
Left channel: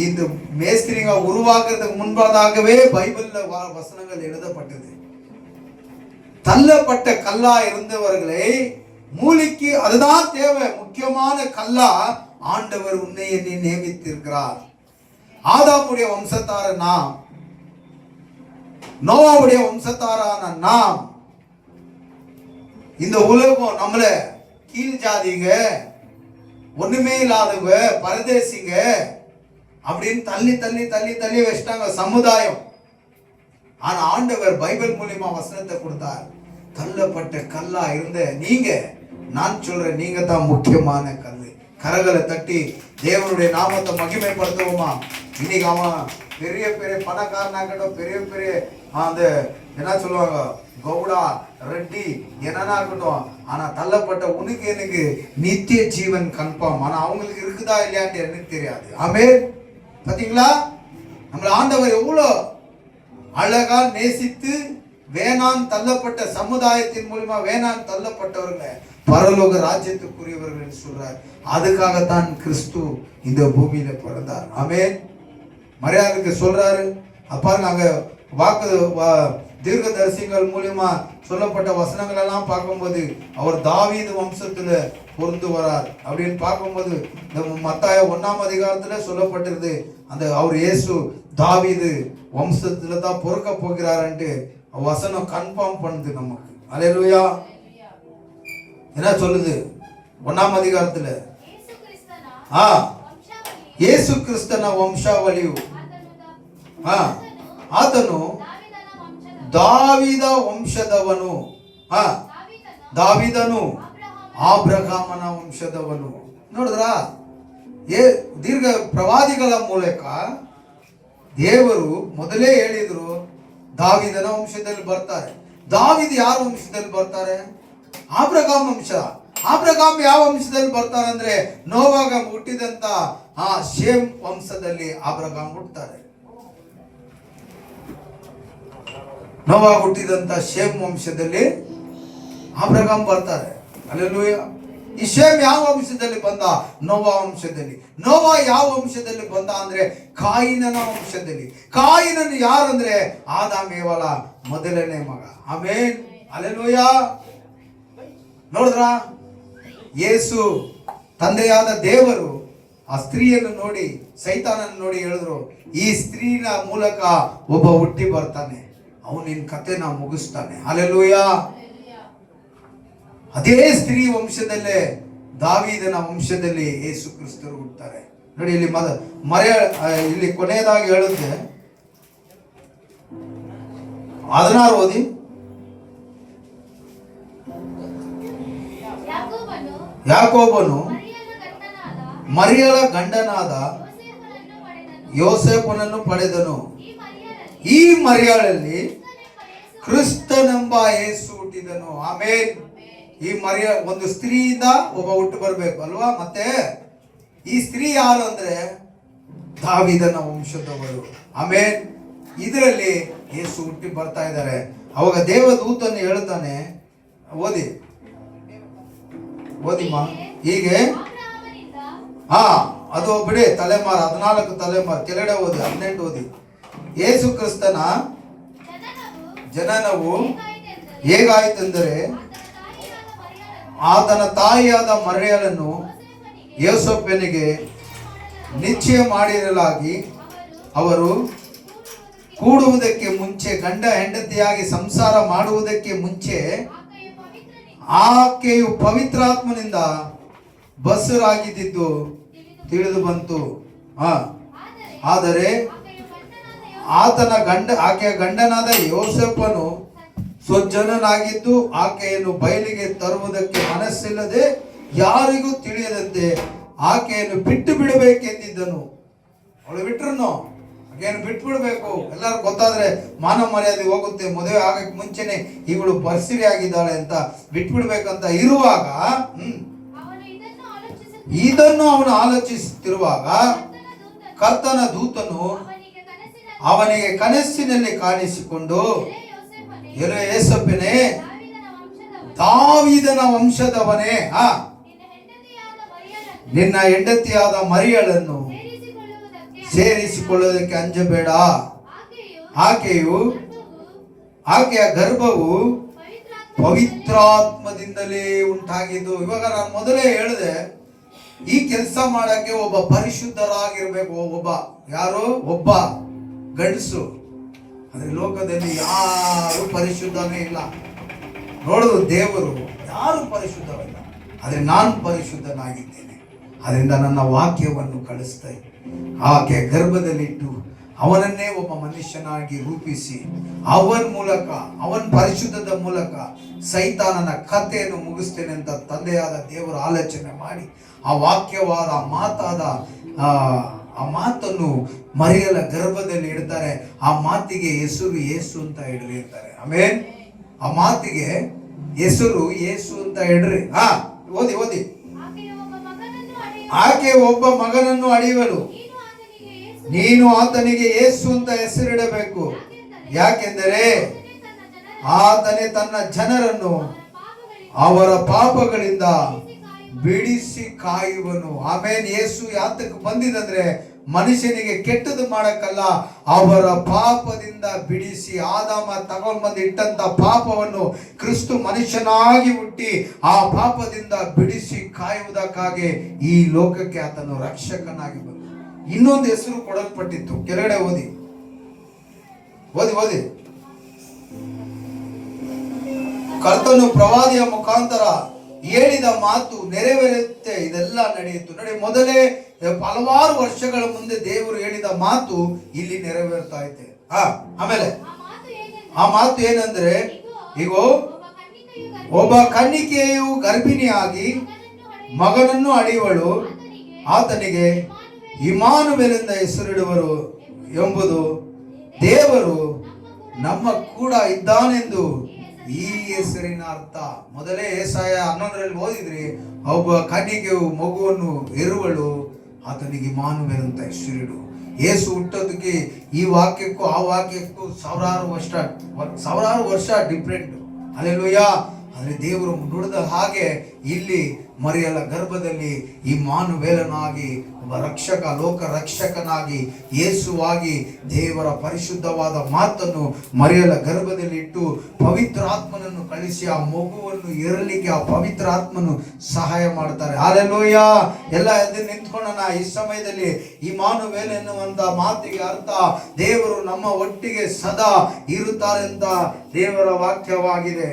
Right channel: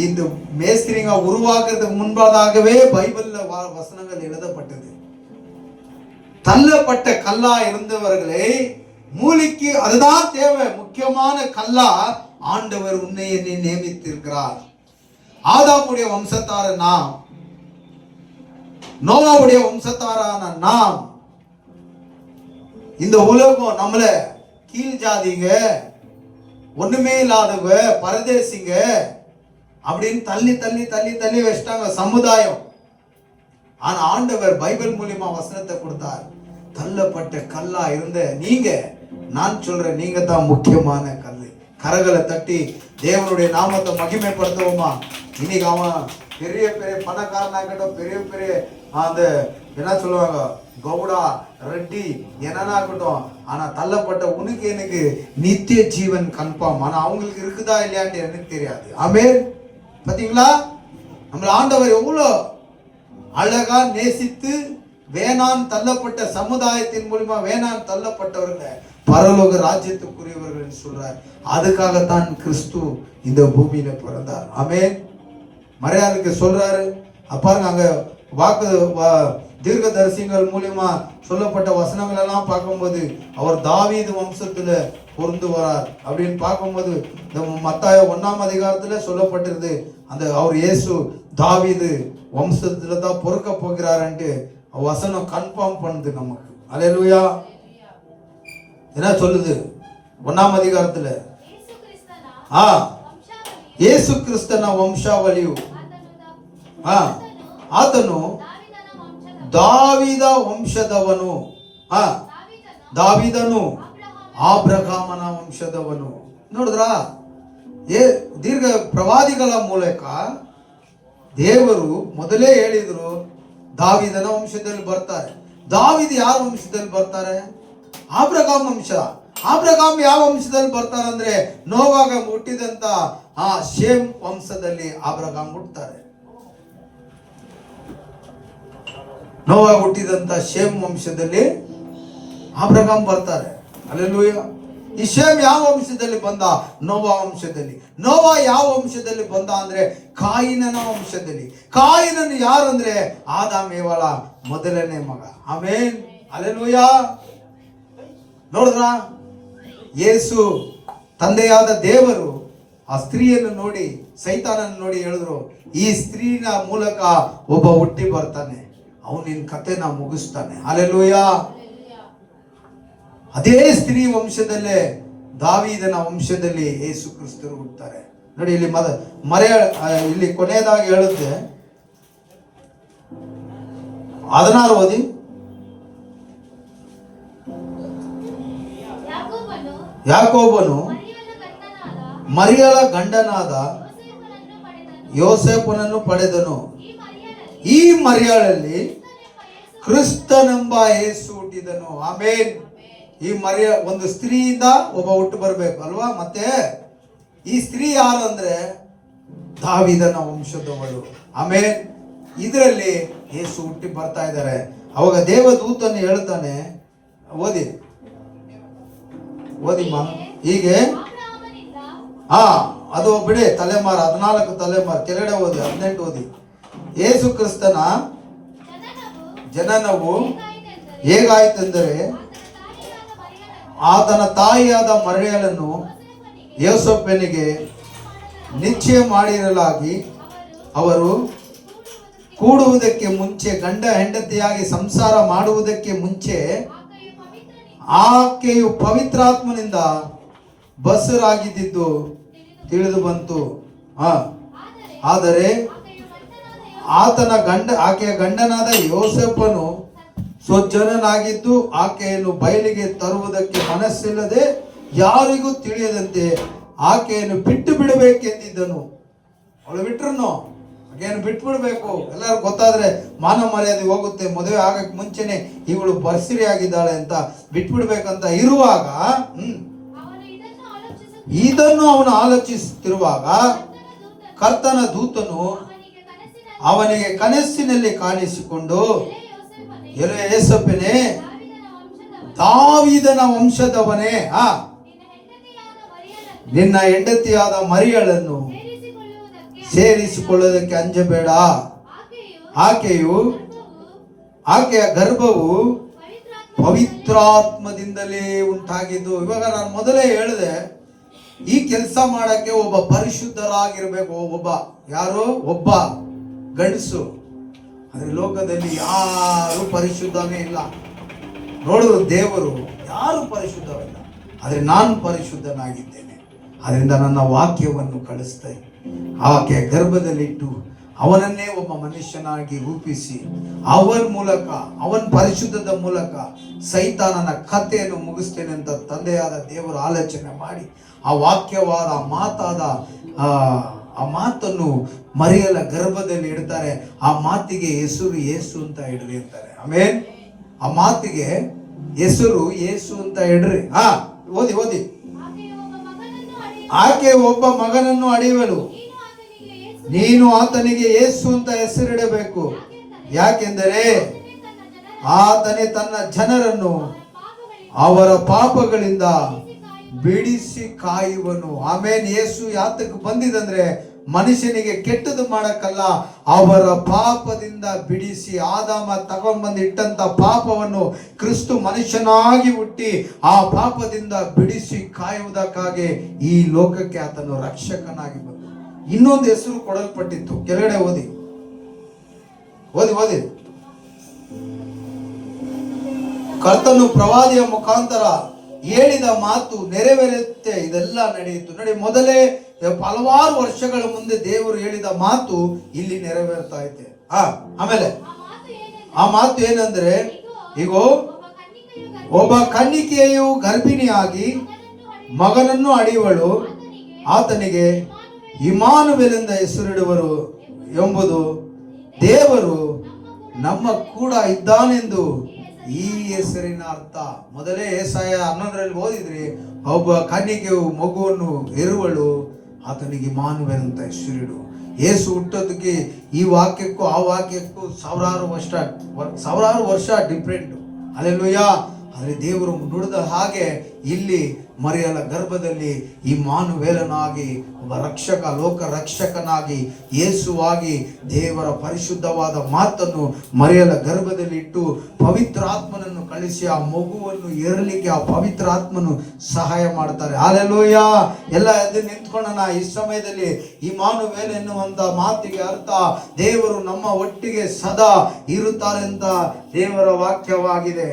இந்த மேஸ்திரிங்க உருவாக்குறதுக்கு முன்பதாகவே பைபிள்ல வசனங்கள் எழுதப்பட்டது. தள்ளப்பட்ட கல்லா இருந்தவர்களை மூலிக்கு அதுதான் தேவை, முக்கியமான கல்லா ஆண்டவர் உன்னை என்னை நியமித்திருக்கிறார். ஆதாமுடைய வம்சத்தார நாம், நோவாவுடைய வம்சத்தாரான நாம், இந்த உலகம் நம்மள கீழ் ஜாதிங்க, ஒண்ணுமே இல்லாதவங்க, பரதேசிங்க அப்படின்னு தள்ளி தள்ளி தள்ளி தள்ளி வச்சிட்டாங்க சமுதாயம். ஆனா ஆண்டவர் பைபிள் மூலியமா வசனத்தை கொடுத்தார். தள்ளப்பட்ட கல்லா இருந்த நீங்க, நான் சொல்றேன், நீங்க தான் முக்கியமான கல்லு. கரங்களை தட்டி தேவனுடைய நாமத்தை மகிமைப்படுத்துவோமா? இன்னைக்கு அவன் பெரிய பெரிய பணக்காரனாகட்டும், பெரிய பெரிய அந்த என்ன சொல்லுவாங்க, கவுடா ரெட்டி என்னன்னா இருக்கட்டும், ஆனா தள்ளப்பட்ட உனக்கு எனக்கு நித்திய ஜீவன் கன்ஃபார்ம். ஆனா அவங்களுக்கு இருக்குதா இல்லையான்னு எனக்கு தெரியாது. ஆமென். பாத்தீங்களா, நம்மள ஆண்டவர் எவ்வளோ அழகா நேசித்து வேணான் தள்ளப்பட்ட சமுதாயத்தின் மூலமா வேணான் தள்ளப்பட்டவர்கள் பரலோக ராஜ்யத்துக்குரியவர்கள் என்று சொல்றார். அதுக்காகத்தான் கிறிஸ்து இந்த பூமியில பிறந்தார். ஆமென். மரியாதைக்கு சொல்றாரு. அப்பா நாங்க வாக்கு தீர்க்கதரிசிகள் மூலியமா சொல்லப்பட்ட வசனங்கள் எல்லாம் பார்க்கும்போது அவர் தாவீது வம்சத்துல பொருந்து வரார் அப்படின்னு பார்க்கும்போது, இந்த மத்தாய 1ஆம் அதிகாரத்துல சொல்லப்பட்டிருது, அந்த அவர் இயேசு தாவீது வம்சத்துல தான் பொறுக்க போகிறார்ன்ட்டு வசனம் கன்ஃபார்ம் பண்ணுது நமக்கு. அல்லேலூயா. என்ன சொல்லுது 1ஆம் அதிகாரத்துல? ಯೇಸು ಕ್ರಿಸ್ತನ ವಂಶಾವಳಿಯು ಆತನು ದಾವೀದ ವಂಶದವನು, ದಾವೀದನು ಆಬ್ರಹಾಮನ ವಂಶದವನು. ನೋಡಿದ್ರ, ದೀರ್ಘ ಪ್ರವಾದಿಗಳ ಮೂಲಕ ದೇವರು ಮೊದಲೇ ಹೇಳಿದ್ರು ದಾವೀದನ ವಂಶದಲ್ಲಿ ಬರ್ತಾರೆ. ದಾವೀದ ಯಾರ ವಂಶದಲ್ಲಿ ಬರ್ತಾರೆ? ಆಬ್ರಹಾಮ್ ವಂಶ. ಆಬ್ರಹಾಮ್ ಯಾವ ವಂಶದಲ್ಲಿ ಬರ್ತಾರೆ ಅಂದ್ರೆ ನೋವಾಗ ಹುಟ್ಟಿದಂತ ಆ ಶೇಮ್ ವಂಶದಲ್ಲಿ ಆಬ್ರಹಾಮ್ ಹುಟ್ಟುತ್ತಾರೆ. ನೋವಾಗ ಹುಟ್ಟಿದಂತ ಶೇಮ್ ವಂಶದಲ್ಲಿ ಆಬ್ರಹಾಮ್ ಬರ್ತಾರೆ. ಹಲ್ಲೆಲೂಯಾ. ಈ ಶೇಮ್ ಯಾವ ವಂಶದಲ್ಲಿ ಬಂದ? ನೋವಾ ವಂಶದಲ್ಲಿ. ನೋವಾ ಯಾವ ವಂಶದಲ್ಲಿ ಬಂದ ಅಂದ್ರೆ ಕಾಯಿನನ ವಂಶದಲ್ಲಿ. ಕಾಯಿನನು ಯಾರಂದ್ರೆ ಆದಾಮೇವಳ ಮೊದಲನೇ ಮಗ. ಆಮೆನ್. ಹಲ್ಲೆಲೂಯಾ. ನೋಡಿದ್ರ, ಯೇಸು ತಂದೆಯಾದ ದೇವರು ಆ ಸ್ತ್ರೀಯನ್ನು ನೋಡಿ, ಸೈತಾನನ್ನು ನೋಡಿ ಹೇಳಿದ್ರು, ಈ ಸ್ತ್ರೀನ ಮೂಲಕ ಒಬ್ಬ ಹುಟ್ಟಿ ಬರ್ತಾನೆ, ಅವನು ನಿನ್ನ ಕಥೆನ ಮುಗಿಸ್ತಾನೆ. ಹಲ್ಲೆಲೂಯಾ. ಅದೇ ಸ್ತ್ರೀ ವಂಶದಲ್ಲೇ ದಾವೀದನ ವಂಶದಲ್ಲಿ ಯೇಸು ಕ್ರಿಸ್ತರು ಹುಟ್ಟುತ್ತಾರೆ. ನೋಡಿ ಇಲ್ಲಿ ಇಲ್ಲಿ ಕೊನೆಯದಾಗಿ ಹೇಳುತ್ತೆ, 16 ಓದಿ. ಯಾಕೋಬನು ಮರಿಯಳ ಗಂಡನಾದ ಯೋಸೇಫನನ್ನು ಪಡೆದನು. ಈ ಮರಿಯಳಲ್ಲಿ ಕ್ರಿಸ್ತನೆಂಬ ಯೇಸು ಹುಟ್ಟಿದನು. ಆಮೇನ್. ಈ ಒಂದು ಸ್ತ್ರೀಯಿಂದ ಒಬ್ಬ ಹುಟ್ಟು ಬರಬೇಕು ಅಲ್ವಾ? ಮತ್ತೆ ಈ ಸ್ತ್ರೀ ಯಾರು ಅಂದ್ರೆ ದಾವೀದನ ವಂಶದವಳು. ಆಮೇನ್. ಇದರಲ್ಲಿ ಯೇಸು ಹುಟ್ಟಿ ಬರ್ತಾ ಇದ್ದಾರೆ. ಅವಾಗ ದೇವದೂತನು ಹೇಳ್ತಾನೆ, ಓದಿಮ್ಮ. ಹೀಗೆ ಅದು ಬಿಡಿ, ತಲೆಮಾರು 14 ತಲೆಮಾರು ಕೆಳಗಡೆ ಓದಿ, 18 ಓದಿ. ಯೇಸು ಕ್ರಿಸ್ತನ ಜನನವು ಹೇಗಾಯಿತೆಂದರೆ ಆತನ ತಾಯಿಯಾದ ಮರಿಯಳನ್ನು ಯೋಸೇಫನಿಗೆ ನಿಶ್ಚಯ ಮಾಡಿರಲಾಗಿ ಅವರು ಕೂಡುವುದಕ್ಕೆ ಮುಂಚೆ, ಗಂಡ ಹೆಂಡತಿಯಾಗಿ ಸಂಸಾರ ಮಾಡುವುದಕ್ಕೆ ಮುಂಚೆ ಆಕೆಯು ಪವಿತ್ರಾತ್ಮನಿಂದ ಬಸರಾಗಿದ್ದು ತಿಳಿದು ಬಂತು. ಆದರೆ ಆಕೆಯ ಗಂಡನಾದ ಯೋಸೇಫನು ಸ್ವಜ್ಜನನಾಗಿದ್ದು ಆಕೆಯನ್ನು ಬಯಲಿಗೆ ತರುವುದಕ್ಕೆ ಮನಸ್ಸಿಲ್ಲದೆ ಯಾರಿಗೂ ತಿಳಿಯದಂತೆ ಆಕೆಯನ್ನು ಬಿಟ್ಟು ಬಿಡಬೇಕೆಂದಿದ್ದನು. ಅವಳು ಬಿಟ್ರು ಆಕೆಯನ್ನು ಬಿಟ್ಟು ಬಿಡಬೇಕು. ಎಲ್ಲರೂ ಗೊತ್ತಾದ್ರೆ ಮಾನ ಮರ್ಯಾದೆ ಹೋಗುತ್ತೆ. ಮದುವೆ ಆಗಕ್ಕೆ ಮುಂಚೆನೆ ಇವಳು ಬರ್ಸಿರಿ ಆಗಿದ್ದಾಳೆ ಅಂತ ಬಿಟ್ಬಿಡ್ಬೇಕಂತ ಇರುವಾಗ ಇದನ್ನು ಅವನು ಆಲೋಚಿಸುತ್ತಿರುವಾಗ ಕರ್ತನ ದೂತನು ಅವನಿಗೆ ಕನಸಿನಲ್ಲಿ ಕಾಣಿಸಿಕೊಂಡು, ಎಲೆ ಯೋಸೇಫನೇ, ದಾವೀದನ ವಂಶದವನೇ, ನಿನ್ನ ಹೆಂಡತಿಯಾದ ಮರಿಯಳನ್ನು ಸೇರಿಸಿಕೊಳ್ಳುವುದಕ್ಕೆ ಅಂಜಬೇಡ. ಆಕೆಯ ಗರ್ಭವು ಪವಿತ್ರಾತ್ಮದಿಂದಲೇ ಉಂಟಾಗಿದ್ದು. ಇವಾಗ ನಾನು ಮೊದಲೇ ಹೇಳಿದೆ, ಈ ಕೆಲಸ ಮಾಡಕ್ಕೆ ಒಬ್ಬ ಪರಿಶುದ್ಧರಾಗಿರ್ಬೇಕು. ಒಬ್ಬ ಗಂಡಸು. ಆದ್ರೆ ಲೋಕದಲ್ಲಿ ಯಾರು ಪರಿಶುದ್ಧನೇ ಇಲ್ಲ. ನೋಡುದು ದೇವರು ಯಾರು ಪರಿಶುದ್ಧವಿಲ್ಲ. ಆದ್ರೆ ನಾನು ಪರಿಶುದ್ಧನಾಗಿದ್ದೇನೆ. ಅದರಿಂದ ನನ್ನ ವಾಕ್ಯವನ್ನು ಕಳಿಸ್ತಾ ಆಕೆ ಗರ್ಭದಲ್ಲಿಟ್ಟು ಅವನನ್ನೇ ಒಬ್ಬ ಮನುಷ್ಯನಾಗಿ ರೂಪಿಸಿ ಅವನ ಪರಿಶುದ್ಧದ ಮೂಲಕ ಸೈತಾನನ ಕಥೆಯನ್ನು ಮುಗಿಸ್ತೇನೆ ಅಂತ ತಂದೆಯಾದ ದೇವರು ಆಲೋಚನೆ ಮಾಡಿ ಆ ವಾಕ್ಯವಾದ ಆ ಮಾತನ್ನು ಮರಿಯಲ ಗರ್ಭದಲ್ಲಿ ಇಡ್ತಾರೆ. ಆ ಮಾತಿಗೆ ಹೆಸರು ಯೇಸು ಅಂತ ಇಡ್ತಾರೆ. ಆಮೇಲೆ ಆ ಮಾತಿಗೆ ಹೆಸರು ಯೇಸು ಅಂತ ಇಡ್ರಿ. ಓದಿ. ಆಕೆ ಒಬ್ಬ ಮಗನನ್ನು ಅಡಿಯುವಳು, ನೀನು ಆತನಿಗೆ ಯೇಸು ಅಂತ ಹೆಸರಿಡಬೇಕು. ಯಾಕೆಂದರೆ ಆತನೇ ತನ್ನ ಜನರನ್ನು ಅವರ ಪಾಪಗಳಿಂದ ಬಿಡಿಸಿ ಕಾಯುವನು. ಆಮೇಲೆ ಯೇಸು ಯಾತಕ್ಕೆ ಬಂದಿದಂದ್ರೆ ಮನುಷ್ಯನಿಗೆ ಕೆಟ್ಟದ್ದು ಮಾಡಕ್ಕಲ್ಲ, ಅವರ ಪಾಪದಿಂದ ಬಿಡಿಸಿ. ಆದಾಮ ತಗೊಂಡ್ಬಂದು ಇಟ್ಟಂತ ಪಾಪವನ್ನು ಕ್ರಿಸ್ತು ಮನುಷ್ಯನಾಗಿ ಹುಟ್ಟಿ ಆ ಪಾಪದಿಂದ ಬಿಡಿಸಿ ಕಾಯುವುದಕ್ಕಾಗಿ ಈ ಲೋಕಕ್ಕೆ ಆತನು ರಕ್ಷಕನಾಗಿ ಬಂದ. ಇನ್ನೊಂದು ಹೆಸರು ಕೊಡಲ್ಪಟ್ಟಿತ್ತು. ಕೆಳಗಡೆ ಓದಿ. ಕರ್ತನು ಪ್ರವಾದಿಯ ಮುಖಾಂತರ ಹೇಳಿದ ಮಾತು ನೆರವೇರುತ್ತೆ. ಇದೆಲ್ಲ ನಡೆಯಿತು. ನೋಡಿ, ಮೊದಲೇ ಹಲವಾರು ವರ್ಷಗಳ ಮುಂದೆ ದೇವರು ಹೇಳಿದ ಮಾತು ಇಲ್ಲಿ ನೆರವೇರ್ತಾ ಐತೆ. ಆಮೇಲೆ ಆ ಮಾತು ಏನಂದ್ರೆ, ಈಗ ಒಬ್ಬ ಕನ್ನಿಕೆಯು ಗರ್ಭಿಣಿಯಾಗಿ ಮಗನನ್ನು ಅಡಿಯುವಳು, ಆತನಿಗೆ ಇಮ್ಮಾನುವೇಲ್ ಹೆಸರಿಡುವರು ಎಂಬುದು ದೇವರು ನಮ್ಮ ಕೂಡ ಇದ್ದಾನೆಂದು ಈ ಹೆಸರಿನ ಅರ್ಥ. ಮೊದಲೇ ಯೆಶಾಯ 11ರಲ್ಲಿ ಓದಿದ್ರಿ, ಒಬ್ಬ ಕನ್ನಿಕೆಯು ಮಗುವನ್ನು ಹೆರುವಳು, ಆತನಿಗೆ ಇಮ್ಮಾನುವೇಲ್ ಅಂತ ಹೆಸರಿಡು. ಯೇಸು ಹುಟ್ಟೋದಕ್ಕೆ ಈ ವಾಕ್ಯಕ್ಕೂ ಆ ವಾಕ್ಯಕ್ಕೂ ಸಾವಿರಾರು ವರ್ಷ ಡಿಫ್ರೆಂಟ್. ಹಲ್ಲೆಲೂಯಾ. ಆದರೆ ದೇವರು ನುಡಿದ ಹಾಗೆ ಇಲ್ಲಿ ಮರಿಯಲ ಗರ್ಭದಲ್ಲಿ ಇಮ್ಮಾನುವೇಲನಾಗಿ ಒಬ್ಬ ರಕ್ಷಕ, ಲೋಕ ರಕ್ಷಕನಾಗಿ ಯೇಸುವಾಗಿ ದೇವರ ಪರಿಶುದ್ಧವಾದ ಮಾತನ್ನು ಮರಿಯಲ ಗರ್ಭದಲ್ಲಿ ಇಟ್ಟು ಪವಿತ್ರಾತ್ಮನನ್ನು ಕಳಿಸಿ ಆ ಮಗುವನ್ನು ಏರಲಿಕ್ಕೆ ಆ ಪವಿತ್ರಾತ್ಮನು ಸಹಾಯ ಮಾಡ್ತಾರೆ. ಹಲ್ಲೆಲೂಯಾ. ಎಲ್ಲ ಎದ್ದು ನಿಂತ್ಕೊಳ್ಳೋಣ. ಈ ಸಮಯದಲ್ಲಿ ಇಮ್ಮಾನುವೇಲ್ ಎನ್ನುವಂತ ಮಾತಿಗೆ ಅರ್ಥ ದೇವರು ನಮ್ಮ ಒಟ್ಟಿಗೆ ಸದಾ ಇರುತ್ತಾರೆ ಅಂತ ದೇವರ ವಾಕ್ಯವಾಗಿದೆ.